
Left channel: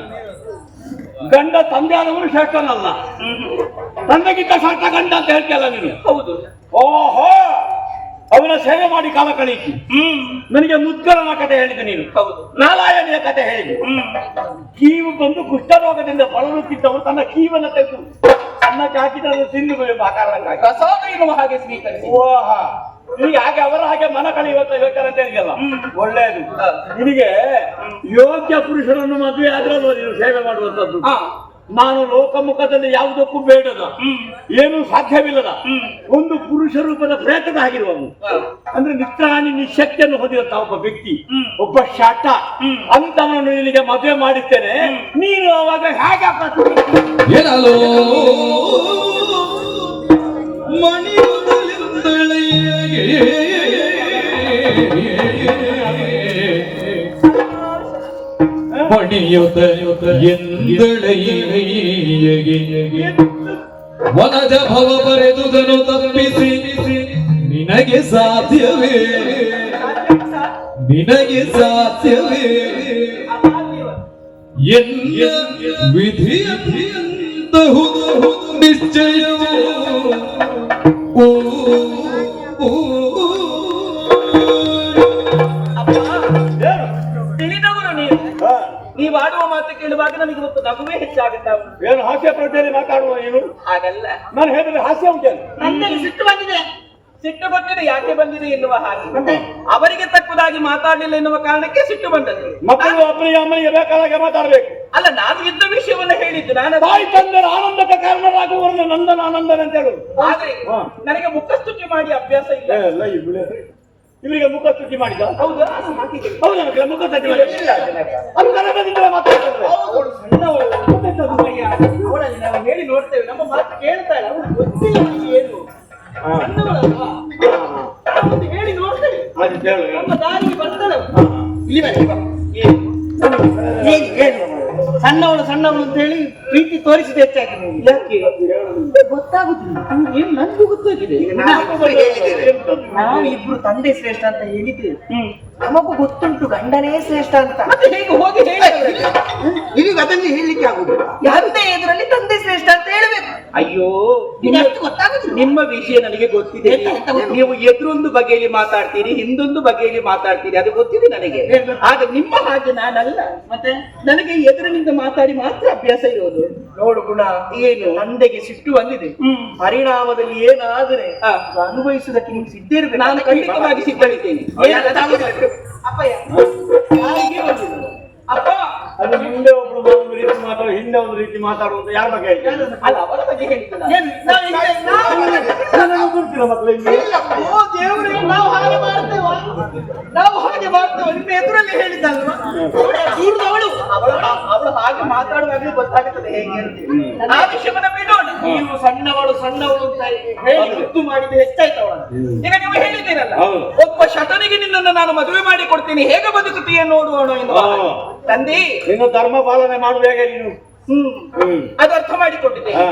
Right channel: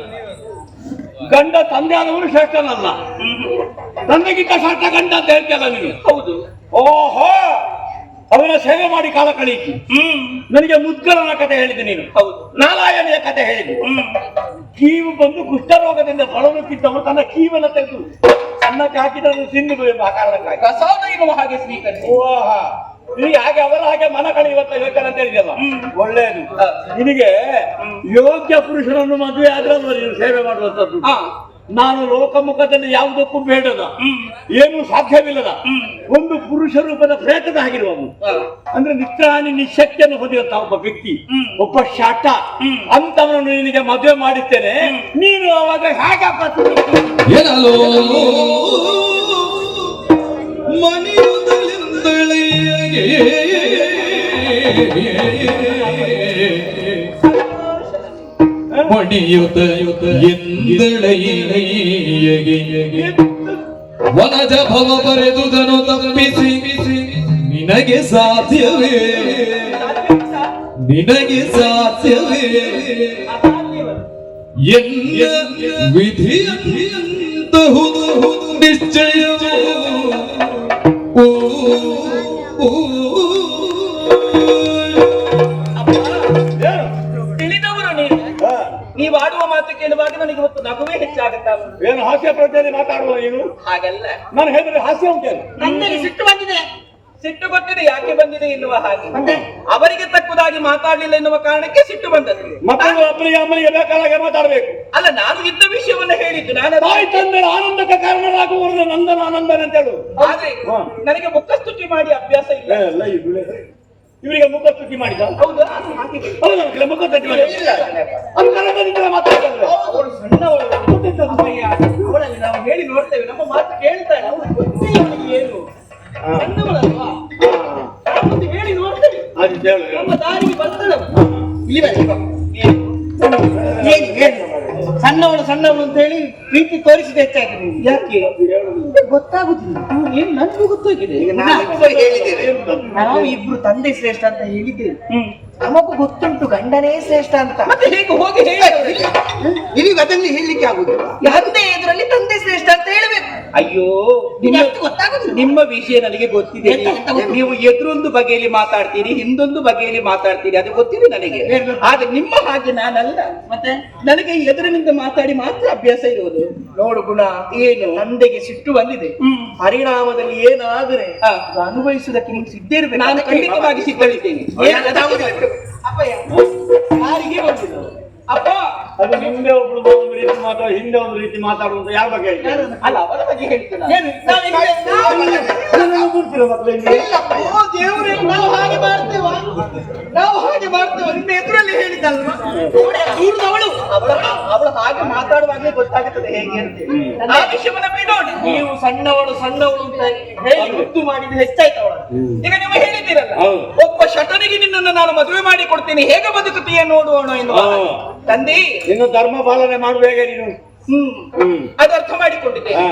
ಗಂಡ ತಂದೆ ಆದವನು ಶ್ರೇಷ್ಠನಲ್ಲ, ತಂದೆಗಿಂತ ಶ್ರೇಷ್ಠ ಗಂಡ ಅಂತ ಹೇಳ್ತೀಯಲ್ಲ ನೀನು. ಹೌದು. ಓಹೋ. ಅವನ ಸೇವೆ ಮಾಡಿ ಕಾಲ ಕಳೀತಿ. ನನಗೆ ಮುದ್ಗರನ ಕತೆ ಹೇಳಿದೆ ನೀನು. ಹೌದು. ನಾರಾಯಣಿಯ ಕತೆ ಹೇಳಿದೆ. ಕೀವು ಬಂದು ಕುಷ್ಠರೋಗದಿಂದ ಬಳಲುತ್ತಿದ್ದವನು ತನ್ನ ಕೀವನ್ನ ತೆಗೆದು ಅನ್ನಕ್ಕೆ ಹಾಕಿದ್ರೆ ತಿಂದು ಆ ಕಾರಣಕ್ಕಾಗಿ ಪ್ರಸಾದ ಎನ್ನುವ ಹಾಗೆ ಸ್ವೀಕರಿಸಿ. ಓಹ. ನಿನಗೆ ಹಾಗೆ ಅವರ ಹಾಗೆ ಮನ ಕಳೆಯುವಂತ ಯೋಚನೆ ಅಂತ ಇದೆಯಲ್ಲ, ಒಳ್ಳೆಯದು. ನಿನಗೆ ಯೋಗ್ಯ ಪುರುಷರನ್ನು ಮದುವೆ ಆದ್ರಲ್ವ ನೀನು ಸೇವೆ ಮಾಡುವಂತದ್ದು. ನಾನು ಲೋಕಮುಖದಲ್ಲಿ ಯಾವುದಕ್ಕೂ ಬೇಡದ, ಏನು ಸಾಧ್ಯವಿಲ್ಲದ ಒಂದು ಪುರುಷ ರೂಪದ ಪ್ರೇತದ ಆಗಿರುವವನು. ಅಂದ್ರೆ ನಿತ್ರಾಣಿ ನಿಶಕ್ತಿಯನ್ನು ಹೊಂದಿರುವಂತಹ ಒಬ್ಬ ವ್ಯಕ್ತಿ, ಒಬ್ಬ ಶಾಟ ಅಂತವನು ನಿನಗೆ ಮದುವೆ ಮಾಡಿದ್ದೇನೆ. ನೀನು ಅವಾಗ ಹೇಗೆ ಮಣಿಯುತ ಎಂದಳೆಯಗೆ ವನಜ ಭವ ಬರೆದುದನು ತಪ್ಪಿಸಿ ನಿನಗೆ ಸಾಧ್ಯವೇ ನಿನಗೆ ಸಾಧ್ಯವೇ ಎನ್ನ ವಿಧಿಯಂತಹುದು ನಿಶ್ಚಯವೋ ಓ ಓ ತಿಳಿದವರು ನೀವು ಆಡುವ ಮಾತು ಕೇಳುವಾಗ ನನಗೆ ಇವತ್ತು ನಗುವೇ ಹೆಚ್ಚಾಗುತ್ತಾ ಉಂಟು. ಏನು ಹಾಸ್ಯ ಪ್ರಜ್ಞೆಯಲ್ಲಿ ಮಾತಾಡುವ ನೀನು? ಹಾಗಲ್ಲ, ನಾನು ಹೇಳಿದ್ರೆ ಹಾಸ್ಯ ಉಂಟೇನು? ನನ್ನಲ್ಲಿ ಸಿಟ್ಟು ಬಂದಿದೆ. ಸಿಟ್ಟು ಬಂದಿದೆ, ಯಾಕೆ ಬಂದಿದೆ ಎನ್ನುವ ಹಾಗೆ ಅವರಿಗೆ ತಕ್ಕದಾಗಿ ಮಾತಾಡಲಿಲ್ಲ ಎನ್ನುವ ಕಾರಣಕ್ಕೆ ಸಿಟ್ಟು ಬಂದದ್ದು. ಮಕ್ಕಳು ಅಪ್ಪನಿಗೆ ಅಮ್ಮನಿಗೆ ಬೇಕಾದಾಗ ಮಾತಾಡಬೇಕು. ಅಲ್ಲ, ನಾನು ಇದ್ದ ವಿಷಯವನ್ನು ಹೇಳಿದ್ದು. ನಾನು ತಾಯಿ ತಂದೆಯ ಆನಂದಕ್ಕೆ ಕಾರಣರಾಗುವವರನ್ನು ನಂದನ ಆನಂದನ ಅಂತ ಹೇಳು. ಆದ್ರೆ ನನಗೆ ಮುಖಸ್ತುತಿ ಮಾಡಿ ಅಭ್ಯಾಸ ಇಲ್ಲ. ಇವರಿಗೆ ಮುಖ ಸ್ತುತಿ ಮಾಡಿದ? ಹೌದಾ? ಹೌದು, ನಮಗೆ ಮುಖ ಸ್ತುತಿ ಮಾಡಿ ಅದು ಕನ್ನಡದಿಂದ ಮಾತಾಡ್ತಾರೆ. ಅವಳಲ್ಲಿ ನಾವು ಹೇಳಿ ನೋಡ್ತೇವೆ, ನಮ್ಮ ಮಾತು ಕೇಳ್ತಾಳೆ, ಅವಳು ಗೊತ್ತಿಲ್ಲ ಏನು ಸಣ್ಣವಳಲ್ವಾ? ನಾವೊಂದು ಹೇಳಿ ನೋಡ್ತೇವೆ, ನಮ್ಮ ದಾರಿಗೆ ಬರ್ತಾಳೆ. ಸಣ್ಣವಳು ಸಣ್ಣವಳು ಅಂತ ಹೇಳಿ ಪ್ರೀತಿ ತೋರಿಸಿದ ಹೆಚ್ಚಾಯ್ತು ನೀವು. ಯಾಕೆ ಗೊತ್ತಾಗುದಿಲ್ಲ. ಏನು ನನಗೂ ಗೊತ್ತಾಗಿದೆ. ನಾವು ಇಬ್ರು ತಂದೆ ಶ್ರೇಷ್ಠ ಅಂತ ಹೇಳಿದ್ದೇವೆ. ನಮಗೂ ಗೊತ್ತುಂಟು ಗಂಡನೇ ಶ್ರೇಷ್ಠ ಅಂತ. ಮತ್ತೆ ಹೇಗೆ ಹೋಗಿ ಹೇಳಿ ನಿಮಗೆ ಅದನ್ನು ಹೇಳಲಿಕ್ಕೆ ಆಗುದಿಲ್ಲ. ತಂದೆ ಎದುರಲ್ಲಿ ತಂದೆ ಶ್ರೇಷ್ಠ ಅಂತ ಹೇಳ್ಬೇಕು. ಅಯ್ಯೋ, ಗೊತ್ತಾಗುದಿಲ್ಲ. ನಿಮ್ಮ ವಿಷಯ ನನಗೆ ಗೊತ್ತಿದೆ. ನೀವು ಎದುರೊಂದು ಬಗೆಯಲ್ಲಿ ಮಾತಾಡ್ತೀರಿ, ಹಿಂದೊಂದು ಬಗೆಯಲ್ಲಿ ಮಾತಾಡ್ತೀರಿ, ಅದು ಗೊತ್ತಿದೆ ನನಗೆ. ಆದ್ರೆ ನಿಮ್ಮ ಹಾಗೆ ನಾನಲ್ಲ. ಮತ್ತೆ ನನಗೆ ಎದುರಿನಿಂದ ಮಾತಾಡಿ ಮಾತ್ರ ಅಭ್ಯಾಸ ಇರೋದು. ನೋಡು ಗುಣ, ಏನು ತಂದೆಗೆ ಸಿಟ್ಟು ಬಂದಿದೆ. ಪರಿಣಾಮದಲ್ಲಿ ಏನಾದ್ರೆ ಅನುಭವಿಸುವುದಕ್ಕೆ ನೀವು ಸಿದ್ಧ ಇರಬೇಕು. ನಾನು ಖಂಡಿತವಾಗಿ ಸಿದ್ಧಳಿದ್ದೇನೆ. ಅಪ್ಪಯ್ಯ ಯಾರಿಗೆ ಬಂದಿಲ್ಲ ಅಪ್ಪ, ಅದು ಮುಂದೆ ಒಬ್ಬಳು ಒಂದು ರೀತಿ ಮಾತಾಡೋ, ಹಿಂದೆ ಒಂದು ರೀತಿ ಮಾತಾಡುವಂತ ಯಾರ ಬಗ್ಗೆ ಹೇಳ್ತಾರೆ? ಅಲ್ಲ, ಅವರ ಬಗ್ಗೆ ಹೇಳ್ತೀರಾ? ದೇವ್ರೆ, ನಾವು ಹಾಗೆ ಮಾಡ್ತೇವ, ನಾವು ಹಾಗೆ ಮಾಡ್ತೇವ. ನಿಮ್ಮ ಎದುರಲ್ಲಿ ಹೇಳಿದ್ದಲ್ವಾ? ದೂರದವಳು ಅವಳು ಹಾಗೆ ಮಾತಾಡುವಾಗಲೇ ಗೊತ್ತಾಗುತ್ತದೆ ಹೇಗೆ ಅಂತ. ಆ ವಿಷಯವನ್ನ ಬಿಡೋಣ. ನೀವು ಸಣ್ಣವಳು ಸಣ್ಣವಳು ಅಂತ ಹೇಳಿ ಮುದ್ದು ಮಾಡಿದ್ದು ಹೆಚ್ಚಾಯ್ತು ಅವಳ. ಈಗ ನೀವು ಹೇಳಿದ್ದೀರಲ್ಲ, ಹೌದು. ಒಬ್ಬ ಶಟನಿಗೆ ನಿನ್ನನ್ನು ನಾನು ಮದುವೆ ಮಾಡಿ ಕೊಡ್ತೀನಿ, ಹೇಗೆ ಬದುಕುತ್ತೀಯ ನೋಡೋಣ ಎಂದು. ಹೌದು. ತಂದೆ, ಇನ್ನು ಧರ್ಮ ಪಾಲನೆ ಮಾಡುವಾಗ ನೀನು ಅದು ಅರ್ಥ ಮಾಡಿಕೊಂಡಿದ್ದೆ. ಹಾ.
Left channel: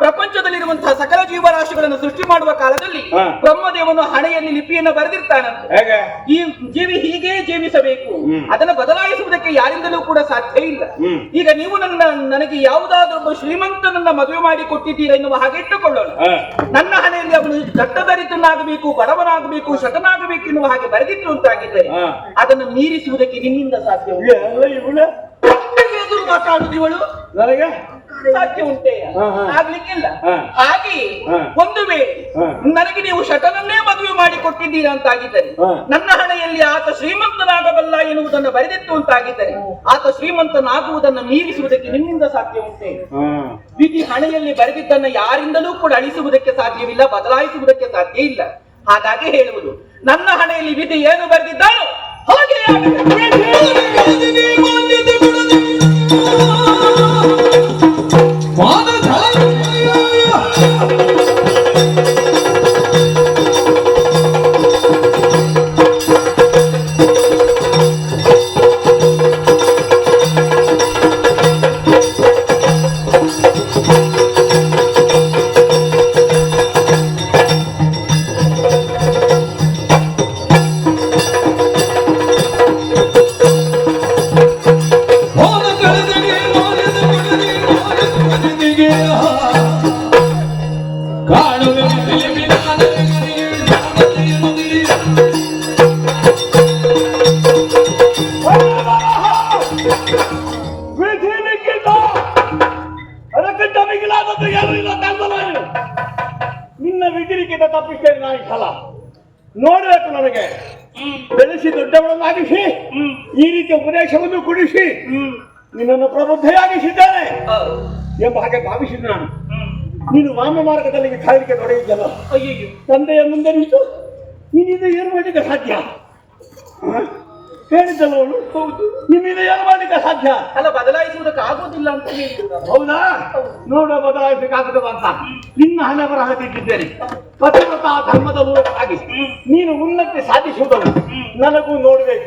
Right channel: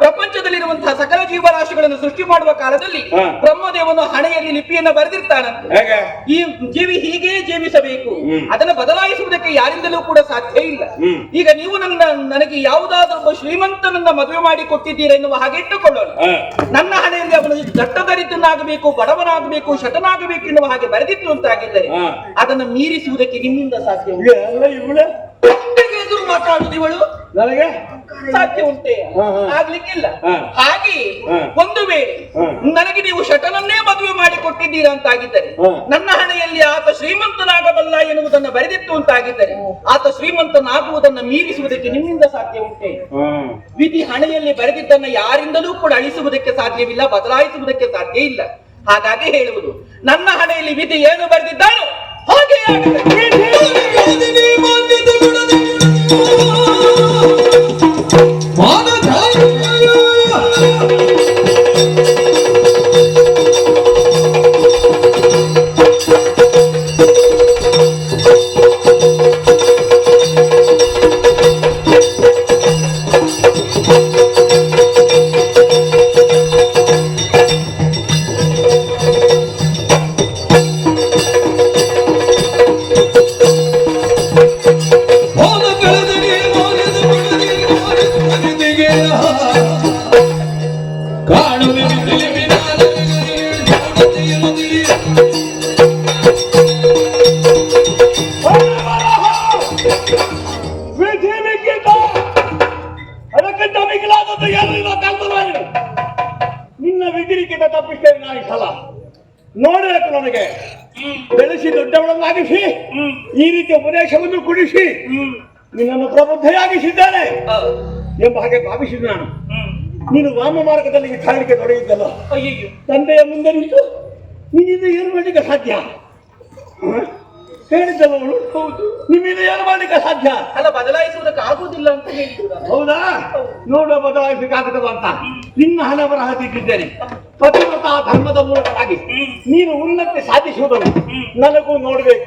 ಪ್ರಪಂಚದಲ್ಲಿರುವಂತಹ ಸಕಲ ಜೀವರಾಶಿಗಳನ್ನು ಸೃಷ್ಟಿ ಮಾಡುವ ಕಾಲದಲ್ಲಿ ಬ್ರಹ್ಮದೇವನು ಹಣೆಯಲ್ಲಿ ಲಿಪಿಯನ್ನು ಬರೆದಿರ್ತಾನಂತೆ. ಹೇಗೆ? ಈ ಜೀವಿ ಹೀಗೆ ಜೀವಿಸಬೇಕು, ಅದನ್ನು ಬದಲಾಯಿಸುವುದಕ್ಕೆ ಯಾರಿಂದಲೂ ಕೂಡ ಸಾಧ್ಯ ಇಲ್ಲ. ಈಗ ನೀವು ನನಗೆ ಯಾವುದಾದ್ರೂ ಒಬ್ಬ ಶ್ರೀಮಂತನನ್ನ ಮದುವೆ ಮಾಡಿ ಕೊಟ್ಟಿದ್ದೀರಾ ಎನ್ನುವ ಹಾಗೆ ಇಟ್ಟುಕೊಳ್ಳೋಣ. ನನ್ನ ಹಣೆಯಲ್ಲಿ ಅವನು ದಟ್ಟದರಿದ್ರನಾಗಬೇಕು, ಬಡವನಾಗಬೇಕು, ಶಟನಾಗಬೇಕು ಎನ್ನುವ ಹಾಗೆ ಬರೆದಿತ್ತು ಅಂತಾಗಿದ್ದರೆ ಅದನ್ನು ಮೀರಿಸುವುದಕ್ಕೆ ನಿಮ್ಮಿಂದ ಸಾಧ್ಯ ಎದುರು ಮಾತಾಡುದು ಇವಳು ನನಗೆ ಸಾಧ್ಯ ಉಂಟೆ? ಆಗ್ಲಿಕ್ಕಿಲ್ಲ. ಹಾಗೆ ಒಂದು ವೇಳೆ ನನಗೆ ನೀವು ಶಟನನ್ನೇ ಮದುವೆ ಮಾಡಿ ಕೊಟ್ಟಿದ್ದೀರಾ ಅಂತಾಗಿದ್ದರೆ, ನನ್ನ ಹಣೆಯಲ್ಲಿ ಆತ ಶ್ರೀಮಂತನಾಗಬಲ್ಲ ಎನ್ನುವುದನ್ನು ಬರೆದಿತ್ತು ಅಂತಾಗಿದ್ದರೆ, ಆತ ಶ್ರೀಮಂತನಾಗುವುದನ್ನು ಮೀರಿಸುವುದಕ್ಕೆ ನಿಮ್ಮಿಂದ ಸಾಧ್ಯ ಉಂಟೆ? ವಿಧಿ ಹಣೆಯಲ್ಲಿ ಬರೆದಿದ್ದನ್ನ ಯಾರಿಂದಲೂ ಕೂಡ ಅಳಿಸುವುದಕ್ಕೆ ಸಾಧ್ಯವಿಲ್ಲ, ಬದಲಾಯಿಸುವುದಕ್ಕೆ ಸಾಧ್ಯ ಇಲ್ಲ. ಹಾಗಾಗಿ ಹೇಳುವುದು, ನನ್ನ ಹಣೆಯಲ್ಲಿ ವಿಧಿ ಏನು ಬರೆದಿದ್ದಾನೋ ಹಾಗೆ ಅದಕ್ಕಿಂತ ಮಿಗಿಲಾದದ್ದು ಏನು ಇಲ್ಲ. ನಿನ್ನ ವಿಧಿರಿಕಿಂತ ತಪ್ಪಿಸ್ತೇನೆ ನಾನು ಈ ಸಲ. ನೋಡಬೇಕು, ನನಗೆ ಬೆಳೆಸಿ ದೊಡ್ಡವಳನ್ನಾಗಿಸಿ ಈ ರೀತಿಯ ಉಪದೇಶವನ್ನು ಕುಡಿಸಿ ನಿನ್ನನ್ನು ಪ್ರಬುದ್ಧೆಯಾಗಿಸಿದ್ದೇನೆ ಎಂಬ ಹಾಗೆ ಭಾವಿಸಿದ ನಾನು. ನೀನು ವಾಮ ಮಾರ್ಗದಲ್ಲಿ ವಿಚಾರಣೆಗೆ ತೊಡಗಿದ್ದಲ್ಲ, ತಂದೆಯ ಮುಂದೆ ನಿಂತು ನೀನಿಂದ ಏನು ಮಾಡಲಿಕ್ಕೆ ಸಾಧ್ಯ? ಹೇಳಿದ್ದಲ್ಲ ಅವಳು. ಹೌದು, ನಿಮ್ಮಿಂದ ಏನು ಮಾಡ್ಲಿಕ್ಕೆ ಸಾಧ್ಯ? ಅಲ್ಲ, ಬದಲಾಯಿಸುವುದಕ್ಕೆ ಆಗುವುದಿಲ್ಲ ಅಂತ ಹೇಳಿದ್ರು ನಾನು. ಹೌದಾ? ನೋಡುವ ಬದಲಾಯಿಸಬೇಕಾಗುತ್ತದೆ ಅಂತ ನಿನ್ನ ಹಣೆ ಬರಹ ತಿಟ್ಟಿದ್ದೇನೆ. ಪತಿವ್ರತ ಧರ್ಮದ ಮೂಲಕವಾಗಿ ನೀನು ಉನ್ನತಿ ಸಾಧಿಸುವುದನ್ನು ನನಗೂ ನೋಡ್ಬೇಕು.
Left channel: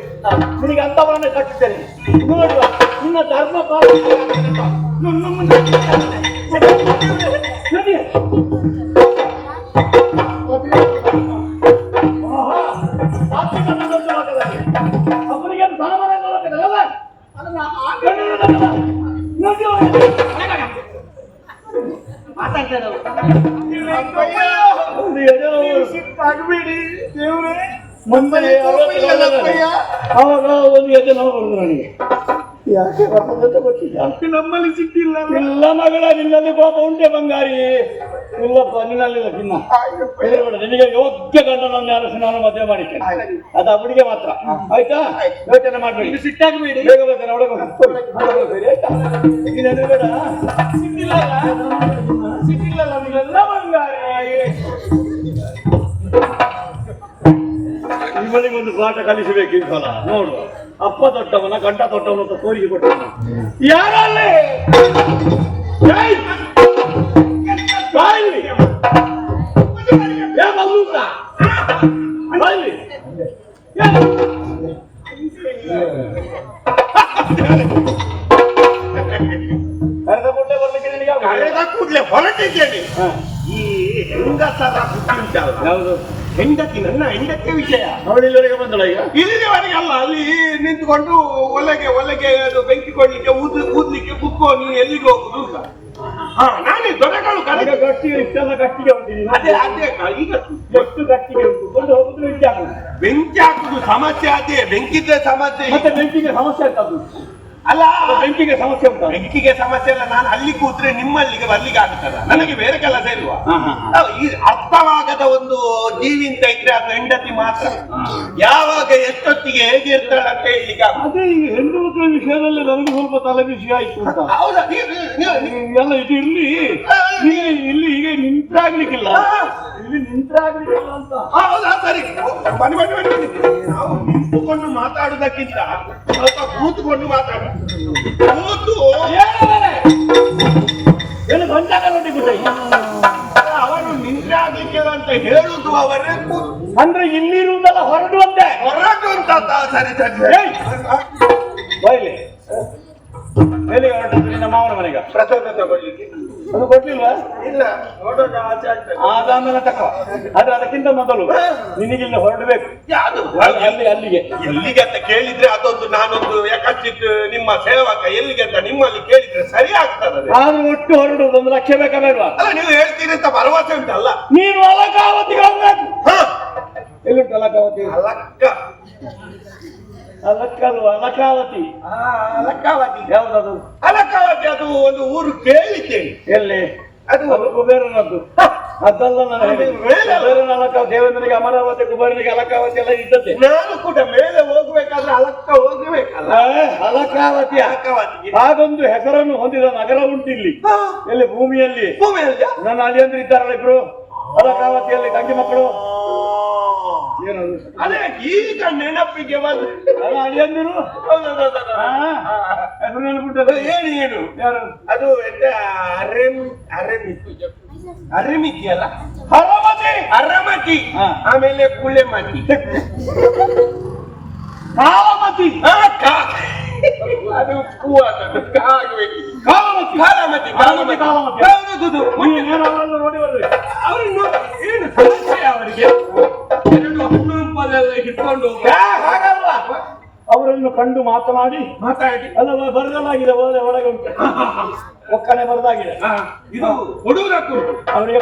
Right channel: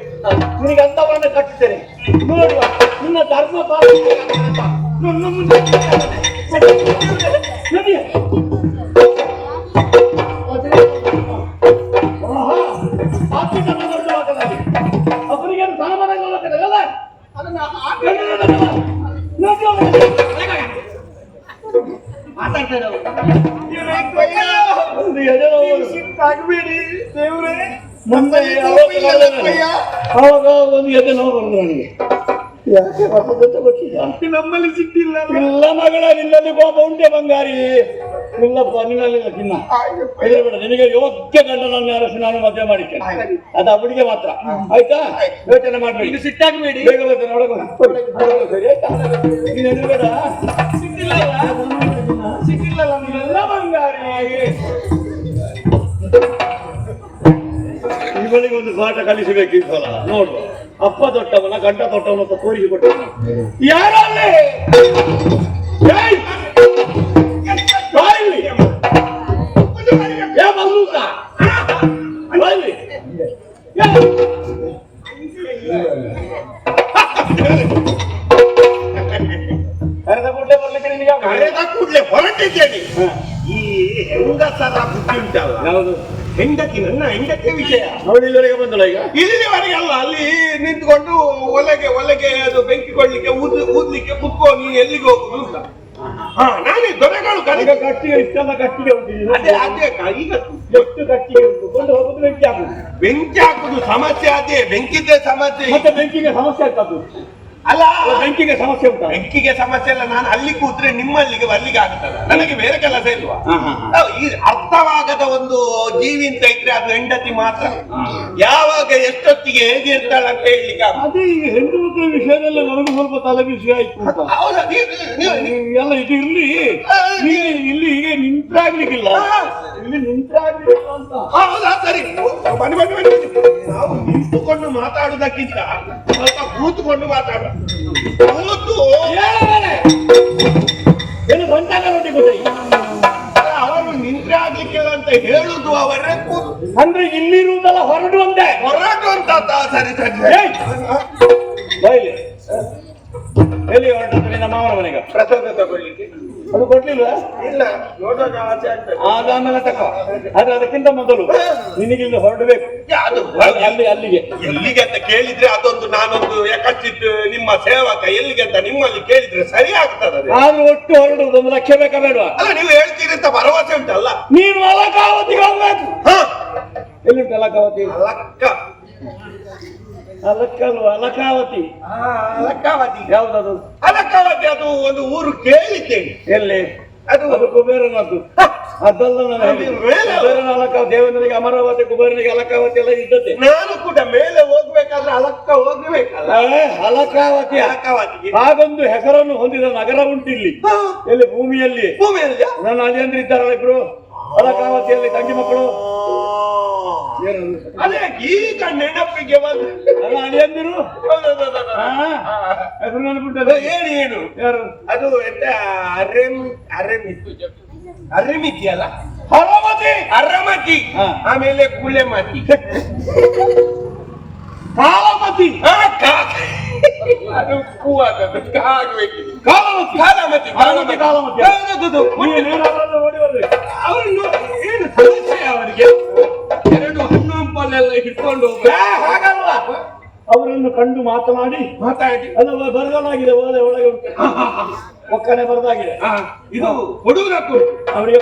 ನಿನಗೆ ಅಂತವರನ್ನು ಕಟ್ಟಿದ್ದೇನೆ. ನೋಡುವ ನಿನ್ನ ಧರ್ಮ ಪಾಲನೆ ಅವರಿಗೆ ಸಾಮಾನ ನೋಡಲ್ಲ. ಅದನ್ನ ಸಿಟ್ಟಾಗಬೇಡಿ ದೇವ್ರೆ. ಮುಂದೆ ಅವಾಗ ಒಂದು ಎದೆ ನೋವು ಬಂದ್ರು ನನಗೆ. ಯಾಕೆ ಬರ್ತದಂತ ಗೊತ್ತಿಲ್ಲ. ನಮ್ಮಲ್ಲಿ ಸಿಟ್ಟಿಲ್ಲ. ಇಲ್ಲ ಮಗಳ, ನಿನ್ನಲ್ಲಿ ಕೋಪ ಉಂಟೆ ಬಂಗಾರಿ. ಇಲ್ಲಪ್ಪ, ನಿನ್ನಲ್ಲಿಲ್ಲ ಚಿನ್ನ. ಹೆದರಬೇಡ, ನಿನಗೆ ಯೋಗ್ಯ ಗಂಡನನ್ನು ಯಾರು ನಾನು ಮದುವೆ ಮಾಡಿದ್ದೇನೆ. ಅದು ಅವಳಿಗೆ ಮಾತ್ರ. ಆಯ್ತಾ? ಯೋಚನೆ ಮಾಡ್ಬೇಡಿ, ಸಿಟ್ಟಾಗಬೇಡಿ. ಬೇಗ ಬೇಕಾದ್ರೆ ಅವಳಿಗೆ ಸರಿ ಆಯ್ತಾ? ನೀನು ಹೆದರಬೇಡ. ಸಿಟ್ಟಿಲ್ಲ ನೀವೆಲ್ಲ ಬಂಗಾರಿ. ಇವಳಿಗೆ ಒಂದು ಪಾಠ ಕಲಿಸಬೇಕು ಈ ಸಲ. ನೋಡುವ, ಅಪ್ಪ ದೊಡ್ಡವನ ಗಂಡ ದೊಡ್ಡವನ ಅಂತ ತೋರಿಸಿಕೊಟ್ಟ ಯಾರಲ್ಲಿ ಕರೆದ ಕೂಡಲೇ ಬರ್ಲಿಕ್ಕೆ ನಿನಗೆ ಕರೆದ ಕೂಡಲೇ ಹೊರಟಿದ್ದೇನೆ. ಈ ಹೆಂಗಸರ ಬುದ್ಧಿ ಉಂಟಲ್ಲ, ಯಾವುದು? ಹೆಂಡತಿ, ನನ್ನ ಹೆಂಡತಿಯ ವಿಷಯ. ಅವಳು ಇಲ್ಲಿವರೆಗೆ ಬಂದಳ ಈಗ? ಇಲ್ಲಿವರೆಗೆ ಅಲ್ಲ, ಅಲ್ಲಿ ನಿಂತ್ಕೊಂಡು ಒಲೆಗೆ ಅದು ಬೆಂಕಿ ಕೊಡ್ಲಿಕ್ಕೆ ಊದ್ಲಿಕ್ಕೆ ಮುಕ್ಕೋ, ನೀನು ಎಲ್ಲಿಗೆ ಹೋಗುದು ಅಂತ. ನಾನೇ ದೊರೆಗಳು ಈಗ ಕಟ್ಟಿಗೆ ಇಷ್ಟೆಲ್ಲ ಕಟ್ಟಿಗೆ ಉಂಟು. ಅದೇ ಈಗ ಎಷ್ಟು ಕಟ್ಟಿಗೆ ಉಂಟು, ಕೊಂಡು ಹೋಗುದು ಬೆಂಕಿ ಹಾಕುದು. ಬೆಂಕಿ ಹಾಕುದು ಸಮಸ್ಯೆ, ಅದೇ ಬೆಂಕಿದ್ದೇ ಸಮಸ್ಯೆ. ಮತ್ತೆ ಬೆಂಕಿಗೆ ಸಮಸ್ಯೆ ಆಗ್ತದ್ದು. ಅಲ್ಲ, ಬೆಂಕಿಗೆ ಸಮಸ್ಯೆ ಉಂಟು. ಬೆಂಕಿಗೆ ಸಮಸ್ಯೆ ಅಲ್ಲ, ನಾನು ಅಲ್ಲಿ ಕೂತ್ರೆ ನಿಮ್ಮಲ್ಲಿಗೆ ಬರ್ಲಿಕ್ಕೆ ಆಗ್ತದ, ನನಗೆ ಬೇರೆ ಕೆಲಸ ಇಲ್ವಾ? ಈ ಅರ್ಥವಾಗದ ಒಂದು ಜೀವಿ ಅಂತ ಇದ್ರೆ ಅದು ಹೆಂಡತಿ ಮಾತ್ರ. ಯಾವಾಗ ಎಷ್ಟೊತ್ತಿಗೆ ಹೇಗೆ ಇರ್ತಾಳೆ ಅಂತ ಹೇಳಲಿಕ್ಕೆ ಅದೇ ಈಗ ಹೆಣ್ಣು ಮಕ್ಕಳ ವಿಷಯದಲ್ಲಿ ನನಗೂ ಸ್ವಲ್ಪ ತಲೆ ಬಿಸಿ ಆಯ್ತು ಅಂತ. ಹೌದಾ? ಎಲ್ಲ ಇದು ಇರ್ಲಿ, ಇಲ್ಲಿ ಈಗ ನಿಂತಾಗ್ಲಿಕ್ಕಿಲ್ಲ, ಇಲ್ಲಿ ನಿಂತಾಗ್ಲಿಕ್ಕಿಲ್ಲ ಅಂತ. ಹೌದಾ? ಸರಿ, ಬನ್ನಿ. ನಾವು ನಿಂತುಕೊಂಡು ಮಾತಾಡುವುದಕ್ಕಿಂತ ಸ್ವಲ್ಪ ಕೂತ್ಕೊಂಡು ಮಾತಾಡ. ಕೂತು ಏನು ಗಂಟಾಗ ರೊಟ್ಟಿ ಗೊತ್ತಾಯಿ. ಅವರು ನಿಂತ್ರೆ ಆಗ್ಲಿಕ್ಕೆ ಅಂತ ಹೇಳುದು ಅವರೇ. ಅಂದ್ರೆ ಇಲ್ಲಿರುವುದಲ್ಲ, ಹೊರಡುವಂತೆ. ಹೊರಟು ಅಂತ. ಸರಿ. ಬೈಲಿ ಎಲ್ಲಿ ಹೊರಟದ್ದು? ನಿನ್ನ ಮಾವನ ಮನೆಗ ಪ್ರಚೋದ ತಗೊಳ್ಳಿಕ್ಕೆ ಅದು ಕೊಡ್ಲಿಲ್ವಾ? ಇಲ್ಲ, ನೋಡೋಣ ಆಚೆ ಆಗ್ತದೆ. ಆಮೇಲೆ ತಕೋ. ಆದ್ರೆ ಅದಕ್ಕಿಂತ ಮೊದಲು ನಿನಗಿಲ್ಲಿ ಹೊರಡಬೇಕು. ಅದು ಅಲ್ಲಿಗೆ ಎಲ್ಲಿಗೆ ಅಂತ ಕೇಳಿದ್ರೆ ಅದೊಂದು ನಾನೊಂದು ಯಾಕಚ್ಚಿತ್ ನಿಮ್ಮ ಸೇವಕ ಎಲ್ಲಿಗೆ ಅಂತ ನಿಮ್ಮಲ್ಲಿ ಕೇಳಿದ್ರೆ ಸರಿ ಆಗ್ತದೆ. ಆದ್ರೂ ಒಟ್ಟು ಹೊರಡುವುದು 1 ಲಕ್ಷ ಬೇಕಾ ಬೇಡವಾ? ಅಲ್ಲ, ನೀವು ಹೇಳ್ತೀರಿ ಅಂತ ಭರವಸೆ ಉಂಟಲ್ಲ. ನೀನು ಅಲಕಾವತಿಗೆ ಹೋಗ್ಬೇಕು. ಎಲ್ಲಿಂಟು ಅಲಕಾವತಿ? ಅಲಕ್ಕಲ್ವ, ಅಲಕಾವತಿ. ಅಲಕ್ಕಾವತಿ ಯಾವ್ದದು? ಅಲಕ್ಕಾವತಿ ಅದು ಒಂದು ಊರು ಕೇಳಿದ್ದೇನೆ. ಎಲ್ಲಿ? ಅದು ಕುಬೇರನದ್ದು. ಅದಲ್ಲ ನಾನು ಕುಬೇರನ ಅಲಕಾವತಿ. ದೇವೇಂದ್ರನಿಗೆ ಅಮರಾವತಿ, ಕುಬೇರನಿಗೆ ಅಲಕಾವತಿ ಎಲ್ಲ ಇದ್ದದ್ದೇ. ನಾನು ಕೂಡ ಮೇಲೆ ಹೋಗ್ಬೇಕಾದ್ರೆ ಅಲಕ್ಕ ಹೋಗ್ಬೇಕಲ್ಲ. ಅಲಕಾವತಿ. ಅಲಕ್ಕಾವತಿಗೆ ಹಾಗೊಂದು ಹೆಸರನ್ನು ಹೊಂದಿದ ನಗರ ಉಂಟಿಲ್ಲಿ. ಎಲ್ಲಿ? ಭೂಮಿಯಲ್ಲಿ. ನನ್ನ ಅಳಿಯಂದ್ರು ಇದ್ದಾರಲ್ಲ ಇಬ್ರು, ಅಲಕಾವತಿಯಲ್ಲಿ ತಂಗಿ ಮಕ್ಕಳು. ಏನದು? ಅದೇ ಈಗ ನೆನಪಿಗೆ ಬಂದ ಅಳಿಯಂದಿರು ಹೆಸರು ನೆನಪುಂಟದ? ಏನು ಯಾರು? ಅದು ಎಂತ ಅರೆಮಿತಿ ಅಲ್ಲ, ಅರಮತಿ. ಆಮೇಲೆ ಕುಳ್ಳೆಮತಿ, ಕಾಲಮತಿ. ಅದು ಹೂವಾದದ್ದು ಕಾಲಮತಿ. ನೋಡಿ ಬರ್ರಿ. ಅವರನ್ನು ಏನು ಸಮಸ್ಯೆ ಅವರಿಗೆ? 2 ಹಣ್ಣು ಹಂಪಲ್ಲೆಲ್ಲ ಹಿಡ್ಕೊಂಡು ಹಾಗಲ್ಲ, ಅವರನ್ನು ಕಂಡು ಮಾತನಾಡಿ ಅಲ್ಲ ಬರದಾಗಿದೆ, ಒಳಗೆ ಉಂಟು ಒಕ್ಕನೆ ಬರದಾಗಿದೆ. ಇದು ಕೊಡುವುದಕ್ಕೂ ಅವರಿಗೆ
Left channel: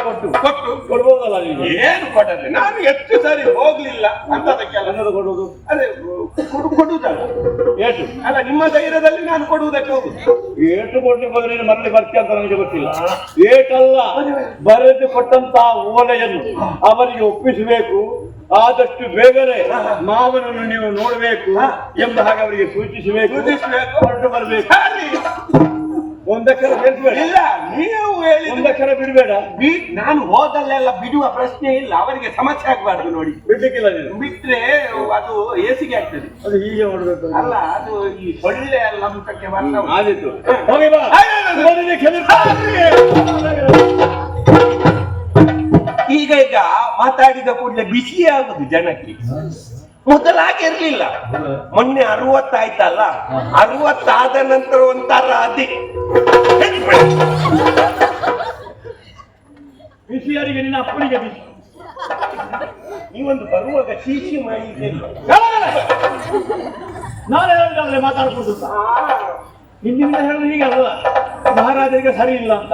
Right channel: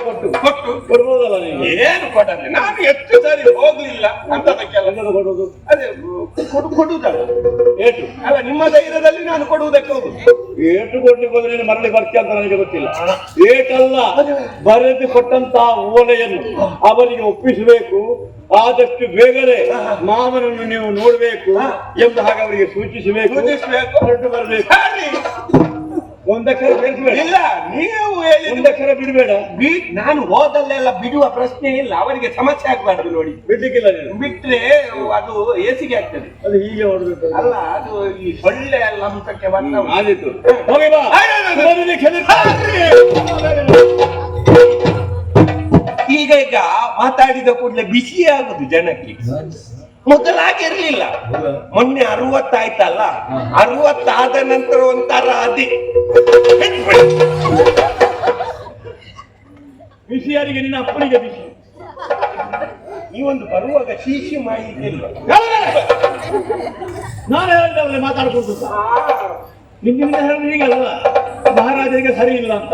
ಕೊಡ್ಬೋದಲ್ಲ ನಿಮಗೆ? ಏನು ಕೊಡದೆ, ನಾನು ಎಷ್ಟು ಸಾರಿ ಹೋಗ್ಲಿಲ್ಲ ಅಂತದಕ್ಕೆಲ್ಲ ಕೊಡುವುದು. ಅದೇ ಕೊಡುವುದಲ್ಲ, ಏಟು ಅಲ್ಲ ನಿಮ್ಮ ಧೈರ್ಯದಲ್ಲಿ ನಾನು ಕೊಡುವುದಕ್ಕೆ ಹೋಗುದು. ಏಟು ಕೊಡ್ಲಿಕ್ಕೆ ಬಂದ್ರೆ ನೀನು ಮರಳಿ ಬರ್ತೀಯ ಅಂತ ನನಗೆ ಗೊತ್ತಿಲ್ಲ. ಏಟಲ್ಲ, ಬರೆದು ಕೊಟ್ಟಂತ ಓಲೆಯನ್ನು ಅವರಿಗೆ ಒಪ್ಪಿಸಬೇಕು. ಆದಷ್ಟು ಬೇಗನೆ ಮಾವನನ್ನು ನೀವು ನೋಡಬೇಕು ಎಂಬ ಹಾಗೆ ಅವರಿಗೆ ಸೂಚಿಸಬೇಕು. ಹೊರಟು ಬರಬೇಕು. ಒಂದಕ್ಷರ ಸೇರಿಸಬೇಡ. ಇಲ್ಲ, ನೀವು ಹೇಳಿ ಒಂದಕ್ಷರ ಬಿಡಬೇಡ. ನಾನು ಹೋದಲ್ಲೆಲ್ಲ ಬಿಡುವ ಪ್ರಶ್ನೆ ಇಲ್ಲ, ಅವರಿಗೆ ಸಮಸ್ಯೆ ಆಗ್ಬಾರ್ದು ನೋಡಿ. ಬಿಡ್ಲಿಕ್ಕಿಲ್ಲ ನೀನು. ಬಿಟ್ರೆ ಅದು ಏಸಿಗೆ ಆಗ್ತದೆ. ಅದು ಹೀಗೆ ಹೊರಡ್ಬೇಕು. ಅಲ್ಲ, ಅದು ಈ ಸೊಳ್ಳೆ ಎಲ್ಲ ಮುಖಕ್ಕೆ ಬರ್ತವೆ. ಆದಿತ್ತು, ಹೋಗಿ ಬಾ. ಈಗ ಮಾತಾಡಿದ ಕೂಡಲೇ ಬಿಸಿ ಆಗುದು ಜನಕ್ಕೆ. ಮೊದಲಾಗಿರ್ಲಿಲ್ಲ. ಮೊನ್ನೆ 60 ಆಯ್ತಲ್ಲ, 60 ಆದ ನಂತರ ಒಂಥರ ಅದೇ ಬಿಸಿಯಾರಿಗೆ ನಿನ್ನ ಅಪ್ಪನಿಗೆ ಬಿಸಿ. ನೀವೊಂದು ಬರುವಾಗ ಶೀಶಿ ಮಾಡಿದ್ದಿಲ್ಲ. ನಾನು ಹೇಳಿದ್ರೆ ಮಾತಾಡ್ಕೊಂಡು ನಿನ್ನಿಂದ ಹೇಳಿದ್ರೆ ಹೀಗಲ್ವ, ಮಹಾರಾಜರಿಗೆ ಸರಿ ಇಲ್ಲ ಅಂತ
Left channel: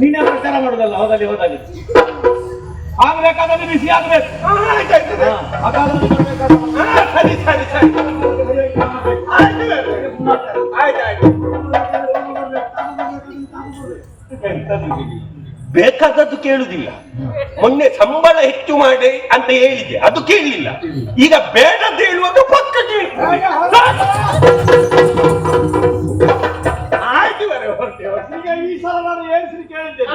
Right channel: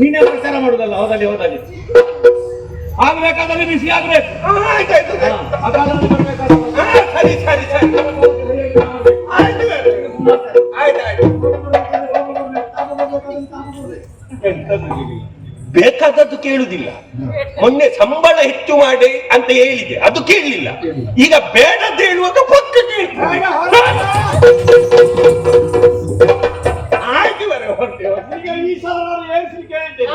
ನೀನೇ ಪ್ರಚಾರ ಮಾಡುದಲ್ಲ. ಹೋದಲ್ಲಿ ಆಗ್ಬೇಕಾದ್ರೆ ಬಿಸಿ ಆಗ್ಬೇಕು. ಅಕಾಲದಲ್ಲಿ ಬರ್ಬೇಕಾದ್ರೆ ಸರಿ ಸರಿ ಸರಿ ಆಯ್ತು. ಬೇಕಾದದ್ದು ಕೇಳುದಿಲ್ಲ. ಮೊನ್ನೆ ಸಂಬಳ ಹೆಚ್ಚು ಮಾಡಿ ಅಂತ ಹೇಳಿದೆ, ಅದು ಕೇಳಲಿಲ್ಲ. ಈಗ ಬೇಡದ್ದು ಹೇಳುವಾಗ ಪಕ್ಕ ಕೇಳ್ತಾರೆ. ಆಯ್ತು, ಈಗ ಈ ಸಲ ನಾನು ಏನ್ಸಿ ಕೇಳಿದ್ದೇನೆ.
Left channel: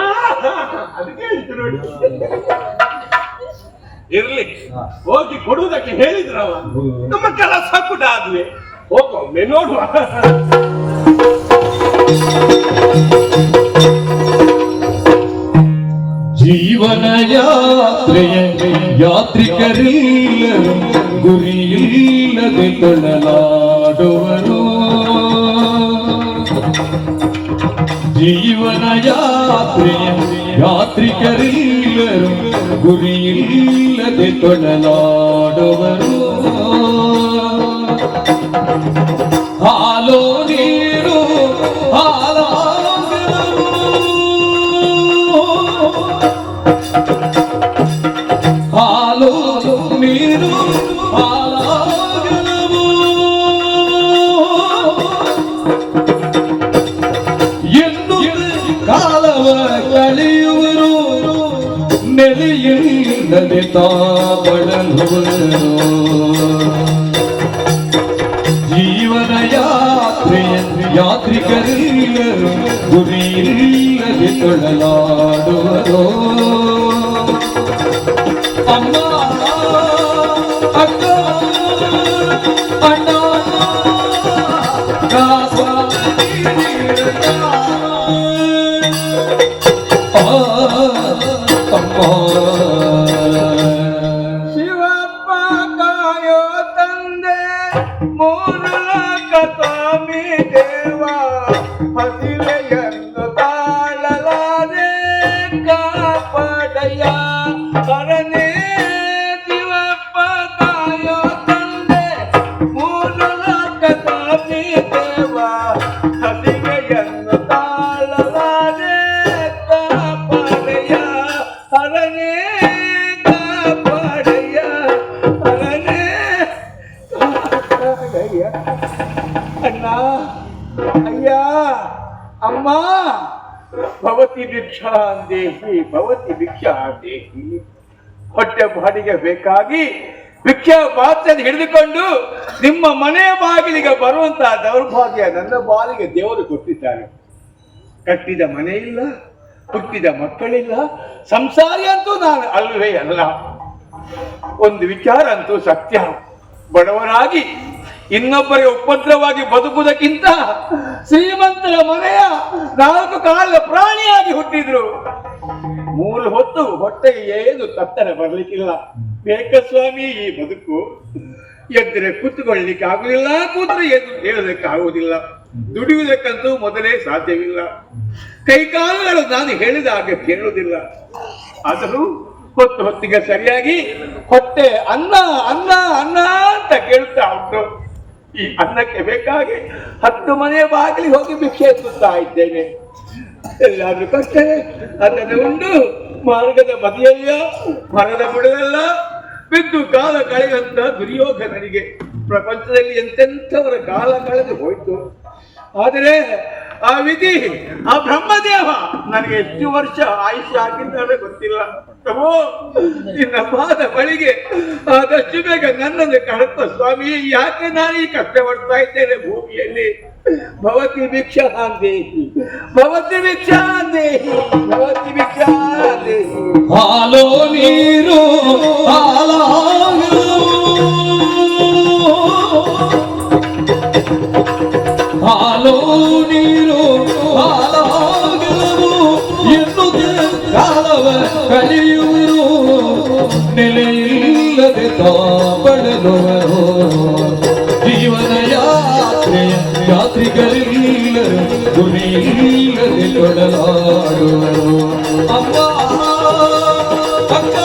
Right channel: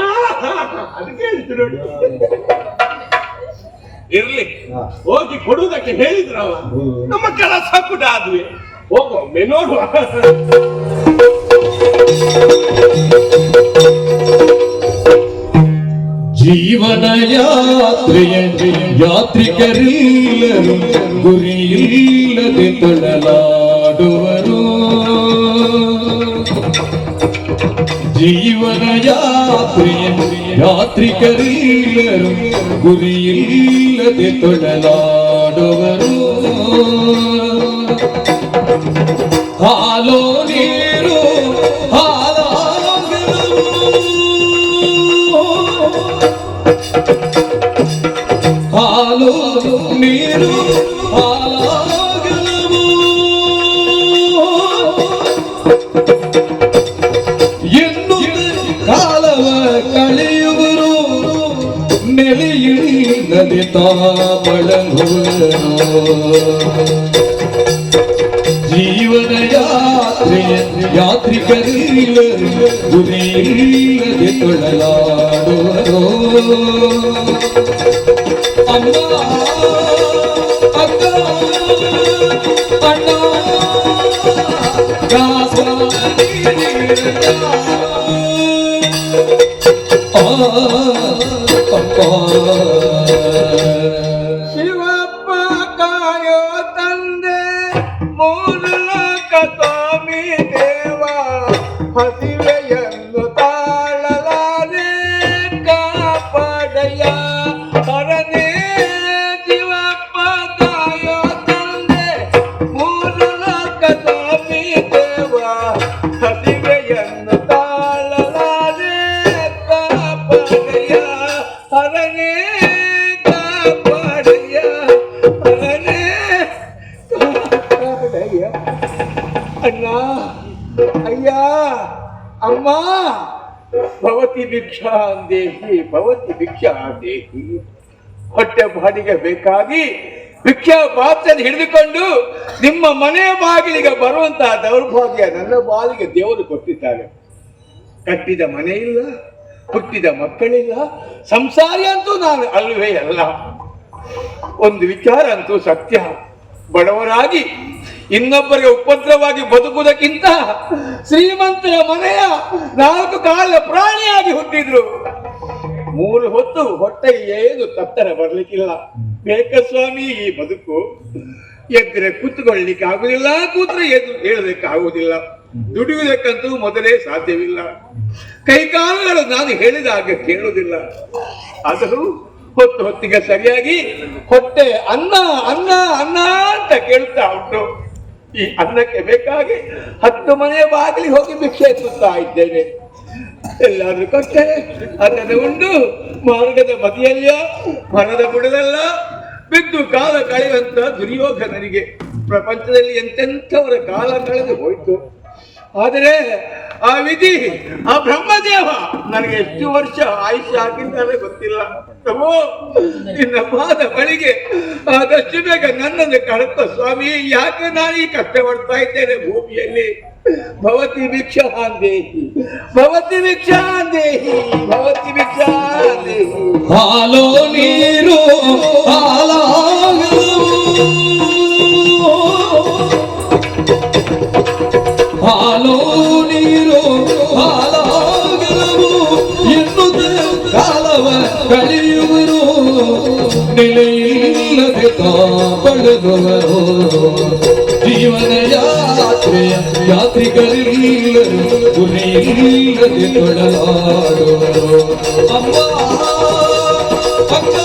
ಅದು ಕೇಳಿತು ನೋಡಿ. ಇರ್ಲಿ, ಹೋಗಿ ಕೊಡುವುದಕ್ಕೆ ಹೇಳಿದ್ರವ. ನಮ್ಮ ಕೆಲಸ ಕೂಡ ಅದುವೆ. ಹೋಗೊಮ್ಮೆ ನೋಡುವ. ಜೀವನ ಯಾತ್ರೆಯ ಯಾತ್ರಿಕರೆಲ್ಲರೂ ಗುರಿಯಿಲ್ಲದೆ ತೊಳಲಾಡುವರು. ಜೀವನ ಯಾತ್ರೆಯ ಯಾತ್ರಿಕರೆಲ್ಲರೂ ಗುರಿಯಿಲ್ಲದೆ ತೊಳಲಾಡುವರು. ಹಾಲೋ ನೀರು ಹಾಲಾಗಲವು, ಹಾಲು ನೀರು ಹಾಲಾಗಲವು. ಎಂದು ಕಾಲವ ಕಳೆಯುವರು, ನೆಲೆಯಿಲ್ಲದೆ ತಾಳಲುವರು. ಜೀವನ ಯಾತ್ರೆಯ ಯಾತ್ರಿಕರೆಲ್ಲರೂ ಗುರಿಯಿಲ್ಲದೆ ತೊಳಲಾಡುವರು. ಅಮ್ಮ, ಅಕ್ಕ, ಅಣ್ಣ, ಗಾಸ, ಶಿವಪ್ಪ ಕಾಯೋ ತಂದೆ, ಮೂರು ಲೋಕ ಸ್ವಾಮಿ ದೇವ, ಹಸಿವೆಯನ್ನು ತಾಳಲಾರೆ ಕಾಪಾಡಯ್ಯ ಹರನೇ. ಶಿವಪ್ಪ ಕಾಯೋ ತಂದೆ, ಮೂರು ಲೋಕ ಸ್ವಾಮಿ ದೇವ, ಹಸಿವೆಯನ್ನು ತಾಳಲಾರೆ ಕಾಪಾಡಯ್ಯ ಹರನೇ, ಕಾಪಾಡಯ್ಯ ಹರನೇ, ಕಾಪಾಡಯ್ಯ. ಅಣ್ಣ, ಅಯ್ಯ, ಅಮ್ಮ, ಭವತಿ ಭಿಕ್ಷಾ ದೇಹಿ, ಭವತಿ ಭಿಕ್ಷಾ ದೇಹಿ. ಹೊಟ್ಟೆ ಬಾಡಿಗೆ ಬೇಕಾಗಿ ಭಿಕ್ಷಾ ಪಾತ್ರ ಹಿಡಿದುಕೊಂಡು ನಿಮ್ಮ ಮನೆಯ ಬಾಗಿಲಿಗೆ ಬರುವಂತಹ ದೌರ್ಭಾಗ್ಯ ನನ್ನ ಬಾಲಿಗೆ ದೇವರು ಕೊಟ್ಟಿದ್ದಾರೆ. ಕಟ್ಟಿದ ಮನೆ ಇಲ್ಲ, ಹುಟ್ಟಿದ ಮಕ್ಕಳಿಲ್ಲ, ಸಂಸಾರಿ ಅಂತೂ ನಾನು ಅಲ್ವೇ ಅಲ್ಲ. ಒಂದು ವಿಚಾರ ಅಂತೂ ಸತ್ಯ, ಬಡವರಾಗಿ ಇನ್ನೊಬ್ಬರಿಗೆ ಉಪದ್ರವಾಗಿ ಬದುಕುವುದಕ್ಕಿಂತ ಶ್ರೀಮಂತರ ಮನೆಯ 4 ಕಾಲ ಪ್ರಾಣಿಯಾಗಿ ಹುಟ್ಟಿದ್ರು. 3 ಹೊತ್ತು ಹೊಟ್ಟೆಗೆ ಏನು ತತ್ತರ ಬರ್ಲಿಕ್ಕಿಲ್ಲ. ಬೇಕ ಸ್ವಾಮಿ ಈ ಬದುಕು. ಎದ್ರೆ ಕೂತ್ಕೊಳ್ಳಿಕ್ಕೆ ಆಗುದಿಲ್ಲ, ಕೂತ್ರೆ ಎದ್ದು ಹೇಳೋದಕ್ಕೆ ಆಗುವುದಿಲ್ಲ. ದುಡಿಯುವುದಕ್ಕಂತೂ ಮೊದಲೇ ಸಾಧ್ಯವಿಲ್ಲ. ಕೈಕಾಲುಗಳು ನಾನು ಹೇಳಿದ ಹಾಗೆ ಕೇಳುವುದಿಲ್ಲ. ಆದರೂ ಹೊತ್ತಿಗೆ ಸರಿಯಾಗಿ ಹೊಟ್ಟೆ ಅನ್ನ ಅನ್ನ ಅನ್ನ ಅಂತ ಕೇಳ್ತಾ ಉಂಟು. ಈ ಅನ್ನಕ್ಕೆ ಬೇಕಾಗಿ 10 ಮನೆಯ ಬಾಗಿಲಿಗೆ ಹೋಗಿ ಭಿಕ್ಷೆ ಎತ್ತುತ್ತಾ ಇದ್ದೇನೆ. ಎಲ್ಲಾದ್ರೂ ಕೊಟ್ಟೆ ಅದನ್ನು ಉಂಡು ಮಾರ್ಗದ ಬದಿಯಲ್ಲೋ ಮರದ ಬುಡದಲ್ಲ ಬಿದ್ದು ಕಾಲ ಕಳೆಯುವಂತ ದುರ್ಯೋಧನನಿಗೆ ಪ್ರಪಂಚದಲ್ಲಿ ಎಂತೆಂಥವರ ಕಾಲ ಕಳೆದು ಹೋಯ್ತು. ಆದರೆ ಆ ವಿಧಿ, ಆ ಬ್ರಹ್ಮದೇವ ನನಗೆ ಎಷ್ಟು ವರ್ಷ ಆಯುಷ್ಯ ಹಾಕಿದ್ದಾರೆ ಗೊತ್ತಿಲ್ಲ. ಪ್ರಭು, ನಿನ್ನ ಪಾದ ಬಳಿಗೆ ಆದಷ್ಟು ಬೇಗ ನನ್ನನ್ನು ಕಳತ ಸ್ವಾಮಿ. ಯಾಕೆ ನಾನು ಈ ಕಷ್ಟ ಪಡ್ತಾ ಇದ್ದೇನೆ ಭೂಮಿಯಲ್ಲಿ? ಭವತಿ ಭಿಕ್ಷಾಂ ದೇಹಿ, ಭವತಿ ಭಿಕ್ಷಾಂ ದೇಹಿ, ಭವತಿ ಭಿಕ್ಷಾಂ ದೇಹಿ. ಹಾಲೋ ನೀರು ಹಾಲಾಗಲು, ಹಾಲೋ ನೀರು ಹಾಲಾಗಲವು ಎನ್ನುತ್ತ ಕಾಲವ ಕಳೆಯುವರು, ನೆಲೆಯಿಲ್ಲದೆ ತಾಪಡೆದವರು. ಜೀವನ ಯಾತ್ರಿಕರೆಲ್ಲರೂ ಗುರಿಯಿಲ್ಲದೆ ತೊಡಲಾಡುವರು. ಅಮ್ಮ ಅಕ್ಕ